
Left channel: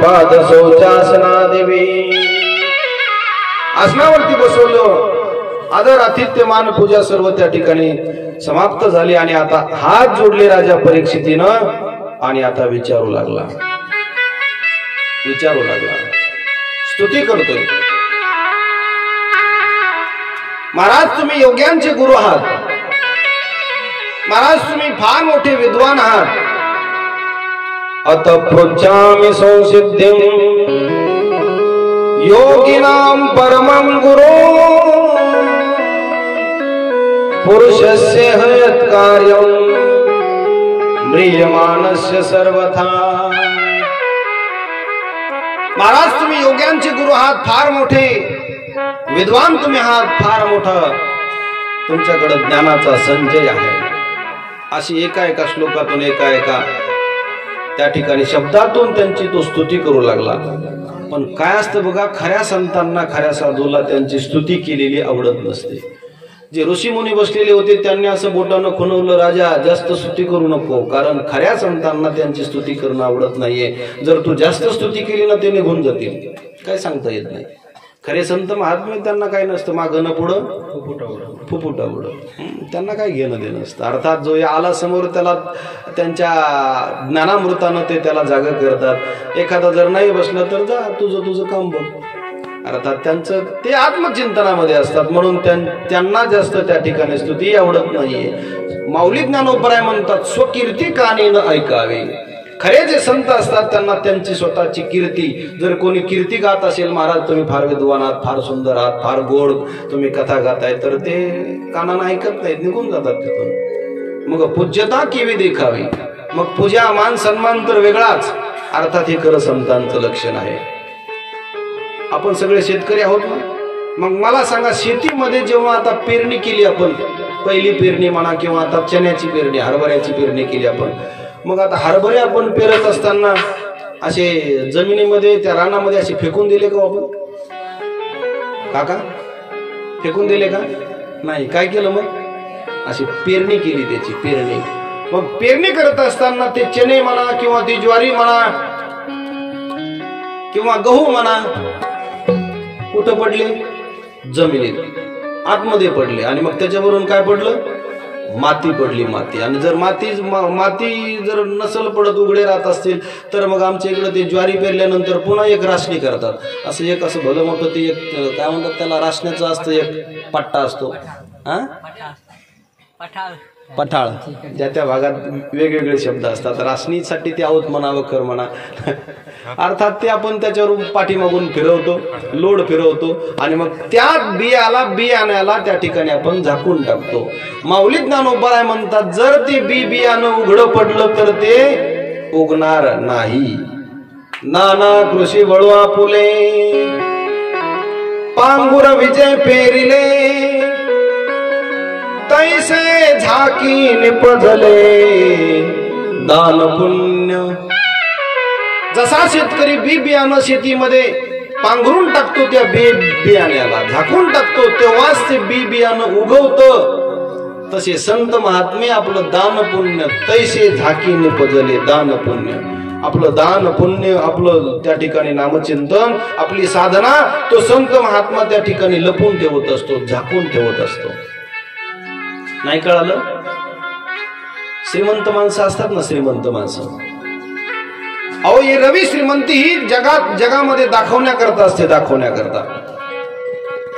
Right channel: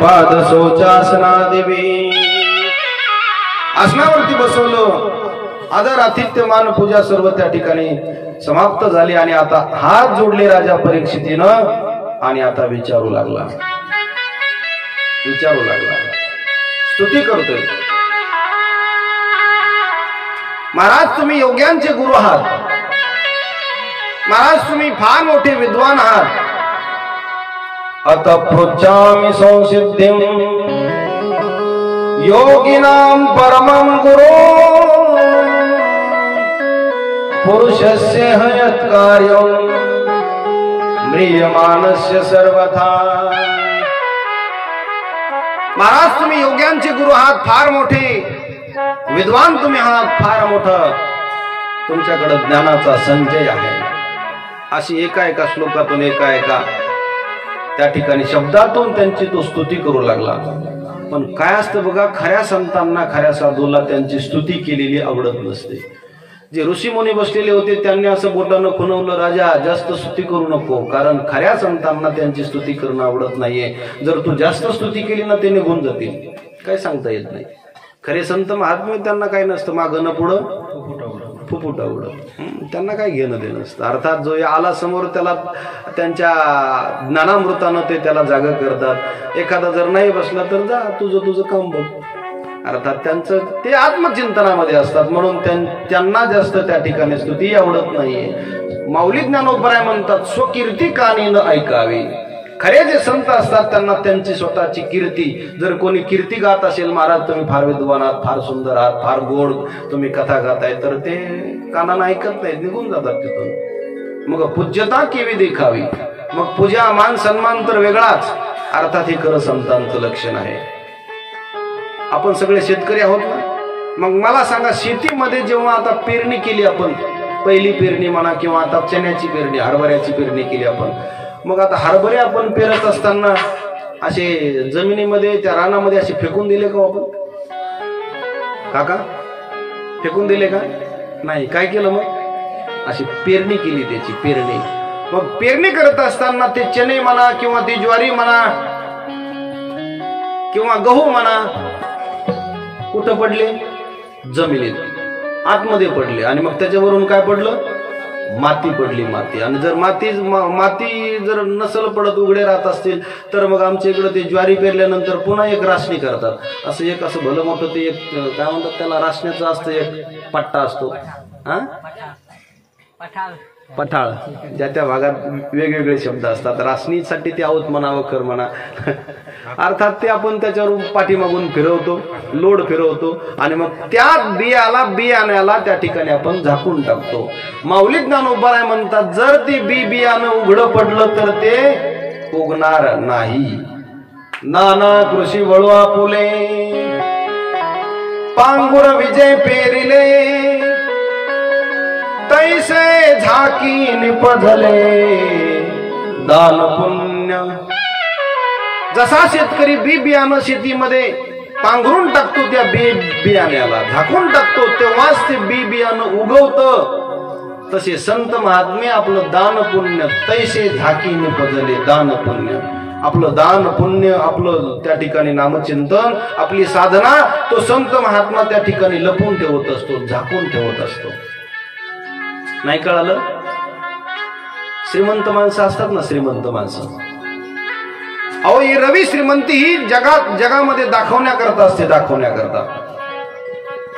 पाद शौचासनादिभिः। आसनावरती बसवलं. आदर आतिथ्य मान पूजा सर्व त्या ठिकाणी समाप्त झाली. आणि आता हात जोडले राजा परीक्षितीनं आणि आता विचारू लागला, स्तुती करतोय. महाराज तुम्ही योग्यांचे गुरु आहात, महाराज तुम्ही फार मोठे विद्वान आहात. अत पृच्छामि संसिद्धिं योगिनां परमं गुरु पुरुषस्य हयत् कार्यं म्रियमाणस्य सर्वथा. महाराज तुम्ही योग्यांचे गुरु आहात, फार मोठे विद्वान तुम्ही आहात, फार मोठा तुमच्याकडे ज्ञानाचा संचय आहे. अशी एका श्लोकातून एका त्या ठिकाणी शब्दातून त्यांची तो स्तुती करू लागला. पण काय असतं बघा, खऱ्या संतांना खऱ्या साधूला त्यांची स्तुती केलेली आवडत नसते. जे ऋषी मुनी बसलेले होते त्यांनी असं बोटानं खुणवलं, राजा जास्त स्तुती करू नको, कारण खऱ्या संतांना त्यांची स्तुती करणं आवडत नाहीये. जर तू जास्त स्तुती केली ना ते निघून जातील, काय सांगता येत नाही. खरे संत महात्मे त्यांना काय नसतं, मागं न पुढं फुफुटा उडं, त्यांना काय घेणं देणं नसतं. अर्थात जो आला समोर त्याला त्यांच्या ज्ञानामृतानं ते त्याला जागा करतात. एखादा जर नाही बसलं तर जा तुझं काम बघ. अर्थात त्यांचं ते आत्मचिंतनामध्ये असतात, म्हणून त्यांना जास्त त्या ठिकाणी स्तुती आवडत नाहीये. माऊली ज्ञानोबराय म्हणतात, स्वकीर्ती कानीनं ऐकावी. खरे जे संत असतात त्यांना त्यांची स्वतःची कीर्ती, जर कोणी कीर्ती गात असेल, महाराज तुम्ही फार विद्वान आहात, फार सुंदर आहात, फार गोड तुम्ही कथा गाताय, तर ते कानानं ऐकत नाहीत, निघून जातात तिथून. मग पूज्यता केवी देखावी, मग पूजा मान सन्मान तर वेगळाच. अर्थात हे खरं संतांचं लक्षण आहे. आपण सगळे शेतकरी आहोत ना, मग मला सांगा, शेतीमध्ये जेव्हा आता पेरणी केली आपण, पहिली पेरणी म्हणा किंवा आता चण्याची पेरणी, हरभऱ्याची पेरणी केली आपण, मग आता हरभरे आपण पेरत असताना असे जमिनीमध्ये त्या रानामध्ये असे फेकून दिले का आपण? काका फेकून दिले का? नाही. काय केलं मग? अशी पेरणी केली, त्याची पेरणी. मग पेरणी करत असताना ते चणे म्हणा किंवा ती ज्वारी म्हणा किंवा गहू म्हणा कुठं पडले? जमिनीत आतमध्ये पडले. आणि मग त्याच्यावरून काय पडलं? माती पडली, माती. आणि जर माती जर नसल पडत, उघडे राहत असतील, तर मग आमच्या इकडे ते ज्वारी पेरल्यानंतर पुन्हा एक राशनी करतात. असं भलं मोठं ते एक काय म्हणतात त्याला, राशण्याचं असतं, एक पट्टा असतो, पठाळ. ज्या त्या भागात वेगवेगळे शब्द असतात. राशनीसाठी ते आहोत म्हणावं, कर म्हणा. अर्थात ते आपण त्याच्यावर पाठीमागून फिरवतो, लोड फिरवतो, आणि मग त्या बियाण्याला त्या ठिकाणी आपण झाकून टाकतो. माऊली ज्ञानोबराय म्हणतात, जर ते बियाणं उघडं पडलं तर ते उगणार नाही. नाना कृषी वळू आपुले, पांगुर विजय पेरिले, तैसे झाकी निपजले दान पुण्य. जसा शेतकरी बियाणं शेतीमध्ये पांघरून टाकतो, त्या बियाण्याला झाकून टाकतो, तेव्हाच ते बियाणं उगवतं. तसे संत महात्मे आपलं दान पुण्य, तैसे झाकी निपजले दान पुण्य. आपलं दान पुण्य, आपलं त्या ठिकाणी नामचिंतन, आपली साधना, तो संत महात्मा त्या ठिकाणी लपून ठेवत असतो, झाकून ठेवत असतो. नाही कळालं? श्रीमंत माणसं असतात ना, श्रीमंत माणसं, अहो ही रवी श्रीमंती ही जगामध्ये दाखवण्याकरता असते, दाखवण्याकरता.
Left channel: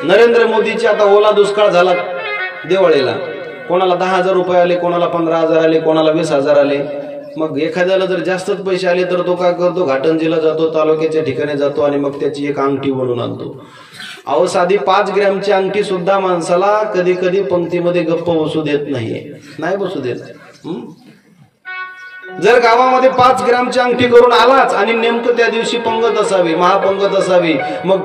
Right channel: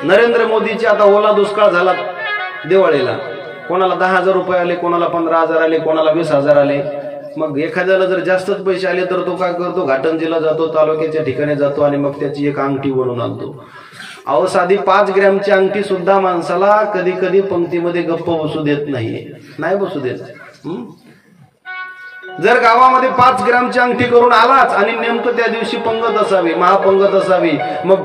नरेंद्र मोदीचे आता ओला दुष्काळ झाला दिवाळीला, कोणाला 10,000 रुपये आले, कोणाला 15,000 आले, कोणाला 20,000 आले. मग एखाद्याला जर जास्तच पैसे आले तर तो काय करतो, घाटंजीला जातो, तालुक्याच्या ठिकाणी जातो, आणि मग त्याची एक अंगठी बनवून आणतो. अहो साधी 5 ग्रॅमची अंगठी सुद्धा माणसाला कधी कधी पंक्तीमध्ये गप्प बसू देत नाही बसू देत. जर गावामध्ये 5 ग्रॅमची अंगठी करून आलाच आणि नेमकं त्या दिवशी पंगत असावी, महापंगत असावी, मग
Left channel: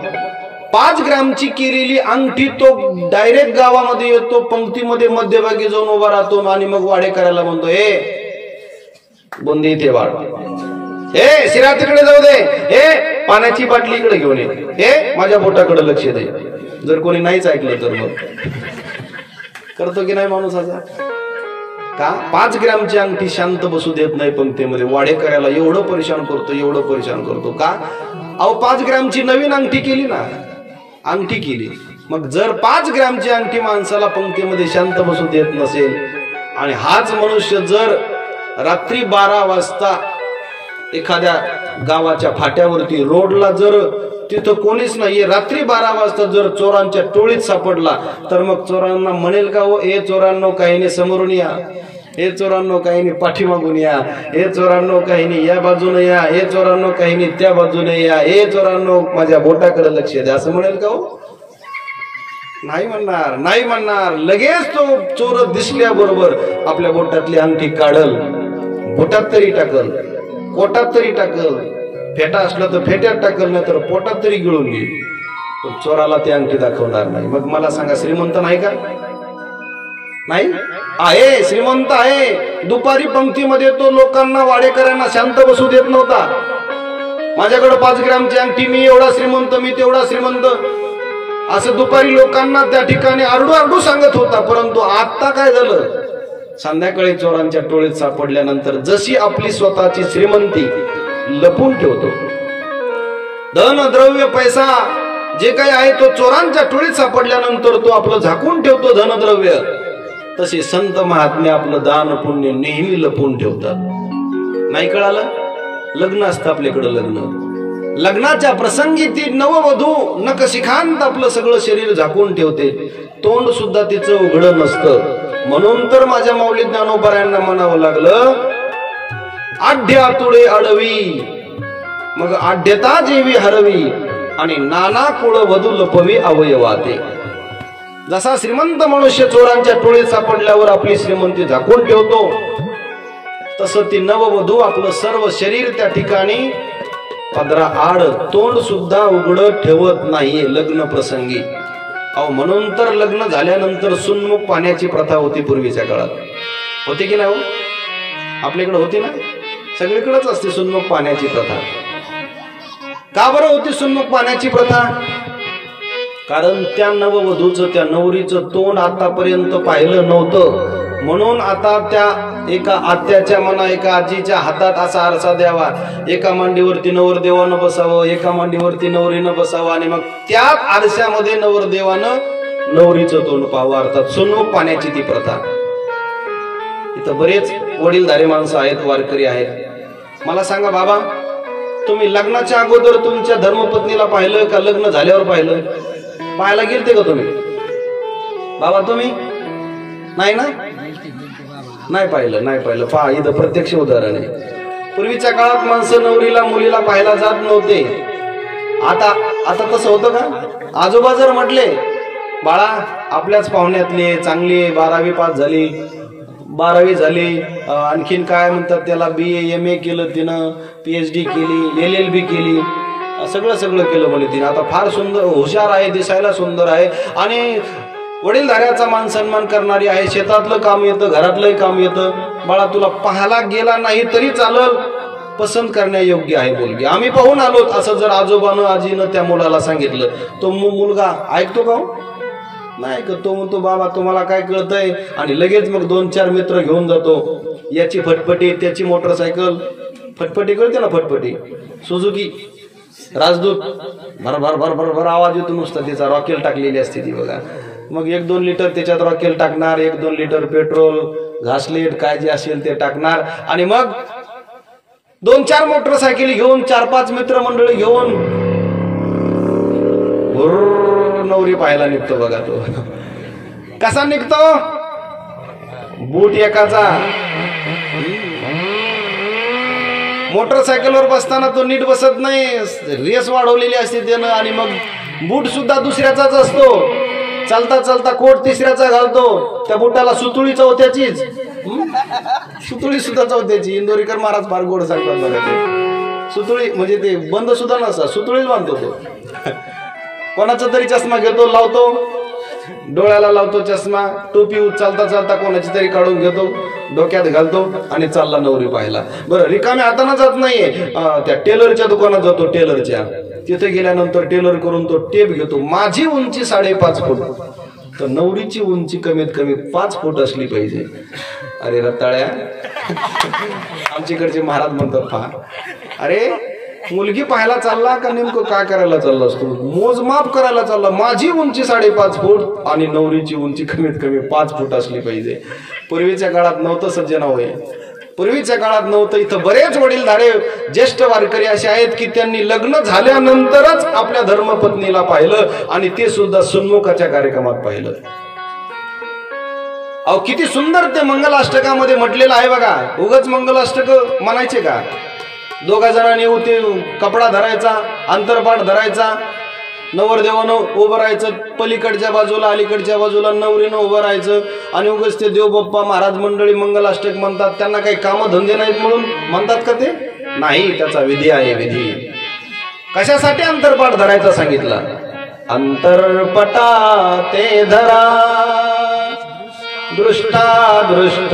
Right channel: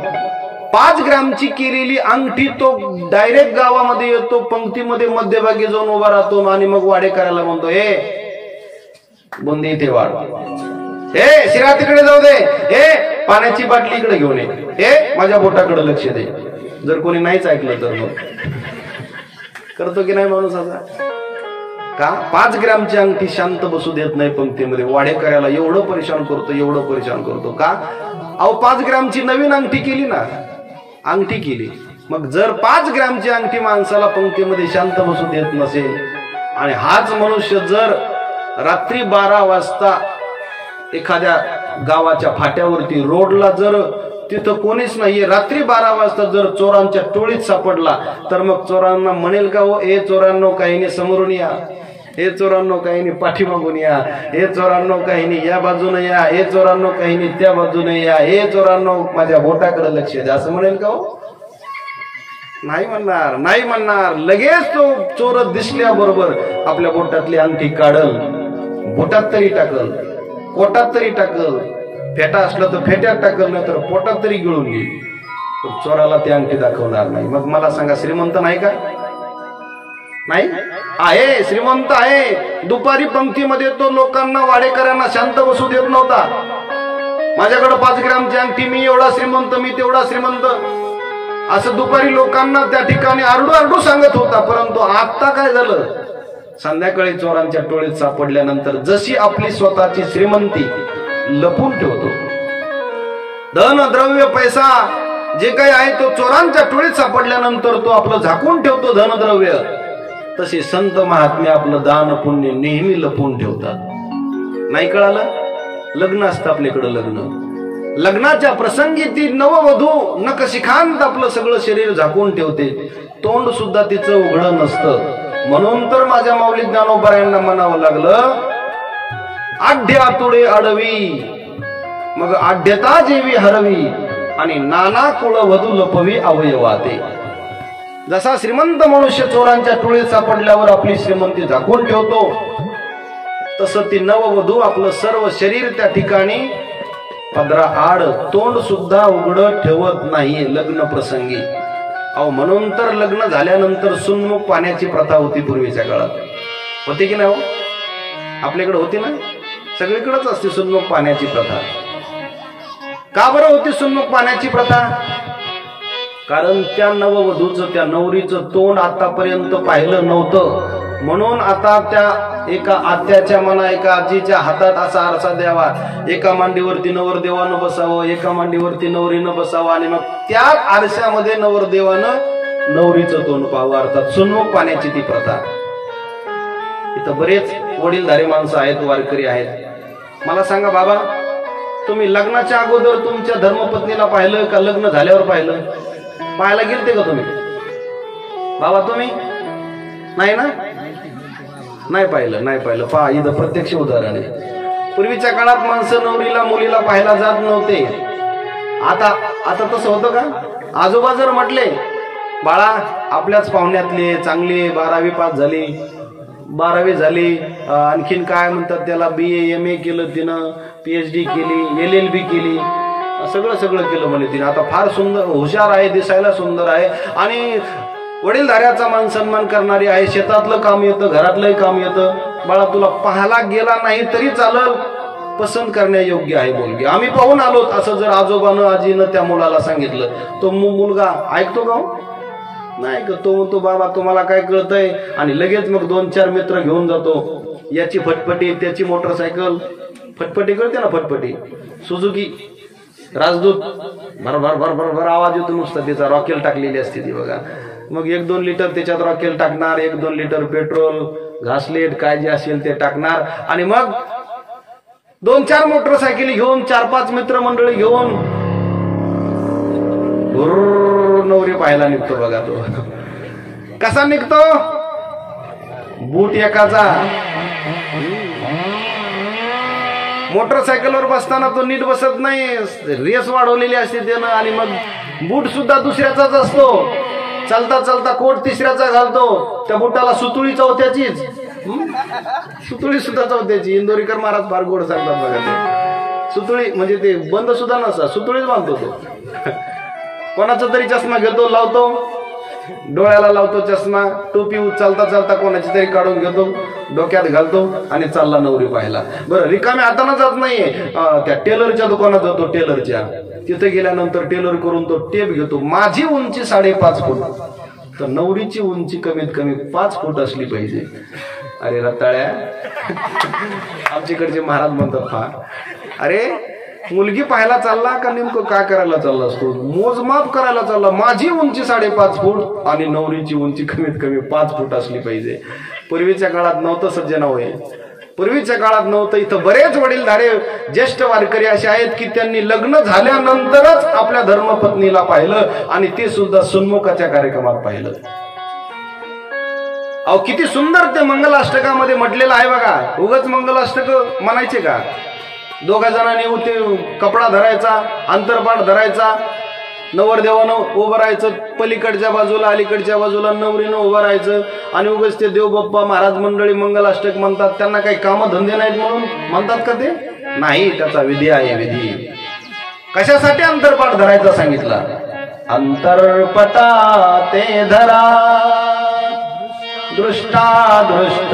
5 ग्रॅमची केलेली अंगठी तो डायरेक्ट गावामध्ये येतो, पंक्तीमध्ये मध्यभागी जाऊन उभा राहतो, आणि मग वाडे करायला म्हणतो, ए बुंदी इथे वाढ, ए शिरा तिकडे जाऊ दे, ए पाण्याची बाटली इकडे घेऊन ये, ए माझ्या बोटाकडे लक्ष दे. जर कोणी नाहीच ऐकलं तर मग करतो की नाही माणूस असा? का 5 ग्रॅमची अंगठी शांत बसू देत नाही पंक्तीमध्ये, वाडे करायला एवढं परेशान करतो, एवढं परेशान करतो का? अहो 5 ग्रॅमची नवीन अंगठी केली ना, अंगठी केली. मग जर 5 ग्रॅमची अंगठी माणसाला पंक्तीमध्ये शांत बसू देत नसेल आणि हाच मनुष्य जर रात्री 12 वाजता एखाद्या गावाच्या फाट्यावरती रोडला जर तिथं कोणीच नाहीये रात्री 12 वाजता जर चोरांच्या टोळीत सापडला तर मग चोरांना म्हणेल का हो, ए चोरांनो काही नाही समोरून या, हे चोरांनो काही नाही पाठीमागून या, हे चोरांनो काही नाही या बाजूने या, हे चोरांनो काही नाही त्या बाजूने या, हे चोरांनो माझ्या बोटाकडे लक्ष द्या असं म्हणेल का हो? नाही म्हणणार, नाही म्हणणार. लगेच तो चोर दिसल्याबरोबर आपल्या बोटातली अंगठी काढल, बोटात तरी टाकल, कोटात तरी टाकल, फेटा असला तर फेट्यात टाकल, नाही तर पोटात तरी गिळून घेईल, पण चोराला ती अंगठी दाखवणार नाही. मग मला सांगा श्रीमंत नाही का? नाही आहे, श्रीमंत आहे. दुपारी पंक्तीमध्ये तो लोकांना वाडेकऱ्यांना शांत बसू देत नव्हता. माझ्याकडे 5 ग्रॅमची अंगठी, मी एवढा श्रीमंत, मी तेवढा श्रीमंत असं दुपारी लोकांना त्या ठिकाणी आरडू आरडू सांगत होता. परंतु आता काय झालं, संध्याकाळी चोरांच्या टोळीत सापडल्यानंतर जशी आपली स्वतःची श्रीमंती लपून ठेवतो, धन द्रव्य पैसा जे काही आहे तो चोरांच्या टोळीत सापडल्यानंतर तो आपलं झाकून ठेवतो धनद्रव्य, तसे संत महात्मे आपलं दान पुण्य नेहमी लपून ठेवतात. नाही कळालं? लग्न असतं आपल्याकडं, लग्नाच्या प्रसंगी ती नववधू नखशिखांत आपलं सगळं शरीर झाकून ठेवते, तोंड सुद्धा तिचं उघडं नसतं. म्हणून तर माझ्या माऊली ज्ञानोबारायांना म्हणावं लागलं, आढ्या तुडे आडवी मग आढ्यता जेवी हरवी आणि नाना कुळ वधू लपवी अवयवाते. जसा श्रीमंत मनुष्य चोरांच्या टोळीत सापडल्यावर आपली श्रीमंती झाकून ठेवतो, तसं ती नववधू आपलं सर्व शरीर त्या ठिकाणी पदरा आड, तोंड सुद्धा उघड ठेवत नाहीये लग्न प्रसंगी. अहो म्हणून तर लग्न झाल्यानंतर सुन्मुख पाण्याची प्रथा होती पूर्वीच्या काळात. होती की नाही हो? आपल्याकडे होती ना? सगळीकडेच असते सुन्मुख पाण्याची प्रथा. का बरं होती सुन्मुख पाण्याची प्रथा? कारण त्या नववधूचं, त्या नवरीचं तोंड आतापर्यंत पाहिलं नव्हतं. म्हणून आता त्या एका आत्याच्या मना, एका आजीच्या हातात असा आरसा द्यावा, एका मांडीवरती नवरदेवानं बसावं, एका मांडीवरती नवरीनं बसावं आणि मग त्याच आरशामध्ये नवरदेवानं नवरीचं तोंड पाहावं. अर्थात सुन्मुख पाण्याची ती प्रथा. इथं बरेच वडीलधारी माणसं आहेत, वारकरी आहेत. मला सांगा बाबा, तुम्ही लग्नाच्या अगोदर तुमच्या धर्मपत्नीला पाहिलं का लग्न झाल्यावर पाहिलं? पाहायला गेलते का तुम्ही बाबा? तुम्ही नाही ना? नाही पाहिलं, नाही पाहिलं. पहा, इथं प्रत्यक्ष उदाहरण आहे. पूर्वीच्या काळात माणसं नवरीला मुलीला पाहायला जात नव्हते. आता तसं होतं का? आजोबा जर म्हटले, बाळा आपल्याच पाहुण्यातले चांगली 12वी पास झाली, 12वी झाली, आणखीन काय म्हणतात त्याला, BA MA केलं तिनं, PhD केली, LLB केली, सगळं केलं म्हणे तिने. आता फार सुंदर, हुशार आहे, दिसायला सुंदर आहे आणि वडीलधाऱ्याचा मान सन्मान करणारी आहे, शेतातलं काम येतं, घरातलंही काम येतं. बाळा तुला पाहायला गेला नाही तरी चालल, पसंत करण्यायोग्य आहे मुलगी, आम्ही पाहून आलोत, असं जर आजोबानं आजीनं त्या मुलाला सांगितलं, तो मुलगा ऐकतो का? नाही ऐकत. तो म्हणतो बाबा तुम्हाला काय कळतंय, आणि लगेच मग 2-4 मित्र घेऊन जातो. याची फटफटी, त्याची मोटरसायकल, फटफटी कळते ना, फटफटी सुझुकी राजदूत, भरभर भरभर भर आवाज येतो नुसता, तिचा रॉकेल टाकलेली असते ती बघा. मग 1-2 लिटर त्याच्यात रॉकेल टाकणार, 1-2 लिटर पेट्रोल, घासलेट काय जे असेल ते टाकणार, आणि मग 2-4 मोटरसायकली घेऊन 4-5 मित्रमंडळी घेऊन नवरी पाहायला निघतो बघा. तो कसा निघतो? बूट एकाचा, मोटरसायकलवर बसताना तो नीट बसत नाही, रेस वाढवलेली असते त्यानं, आणि मग बूट सुद्धा दुसऱ्याचाच असतो. चालता चालता कोट तिसऱ्याचा घालतो, त्या बुटाला सुतुळी चौथ्याचीच, सुतुळी सुद्धा चौथ्याची. इंदोरीकर महाराज फार गोड सांगतात बघा ते. सुतुळी म्हणजे ते बंद सुद्धा नसतात, सुतुळीच बांधतो तो. कोणाचा तरी चष्मा घेतो, लावतो डोळ्याला, लावतो चष्मा, टोपी चालता चालता कोणाची तरी काढून घेतो, डोक्यात घालतो आणि चालला नवरी पाहायला. बरं, रिकाम्या हाताना जात नाहीये, त्या टेलरच्या दुकानात जातो, टेलरच्या तिथे गेल्यानंतर टेलर करून तो टेप घेतो. माझी उंची 5.5 फूट, तर नवरीची उंची कमीत कमी 5 फूट असली पाहिजे. अरे रताळ्या, आमच्याकडचे महाराज म्हणतात, अरे मुलगी पाहायला चालला का नेमकं काय करायला चालला असतो? मोजमाप करायला चालला. माझी उंची 5.5 फूट आणि नवरीची उंची कमीत कमी 5 फूट असली पाहिजे. पूर्वीच्या काळात नव्हतं सज्जना होय, पूर्वीच्या काळात नव्हतं. इथं बरेच वडीलधारे ज्येष्ठ वारकरी असे आहेत की त्यांनी लग्न झाल्यानंतरच आपल्या धर्मपत्नीला पाहिलं आणि ते सुद्धा सन्मुखाच्या कार्यक्रमात पाहिलं. अहो किती सुंदर ते मंगलाष्टकामध्ये म्हटलेलं आहे बघा. उगाच मंगलाष्टक म्हणायचे का? दोघा जणांनी ते कपडा धरायचा, अंतरपाठ धरायचा, नवरदेवानं उभं राहायचं पलीकडच्या बाजूला, अलीकडच्या बाजूला नवरीनं उभं राहायचं आणि उगाच ते देवबाप्पा महाराज मंडळी मंगलाष्टक म्हणतात. त्यांना काही कामधंदे नाहीत म्हणून म्हणतात का ते? नाही, त्याचा विधी आहे. विधी कशासाठी अंतरपाठ धरायचा सांगितला? अंतरपटा ते धरा दृष्टादृष्ट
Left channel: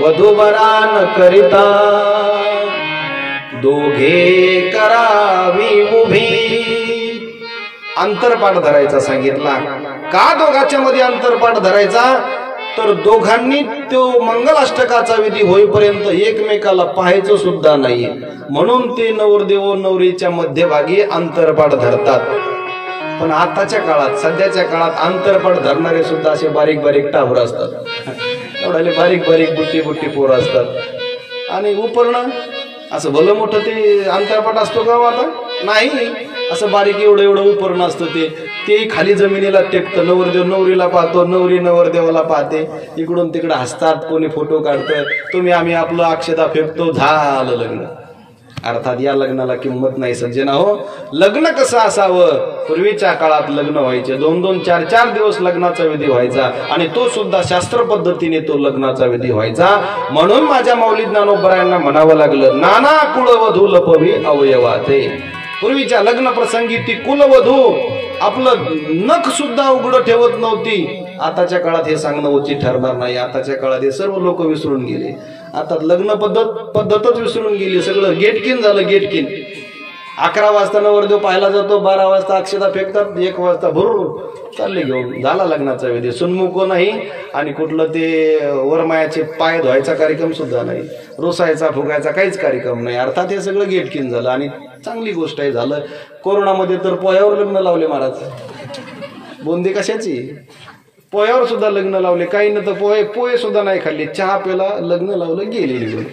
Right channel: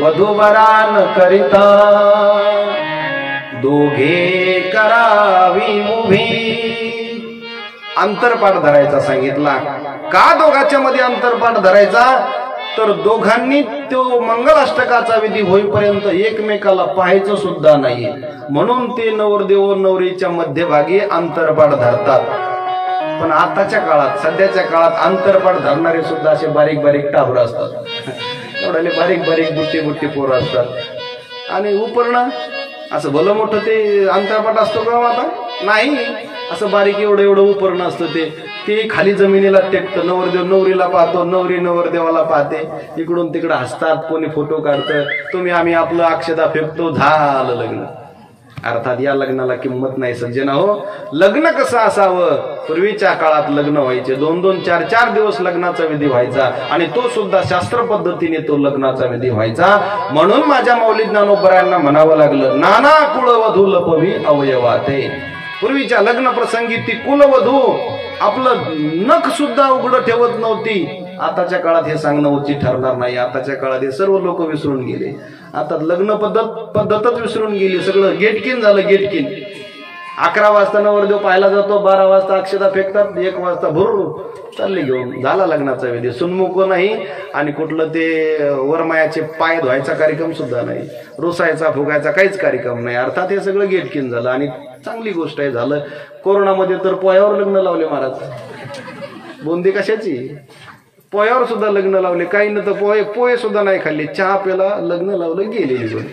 वधूवरान करिता दोघे करावी उभी. अंतरपाठ धरायचा सांगितला. का दोघांच्या मध्ये अंतरपाठ धरायचा? तर दोघांनी तो मंगलाष्टकाचा विधी होईपर्यंत एकमेकाला पाहायचं सुद्धा नाही, म्हणून ते नवरदेव नवरीच्या मध्यभागी अंतरपाठ धरतात. पण आताच्या काळात, सध्याच्या काळात अंतरपाठ धरणारे सुद्धा असे बारीक बारीक टावर असतात. एवढाले बारीक बारीक बुट्टी बुट्टी पोरं असतात आणि उपरणं असं भलं मोठं ते अंतरपाठ असतो का आता? नाही, असं बारीक एवढं एवढं उपरणं असतं. ते खाली जमिनीला टेकतं. नवरदेव नवरीला पाहतो, नवरी नवरदेवाला पाहते, इकडून तिकडं हसतात, कोणी फोटो काढतं, तुम्ही आम्ही आपलं अक्षता फेकतो, झालं लग्न. अर्थात या लग्नाला किंमत नाही सज्जना हो. लग्न कसं असावं? पूर्वीच्या काळात लग्न व्हायचे 2-2, 4-4 दिवस लग्नाचा विधी व्हायचा आणि तो सुद्धा शास्त्र पद्धतीने तो लग्नाचा विधी व्हायचा. म्हणून माझ्या माऊली ज्ञानोबरायांना म्हणावं लागलं, नाना कुळवधू लपवी अवयवाते. पूर्वीच्या लग्न प्रसंगी ती कुलवधू आपलं नख सुद्धा उघडं ठेवत नव्हती. आताच्या काळात हे सांगणं उचित ठरणार नाही. आताच्या काळात हे सर्व लोक विसरून गेले. आता लग्न पद्धतच विसरून गेली. सगळं गेटकिन झालं, गेटकिन. 11 वाजता नवरदेव पाहायला जातो, 12 वाजता अक्षता फेकतात, 1 वाजता भरून चालले घेऊन, झाला लग्नाचा विधी. सुनमुख नाही आणि कुठलं ते वरमायाचे पाय धुवायचा कार्यक्रम सुद्धा नाही, रुसायचा फुगायचा काहीच कार्यक्रम नाही. अर्थात हे सगळं गेटकिन झालं आणि चांगली गोष्ट आहे. झालं कोरोनामध्ये तर पोह्यावर लग्न लावले महाराज. बुंदी कशाची? पोह्यावर सुद्धा लग्न लावले. काही न तर पोहे सुद्धा नाही खाल्ले, चहा प्याला लग्न लावलं, गेलेली पण.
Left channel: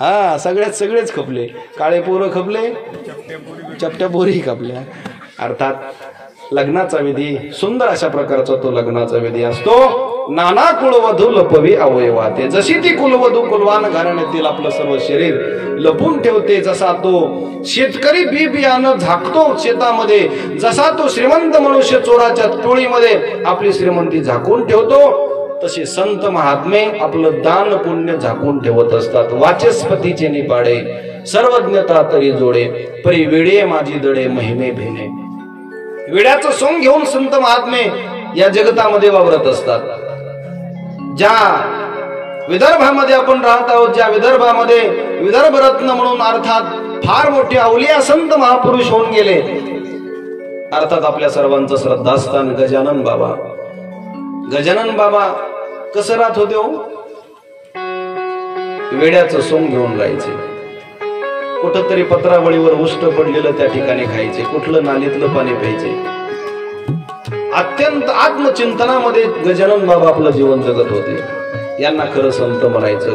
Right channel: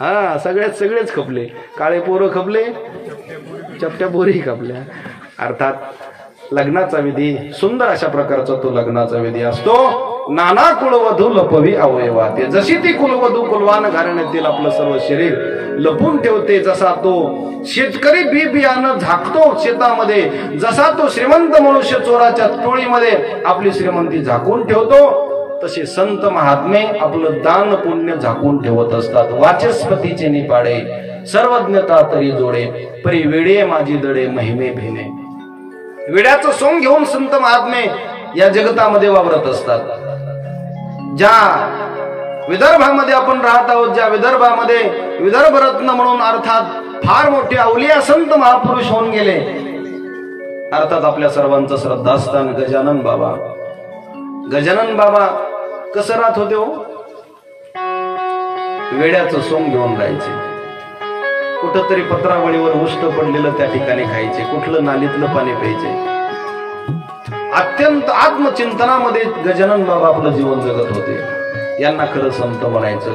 हा, सगळेच खपले. काळे पोरं खपले, चपट्या पोरी खपल्या. अर्थात लग्नाचा विधी सुंदर अशा प्रकारचा तो लग्नाचा विधी असतो. नाना कुलवधू लपवी अवयवाते. जशी ती कुलवधू कुलवान घराण्यातील आपलं सर्व शरीर लपून ठेवते, जसा तो शेतकरी बी बियाणं झाकतो शेतामध्ये, जसा तो श्रीमंत मनुष्य चोराच्या टोळीमध्ये आपली श्रीमंती झाकून ठेवतो, तसे संत महात्मे आपलं दान पुण्य झाकून ठेवत असतात. वाचस्पतीचे निपाडे सर्वज्ञता तरी जोडे, परी वेडे माझी दडे महिमे भेने. वेड्याचं सोंग घेऊन संत महात्मे या जगतामध्ये वावरत असतात. ज्या विदर्भामध्ये आपण राहत आहोत, ज्या विदर्भामध्ये विदर्भ रत्न म्हणून अर्थात फार मोठे अवलिया संत महापुरुष होऊन गेले, अर्थात आपल्या सर्वांचं श्रद्धास्थान गजानन बाबा. गजानन बाबा कसं राहत होते हो? वेड्याचं सोंग घेऊन राहायचे. कुठंतरी पत्रावळीवर उष्ट पडलेलं त्या ठिकाणी खायचे, कुठलं नालीतलं पाणी प्यायचे. अत्यंत आत्मचिंतनामध्ये गजानन बाबा आपलं जीवन जगत होते. यांना खरं संत म्हणायचं.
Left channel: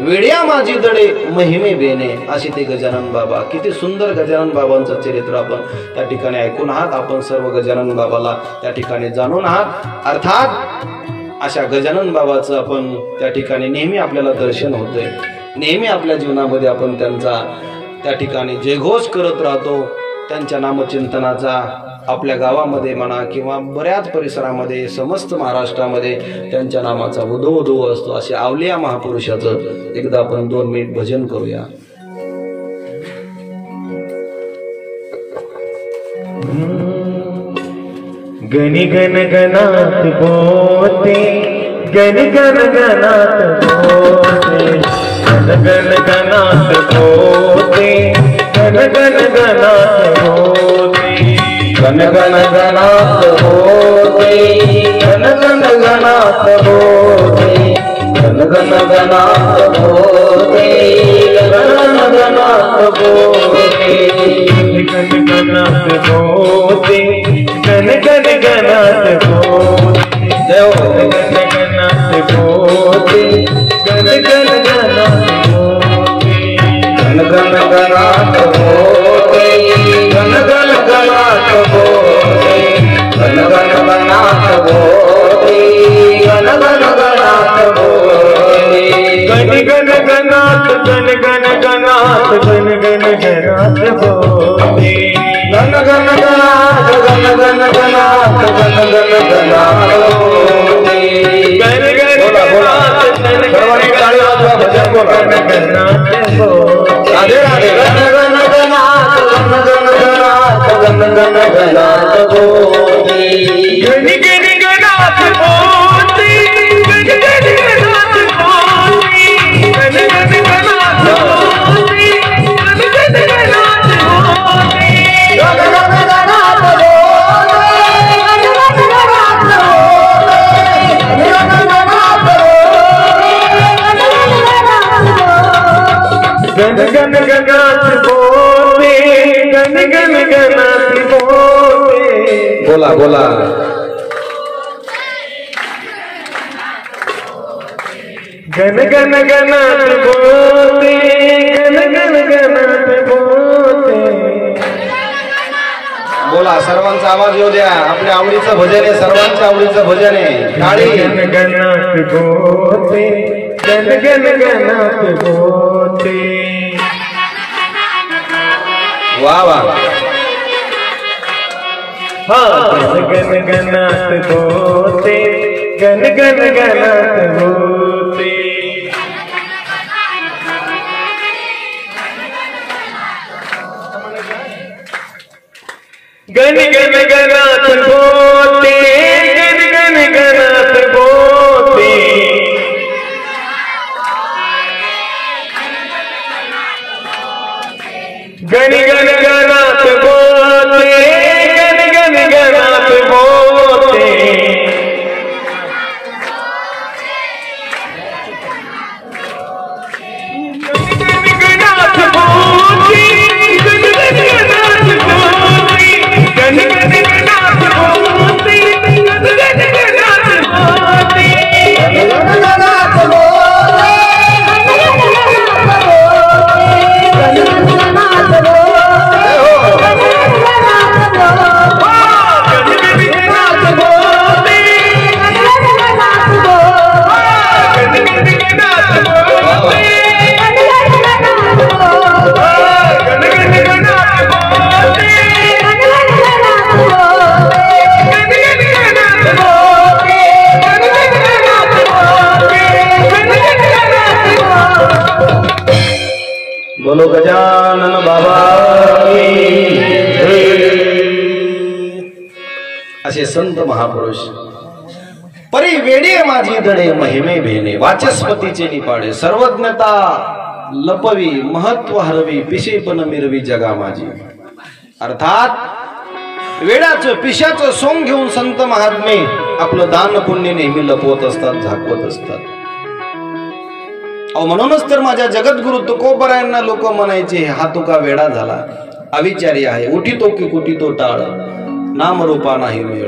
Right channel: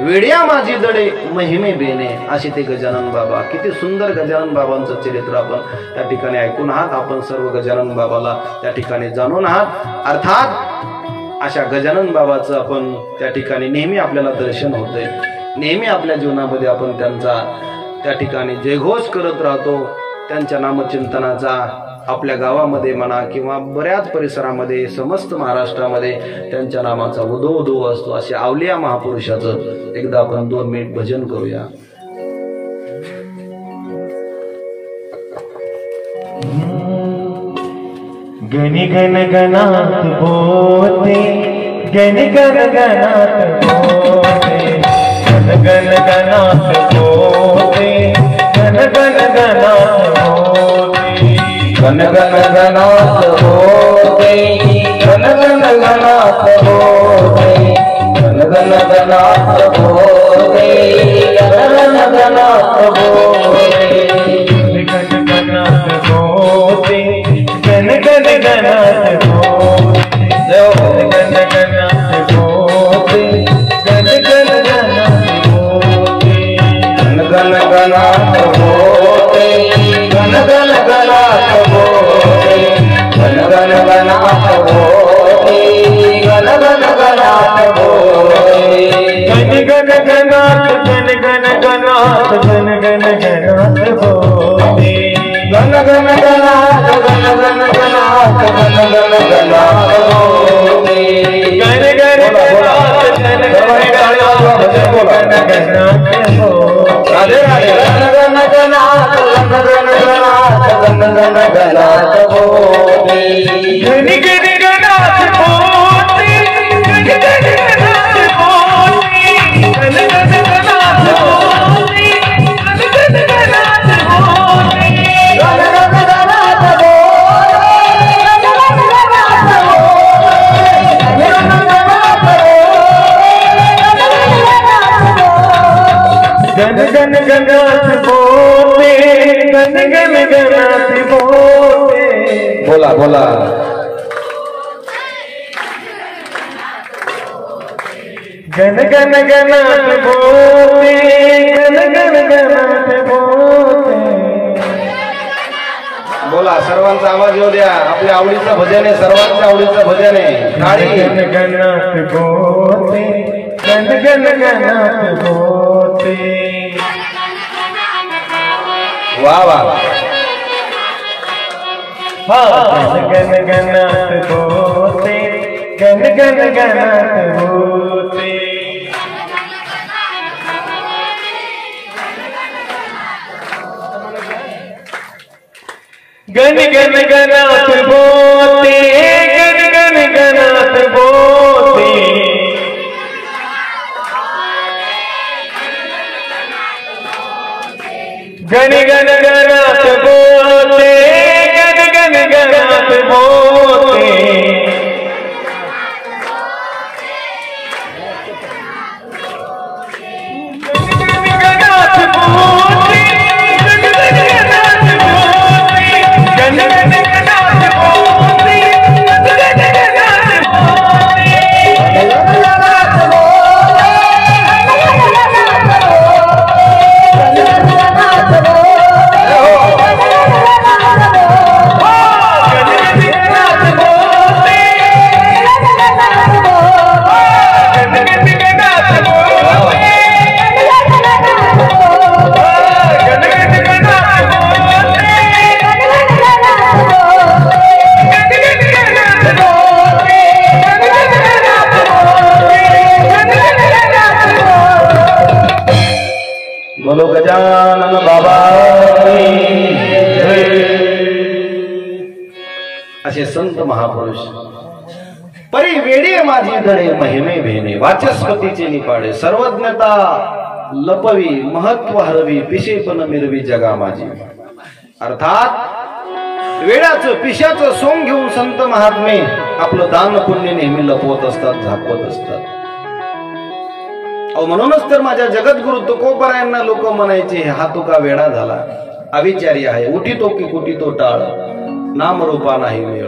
वेड्या माझी दडे महिमे बेने, असे ते गजानन बाबा. किती सुंदर गजानन बाबांचं चरित्र आपण त्या ठिकाणी ऐकून आहात. आपण सर्व गजानन बाबाला त्या ठिकाणी जाणून आहात. अर्थात अशा गजानन बाबाचं आपण त्या ठिकाणी नेहमी आपल्याला दर्शन होतंय. नेहमी आपल्या जीवनामध्ये आपण त्यांचा त्या ठिकाणी जयघोष करत राहतो. त्यांच्या नामचिंतनाचा आपल्या गावामध्ये म्हणा किंवा बऱ्याच परिसरामध्ये, समस्त महाराष्ट्रामध्ये त्यांच्या नामाचा उदो असतो. असे आवलिया महापुरुषाचं एकदा आपण 2 मिनिट भजन करूया. गण गण गणात बोते, गण गण गणात बोते, गण गण गणात बोते, गण गण गणात बोते, गण गण गणात बोते, गण गण गणात बोते, गण गण गणात बोते, गण गण गणात गन गन गनात बोले, गन गन गनात बोले। बोला बोला। गन गन गनात बोले, गन गन गनात बोले। बोला, सर्वांचा आवाज येऊ द्या। आपल्या आवडीचं भजन आहे, सर्वांच्या आवडीचं भजन आहे। टाळी। गन गनात बोले, गन गन गनात बोले। वाह वाह। हाँ, गन गनात बोले, गन गन गनात बोले। गन गन गनात बोले, गन गन गनात बोले। गन गन गनात बोले, गन गन गनात बोले। बोलो गजानन बाबा असे संत महापुरुष। परी वेडी माझी धडे महिमे भेणे, वाचस्पतीचे निपाडे सर्वज्ञता लपवी, महत्व हरवी, पिशेपण मिरवी जगा माझी। अर्थात वेडाचं पिशाचं सोंग घेऊन संत महात्मे आपलं दान पुण्य नेहमी लपवत असतात, झाकवत असतात। म्हणूनच तर माझ्या जगद्गुरु तुकोबरायांना लोक म्हणायचे, हा तुका वेडा झाला, अविचारी आहे, उठी तो की कुठी तो टाळ, नामरूपा नाही मेळ।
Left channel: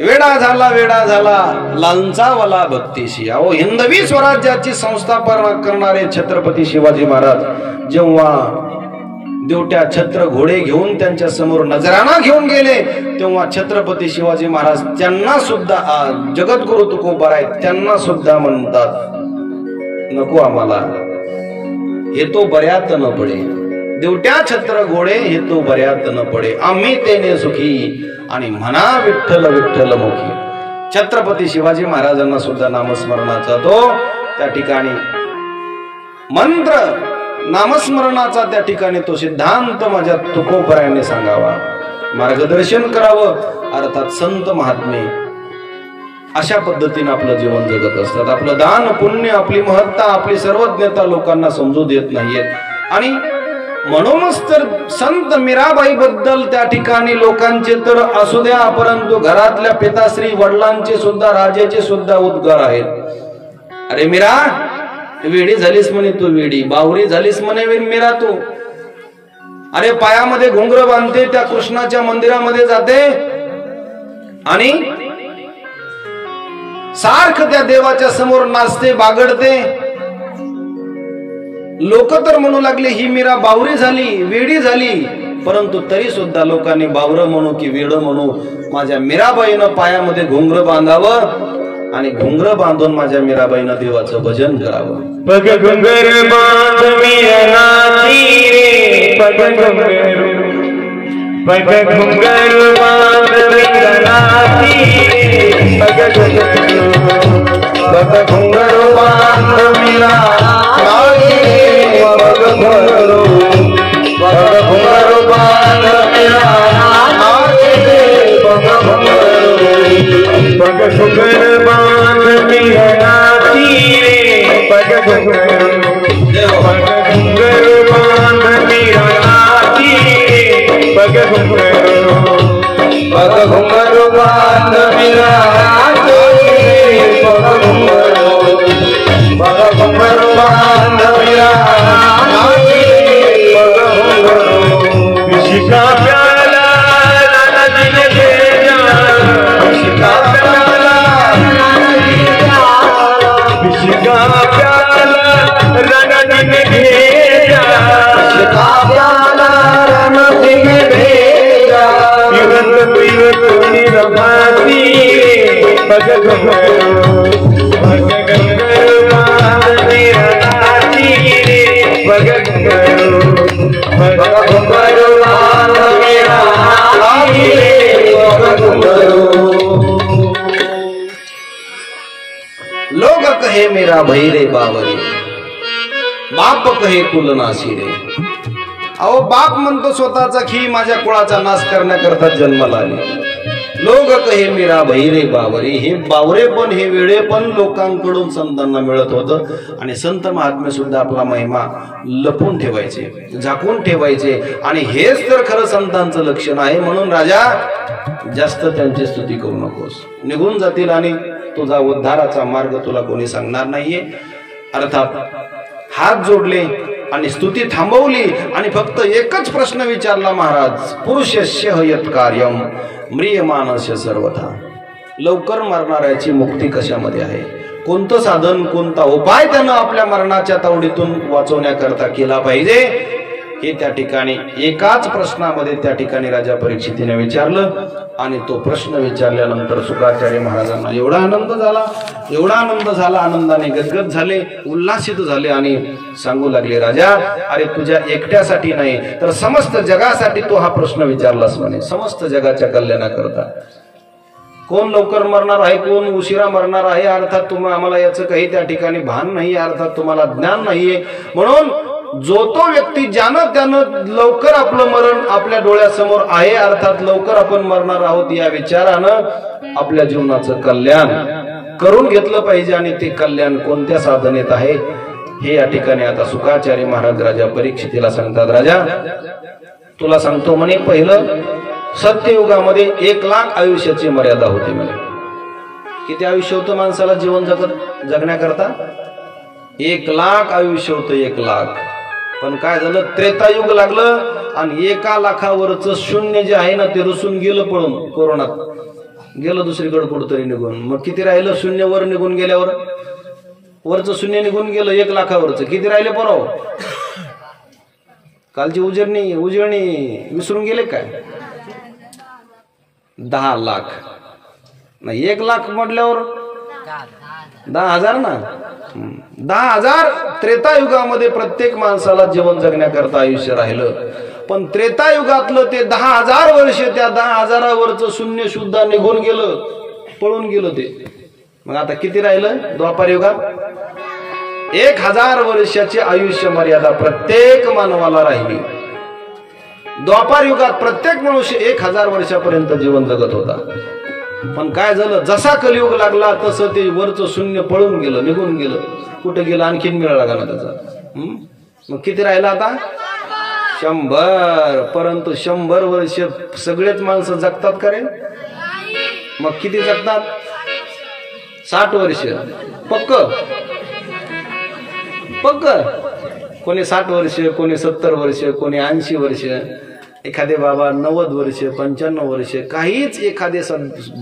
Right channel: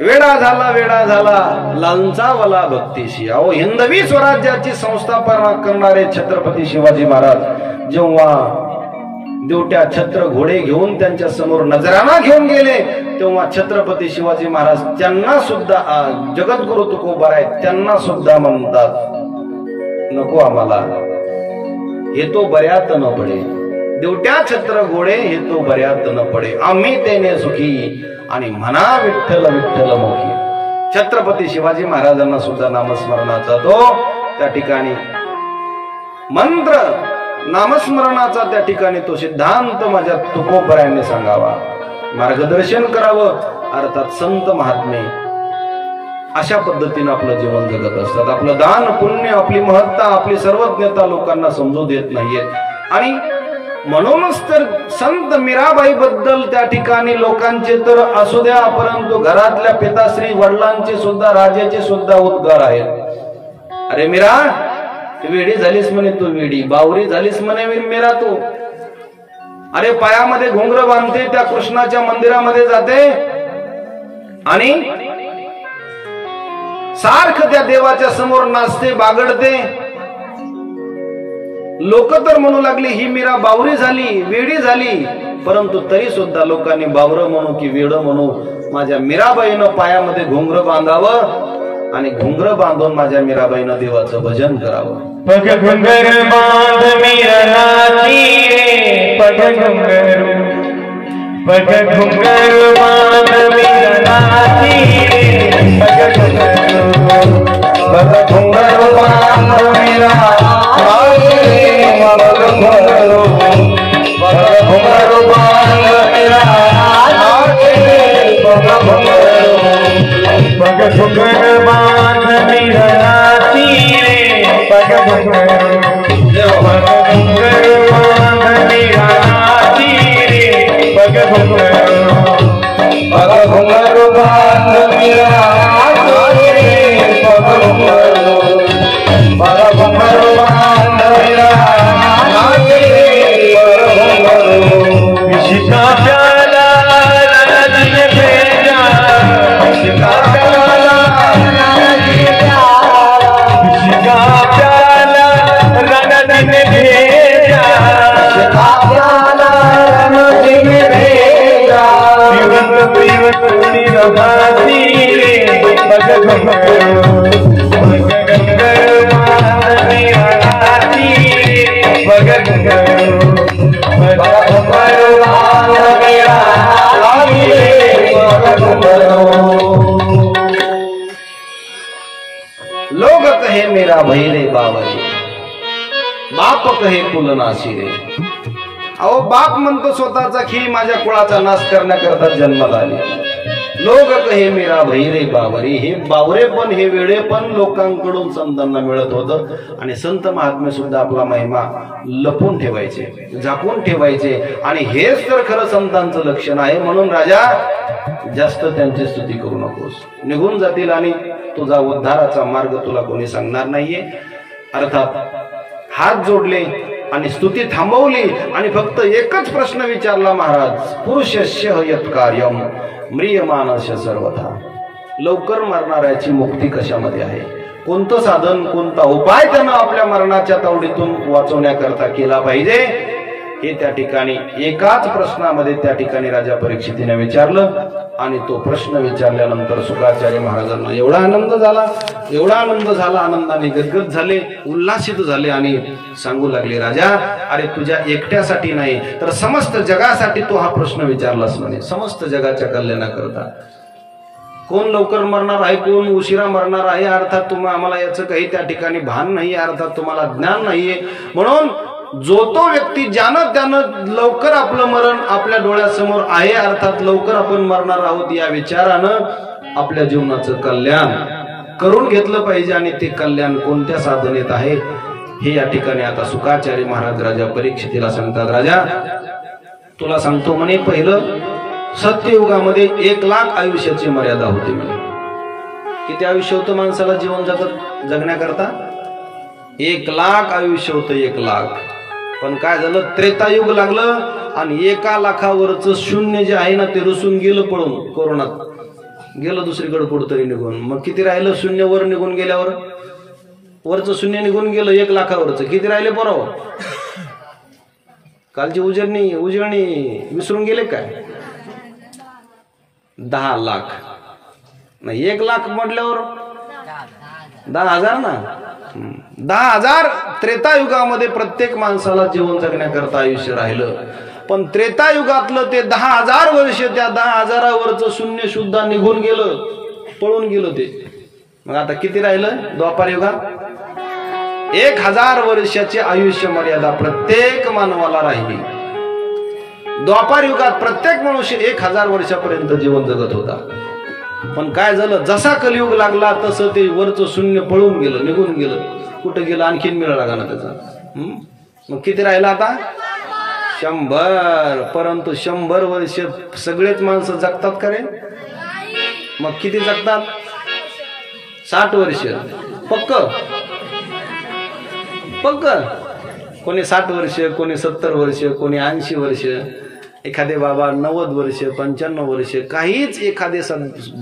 वेडा झाला लांचावला भक्तीशी। अहो, हिंदवी स्वराज्याची संस्थापना करणारे छत्रपती शिवाजी महाराज जेव्हा देवट्या छत्र घोडे घेऊन त्यांच्या समोर नजराणा घेऊन गेले, तेव्हा छत्रपती शिवाजी महाराज त्यांना सुद्धा, जगद्गुरु तुकोबराय त्यांना सुद्धा म्हणतात, नको आम्हाला, हे तो बऱ्यात न पडे, देवट्या छत्र घोडे हे तो बऱ्यात न पडे, आम्ही तेने सुखी आणि म्हणा विठ्ठल विठ्ठल मुखी। छत्रपती शिवाजी महाराजांना सुद्धा नामस्मरणाचा तो त्या ठिकाणी मंत्र, नामस्मरणाचा त्या ठिकाणी तो सिद्धांत माझ्या तुकोबरायांनी सांगावा, मार्गदर्शन करावं। अर्थात संत महात्मे अशा पद्धतीने आपलं जीवन जगत असतात। आपलं दान पुण्य, आपली महत्ता, आपली सर्वज्ञता लोकांना समजू देत नाहीयेत। आणि म्हणूनच तर संत मीराबाई बद्दल त्या ठिकाणी लोकांचे तर असू द्या, परंतु घरातल्या पिताश्री वडिलांचे सुद्धा, राजाचे सुद्धा उद्गार आहेत। अरे मीरा, वेडी झालीस म्हणे तू, वेडी बावरी झालीस म्हणे मीरा तू। अरे पायामध्ये घुंगर बांधते, त्या कृष्णाच्या मंदिरामध्ये जाते आणि सारखं त्या देवाच्या समोर नाचते, बागडते। लोक तर म्हणू लागले, ही मीरा बावरी झाली, वेडी झाली, परंतु तरी सुद्धा लोकांनी बावर म्हणू की वेड म्हणू, माझ्या मीराबाईनं पायामध्ये घुंगर बांधावं आणि घुंगर बांधून माझ्या मीराबाईनं देवाचं भजन करावं। पग घुंगर बांध मीरा नाची रे, पग घुंगर पग घुंघर बांध मेरा नाती रे पग घुंघर बांध मेरा नाती रे पग घुंघर बांध मेरा नाती रे पग घुंघर बांध मेरा नाती रे पग घुंघर बांध मेरा नाती रे पग घुंघर बांध मेरा नाती रे पग घुंघर बांध मेरा नाती रे पग घुंघर किसी का प्याला दिल भेजा किसी का प्याला किसी का प्याला रण दिन भेजा किसी का प्याला रण दिन भेजा पीवत पीवत निरभाती रे पग घुंघर बांध मेरा नाती रे पग घुंघर बांध मेरा नाती रे पग घुंघर लोग कहे मेरा भई रे बावरी, बाप कहे कुल नासी रे. अहो बाप म्हणतो स्वतःचा की माझ्या कुळाचा नाश करण्याकरता जन्माला आले. लोक कहे मेरा भई रे बावरी, हे बावरे पण हे वेळे पण लोकांकडून संतांना मिळत होतं. आणि संत महात्मे सुद्धा आपला महिमा लपून ठेवायचे, झाकून ठेवायचे. आणि हेच तर खरं संतांचं लक्षण आहे. म्हणून राजा जास्त त्यांची स्तुती करू नकोस, निघून जातील आणि तुझा उद्धाराचा मार्ग तुला कोणी सांगणार नाहीये. अर्थात हात जोडले आणि स्तुती थांबवली आणि फक्त एकच प्रश्न विचारला महाराज, पुरुषस्य यत् कार्यम म्रियमानस्य सर्वथा. लवकर मरणाऱ्याची मुक्ती कशामध्ये आहे? कोणतं साधन, कोणता उपाय त्यानं आपल्या मरणाच्या तावडीतून वाचवण्याकरता केला पाहिजे, हे त्या ठिकाणी एकाच प्रश्नामध्ये त्या ठिकाणी राजा परीक्षितीने विचारलं. आणि तो प्रश्न विचारल्यानंतर शुक्राचार्य महाराजांना एवढा आनंद झाला, आनंदाने गदगद झाले, उल्हासित झाले आणि सांगू लागले, राजा अरे तुझ्या एकट्यासाठी नाही तर समस्त जगासाठी तो हा प्रश्न विचारलास म्हणे, समस्त जगाच्या कल्याणाकरता. कोण लवकर मरणार आहे, कोण उशिरा मरणार आहे, अर्थात तुम्हाला आम्हाला याचं काही त्या ठिकाणी भान नाही, अर्थात तुम्हाला ज्ञान नाहीये. म्हणून जो तो व्यक्ती ज्यानं त्यानं लवकर आपलं मरण आपल्या डोळ्यासमोर आहे, अर्थात लवकर आपण मरणार आहोत या विचारानं आपल्या जीवनाचं कल्याण करून घेतलं पाहिजे. आणि ते कल्याण कोणत्या साधनेत आहे हे या ठिकाणी आता शुक्राचार्य महाराज राजा परीक्षितीला सांगतात. राजा तुला सांगतो म्हणे, पहिलं सत्ययुगामध्ये 1,00,000 आयुष्याची मर्यादा होती म्हणे. किती आयुष्य होतं माणसाला जीवन जगण्याकरता? 1,00,000 आयुष्य होतं, 1,00,000. पण काय झालं, त्रेतायुग लागलं आणि 1,00,000वरच शून्य जे आहे ना ते रुसून गेलं, पळून कोरोनात गेलं दुसरीकडे कुठतरी निघून. मग किती राहिलं? शून्य वर निघून गेल्यावर वरचं शून्य निघून गेलं, 1,00,000वरच किती राहिले बरो? कालची उजळणी विसरून गेले काय? 10,00,000 नाही, 1,00,000 म्हटल्यावर 10,000 ना. 10,000 त्रेतायुगामध्ये प्रत्येक माणसाला जीवन जगण्याकरता आयुष्य राहिलं. पण त्रेतायुगातलं ते 10,000 वर्ष, त्या 10,000वरचं शून्य सुद्धा निघून गेलं, पळून गेलं ते. मग आता किती राहिलं? द्वापार युगात 1,000 वर्षाची आयुष्य मर्यादा प्रत्येक मानवाला राहिली. द्वापार युगात प्रत्येक मनुष्य 1,000 वर्षापर्यंत जीवन जगत होता. पण काय झालं, जसा कलियुग लागला तसं ते वरचं शून्य पळून गेलं, निघून गेलं. कुठं गेलं? आणखीन मिळाला का ना त्याचा. मग किती राहिला आता? 100. परंतु 100 वर्ष सगळेच माणसं जगतात का रे? मग किती जगतात? 60 वर्ष पक्क. कोणी 60 वर्ष, कोणी 70 वर्ष, कोणी 80 वर्ष, एखादे बाबा 90 वर्ष, 95 वर्ष, काहीच एखादे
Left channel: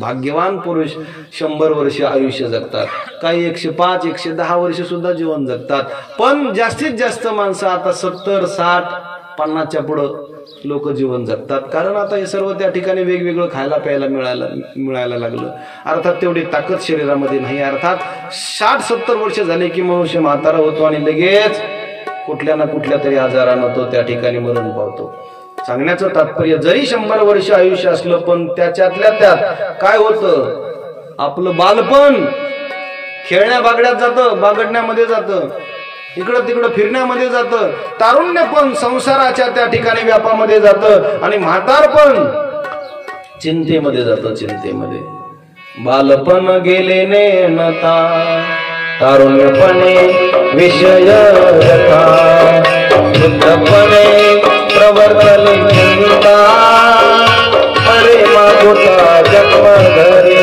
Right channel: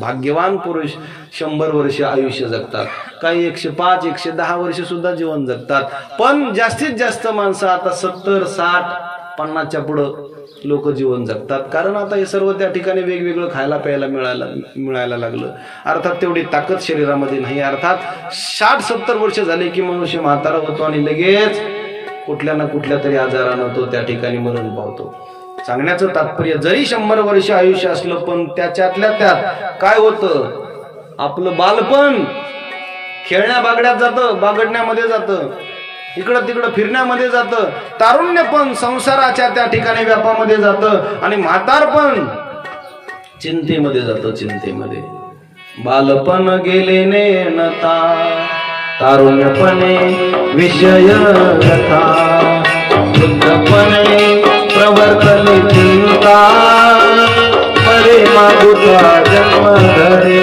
भाग्यवान पुरुष 100 वर्ष आयुष्य जगतात. काही 105, 110 वर्ष सुद्धा जीवन जगतात. पण जास्तीत जास्त माणसं आता 70, 60, 50च्या पुढं लोक जीवन जगतात. कारण आता हे सर्व त्या ठिकाणी वेगवेगळं खायला प्यायला मिळायला लागलं. अर्थात तेवढी ताकद शरीरामध्ये नाही. अर्थात 60-70 वर्ष झाले की मनुष्य म्हातारा होतो आणि लगेच कुठल्या ना कुठल्या तरी आजारानं तो त्या ठिकाणी मरण पावतो. सांगण्याचं तात्पर्य जरी 100 वर्ष आयुष्य असलं पण त्याच्यातल्या त्यात काय होतं, आपलं बालपण खेळण्या बागड्यात जातं, बागडण्यामध्ये जातं, इकडं तिकडं फिरण्यामध्ये जातं, तारुण्य पण संसाराच्या त्या ठिकाणी व्यापामध्ये जातं आणि म्हातारपण चिंतेमध्ये जातं, चिंतेमध्ये. बालपण गेले नेणता तारुण्यपणे विषय रथा, वृद्धपणे प्रवर्तली चिंता, अरे मागोता जन्म धरे.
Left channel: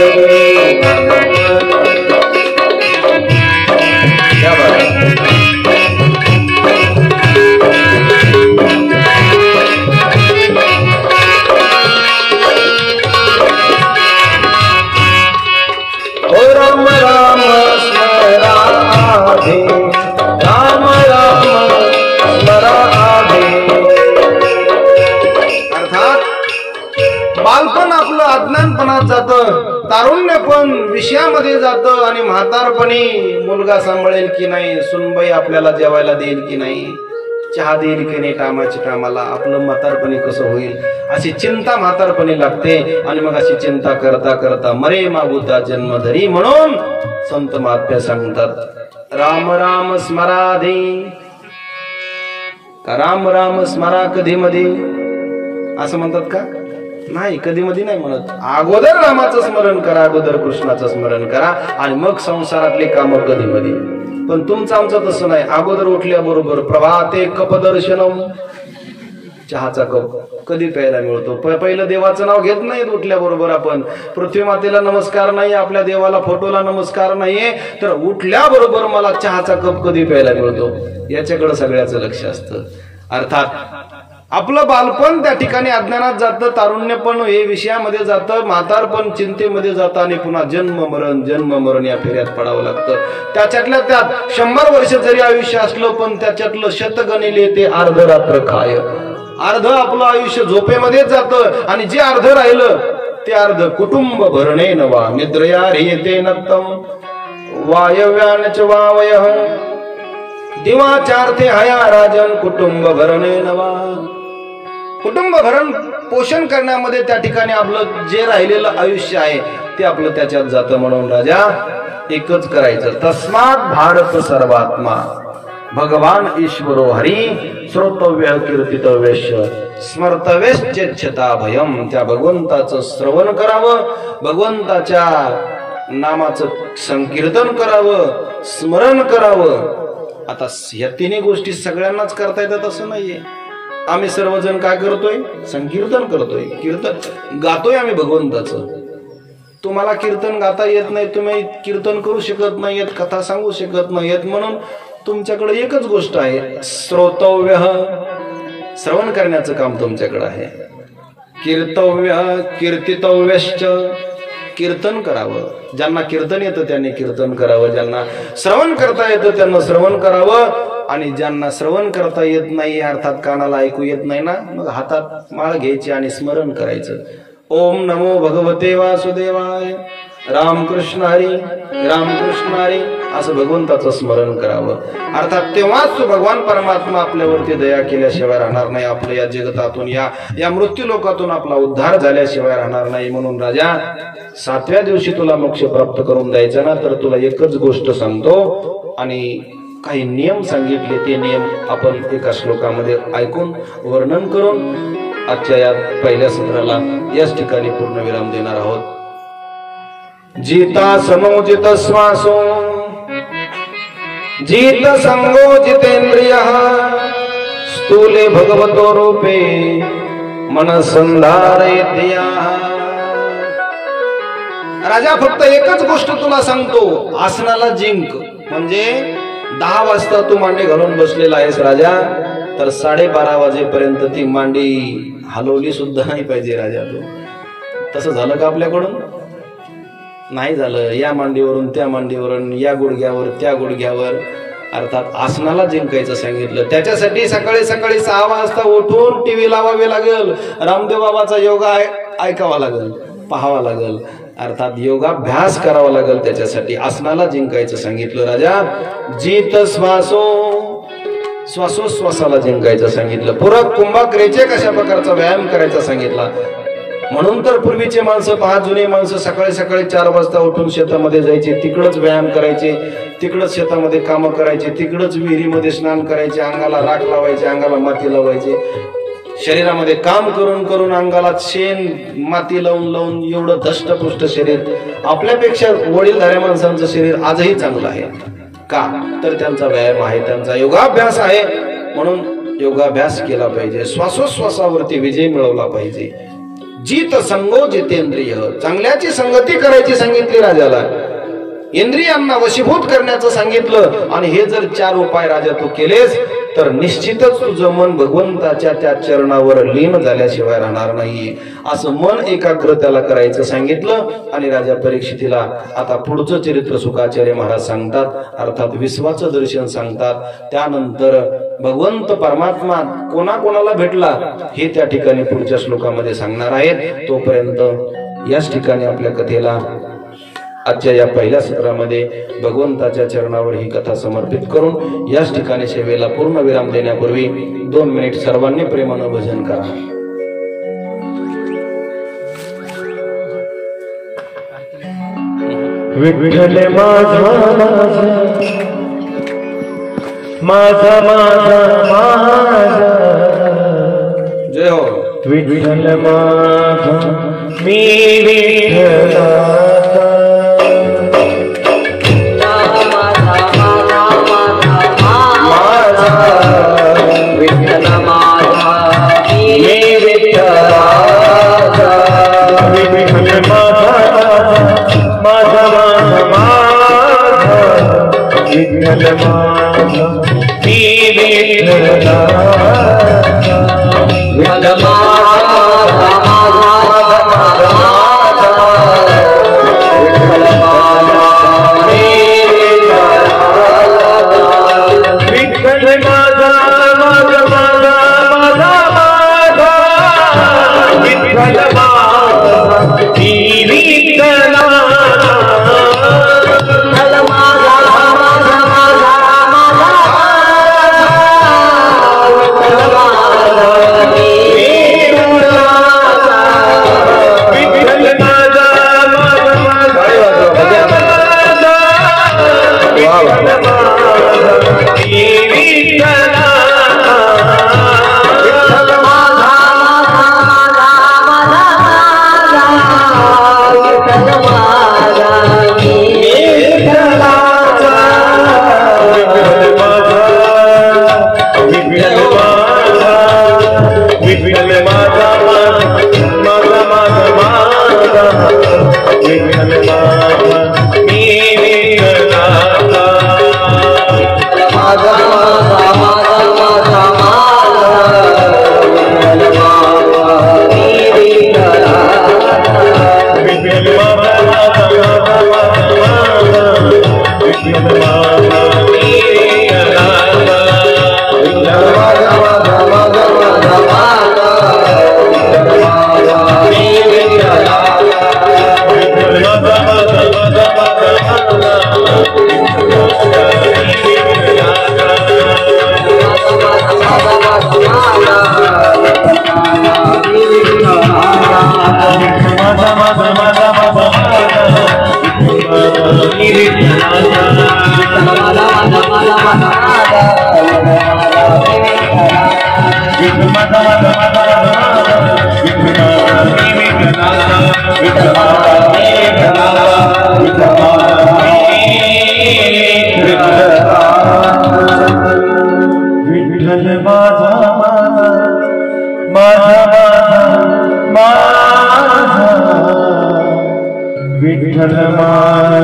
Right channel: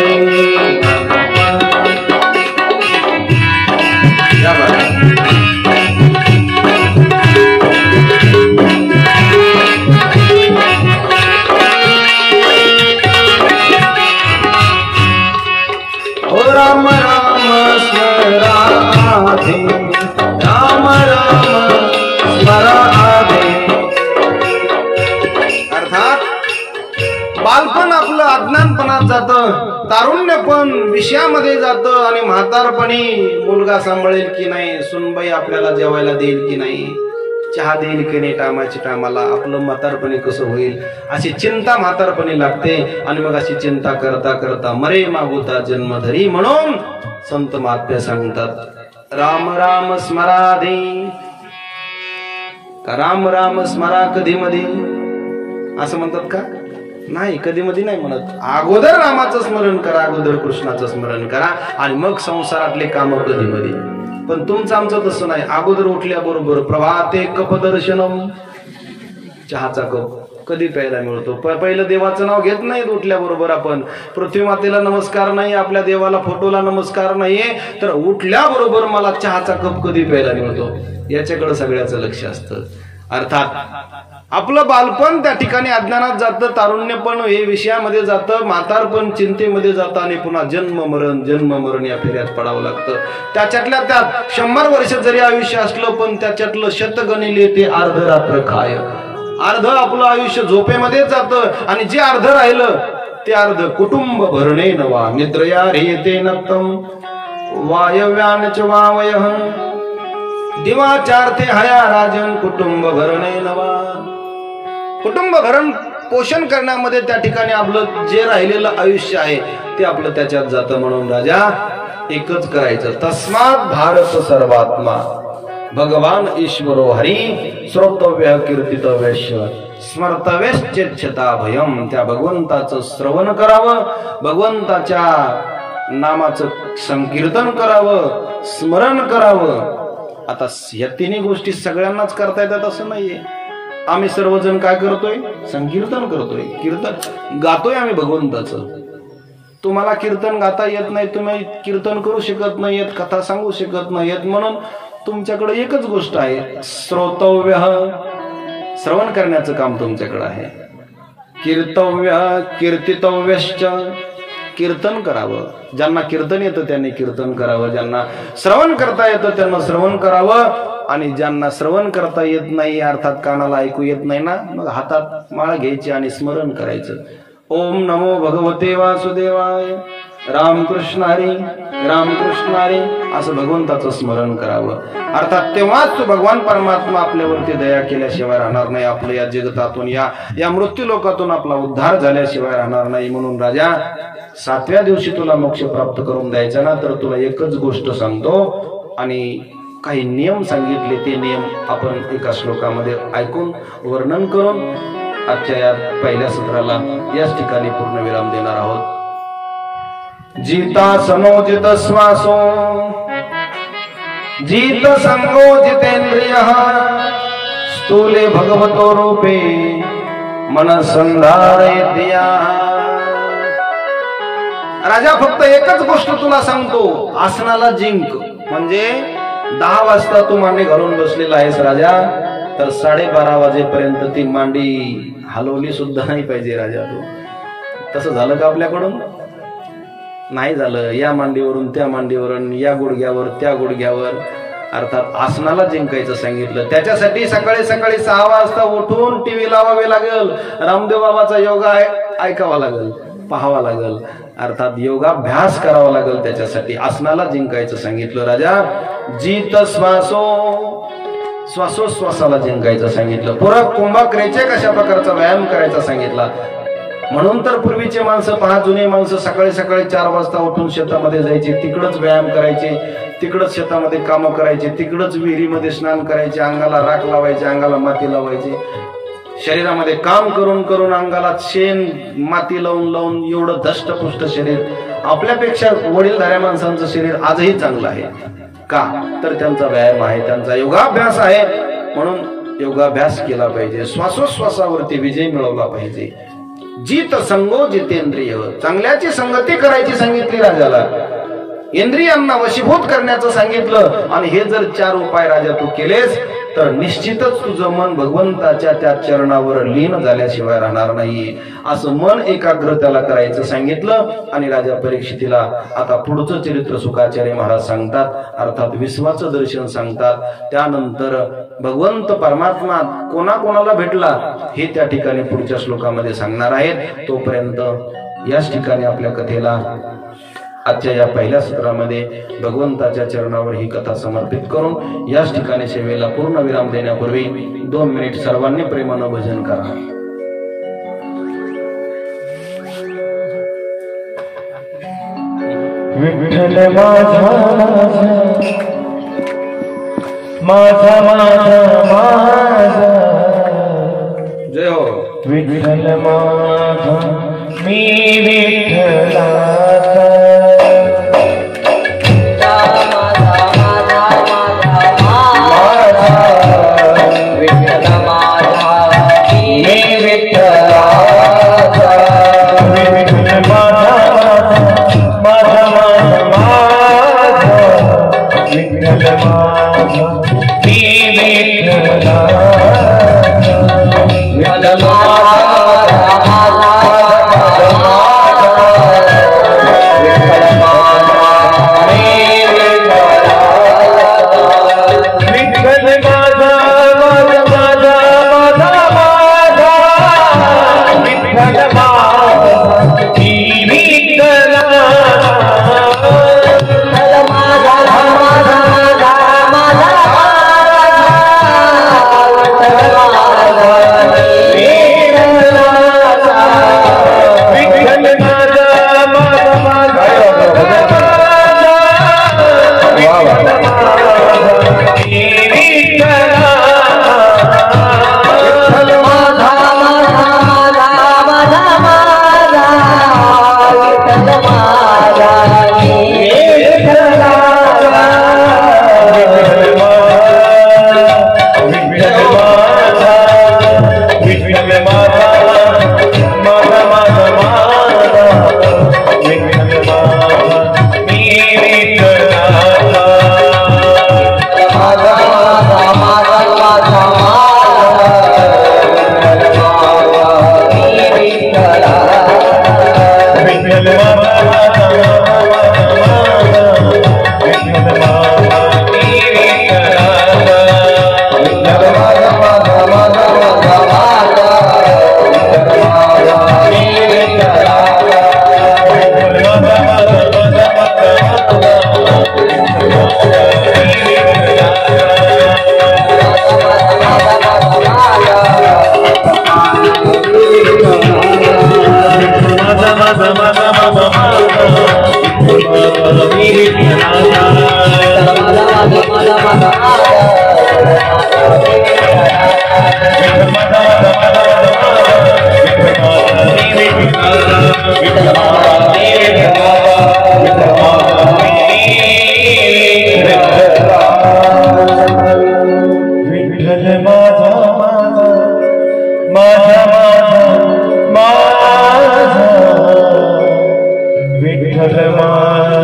राम राम स्मराधे, राम राम स्मराधे. अर्थात बालपण आपलं अज्ञानपणात जातं, तारुण्य पण विषयामध्ये जातं आणि म्हातारपणी मुलगा सांभाळेल की नाही, सुनबाई आपल्याला जेवायला देईल की नाही, चहा देईल की नाही टायमाच्या टायमाला, आपलं म्हातारपणी कसं होईल अशी चिंता म्हातारपणी लागते. आणि मग अशी चिंता करता करता मरे मागुता जन्मधरी. म्हणून संत महात्म्य सांगतात राम राम स्मराधे. का राम राम स्मरा कधी मध्ये असं म्हणतात का? नाही, कधी मध्ये नाही म्हणत. अगोदर रामाचं स्मरण करा, अगोदर कृष्णाचं स्मरण करा आणि मग संसारातले कामं कधी मध्ये. पण तुमचं आमचं तसं नाही. अगोदर उठल्याबरोबर प्रभाते कपदर्शनम, चहाचा कप कधी प्यायला मिळतो. पहिलं देवाचं नाव घेत नाही उठल्याबरोबर आपण. पृथ्वी मातेला नमस्कार नाही, आपल्या देवाला फोटोला नमस्कार नाहीये, तर उठल्याबरोबर मला चहाचा कप कधी प्यायला मिळतो याच्याकडे सगळ्याचं लक्ष असतं. अर्थात आपलं बालपण त्या ठिकाणी अज्ञानात जातं, तारुण्यपण हे विषयामध्ये जातं, म्हातारपण चिंतेमध्ये जातं आणि पुन्हा जन्म मरण या फेऱ्यात पडावं लागतं. त्याच्यातल्या त्यात 100 वर्ष जरी आयुष्य असलं पण त्याच्यातलं शतगणिले ते अर्धरात्र काय. अर्ध आपलं आयुष्य झोपेमध्येच जातं आणि जे अर्ध राहिलं ते अर्ध कुटुंब भरणे नवा निद्रया ह्रियते नक्तम वायव्यानच वावय दिवाचार्थे हया राजन कुटुंब भरणे नवा. कुटुंब भरण पोषण करण्यामध्ये त्या ठिकाणी आपलं जे राहिलेलं आयुष्य आहे ते आपलं त्याच्यात जातं. म्हणून राजा एकच करायचं, तस्मात भारत सर्वात्मा भगवान ईश्वरो हरी श्रोतव्य कीर्तितव्यश्य स्मर्तव्यश्चेच्छता भयम. त्या भगवंताचं श्रवण करावं, भगवंताच्या नामाचं संकीर्तन करावं, स्मरण करावं. आता ह्या तिन्ही गोष्टी सगळ्यांनाच करता येतात असं नाहीये. आम्ही सर्वजण काय करतोय? संकीर्तन करतोय, कीर्तन गातोय आम्ही भगवंताचं. तुम्हाला कीर्तन गाता येत नाही, तुम्ही कीर्तन करू शकत नाहीयेत, कथा सांगू शकत नाहीयेत, म्हणून तुमच्याकडे एकच गोष्ट आहे, श्रोतव्य, श्रवण करण्याचं काम तुमच्याकडे आहे. कीर्तव्य कीर्तितव्यश्च, कीर्तन करावं. ज्यांना कीर्तन येतं त्यांनी कीर्तन करावं, ज्यांना श्रवण करता येतं त्यांना श्रवण करावं. आणि ज्यांना श्रवण करता येत नाही, अर्थात कानाला ऐकू येत नाही ना, मग हातात माळ घ्यायची आणि स्मरण करायचं. ओम नमो भगवते वासुदेवाय, रामकृष्ण हरी रामकृष्ण हरी असं भगवंताचं स्मरण करावं. अर्थात तेव्हाच तो भगवान परमात्मा आपल्यावरती दया केल्याशिवाय राहणार नाही. आपलं या जगतातून या मृत्यू लोकातून आपला उद्धार झाल्याशिवाय राहणार नाही. म्हणून राजा 7व्या दिवशी तुला मोक्ष प्राप्त करून द्यायचा ना, तर तुला एकच गोष्ट सांगतो आणि काही नियम सांगितले. ते नियम आपण एका श्लोकामध्ये ऐकून वर्णन करून आजच्या या पहिल्या सत्राला याच ठिकाणी पूर्ण विराम देणार आहोत. जिता समोजित श्वासो जित संगो जितेंद्रिय स्थूले भगवतो रूपे मन संधारयत्या. राजा फक्त एकच गोष्ट तुला सांगतो, आसनाला जिंक. म्हणजे 10 वाजता तू मांडी घालून बसलेला आहेस राजा, तर 12:30 वाजेपर्यंत ती मांडी हलवली सुद्धा नाही पाहिजे राजा. तू तसं झालं का आपल्याकडून? नाही झालं. या मांडीवरून त्या मांडीवरून, या गुडघ्यावर त्या गुडघ्यावर, अर्थात आसनाला जिंकायचं सांगितलं. त्याच्यासाठी सकाळी 6 वाजता उठून टीव्ही लावावी लागेल, रामदेव बाबाचा योगा ऐकावा लागेल, पाहावा लागेल, अर्थात योगाभ्यास करावा लागेल. त्याच्यासाठी आसनाला जिंकायचं सांगितलं. राजा जित श्वासो श्वासोश्वासाला जिंकायचं सांगितलं. पूरक कुंभक्रियेचे कशा प्रकारचा व्यायाम करायचा सांगितला. म्हणून तर पूर्वीचे माणसं पहा, जुने माणसं सकाळी सकाळी 4 वाजता उठून शेतामध्ये जायचे, तिकडच व्यायाम करायचे, तिकडच शेतामध्ये कामं करायचे, तिकडच विहिरीमध्ये स्नान करायचे, अंगाला राख लावायचे, अंगाला माती लावायचे. शरीरामध्ये काम करून करून अंगाला शेण माती लावून लावून एवढं धष्टपुष्ट शरीर. आपल्यापेक्षा वडीलधाऱ्या माणसांचं शरीर आजही चांगलं आहे. का तर त्यांचा व्यायाम आहे, त्यांचा योगाभ्यास आहे. म्हणून योगाभ्यास केला पाहिजे, श्वासोश्वासावरती विजय मिळवला पाहिजे. जित संगो जितेंद्रिय, चांगल्याची संगती करायची सांगितली राजाला, इंद्रियांना वशीभूत करण्याचं सांगितलं. आणि हे जर 4 उपाय राजा तू केलेस तर निश्चितच तुझं मन भगवंताच्या त्या चरणावर लीन झाल्याशिवाय राहणार नाही. असं मन एकाग्र त्याला करायचं सांगितलं. आणि राजा परीक्षितीला आता पुढचं चरित्र शुकाचार्य महाराज सांगतात, अर्थात विश्वाचं दर्शन सांगतात. त्यानंतर भगवंत परमात्मा कोणाकोणाला भेटला हे त्या ठिकाणी पुढच्या श्लोकामध्ये सांगणार आहेत. तोपर्यंत याच ठिकाणी आपल्या कथेला आजच्या या पहिल्या सत्रामध्ये भगवंताच्या चरणावर ही कथा समर्पित करून याच ठिकाणी सेवेला पूर्ण विराम देण्यापूर्वी 2 मिनिट सर्वांनी प्रेमानं भजन करा. विठ्ठल माझा माझा माझा माझा, जय हो. विठ्ठल माझा मी विठ्ठलाचा, विठ्ठल माझा मी विठ्ठलाचा, विठ्ठल माझा माझा माझा, विठ्ठल माझा मी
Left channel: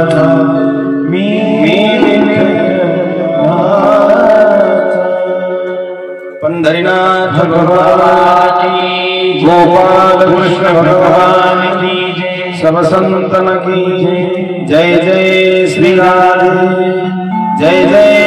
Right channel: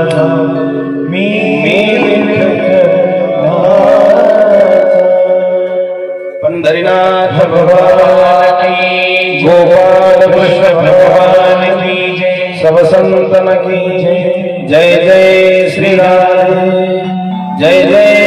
विठ्ठलाचा, विठ्ठल पंढरीनाथ भगवान की, गोपाल कृष्ण भगवान की जय, सब संतन की जय. जय जय श्री राधे, जय जय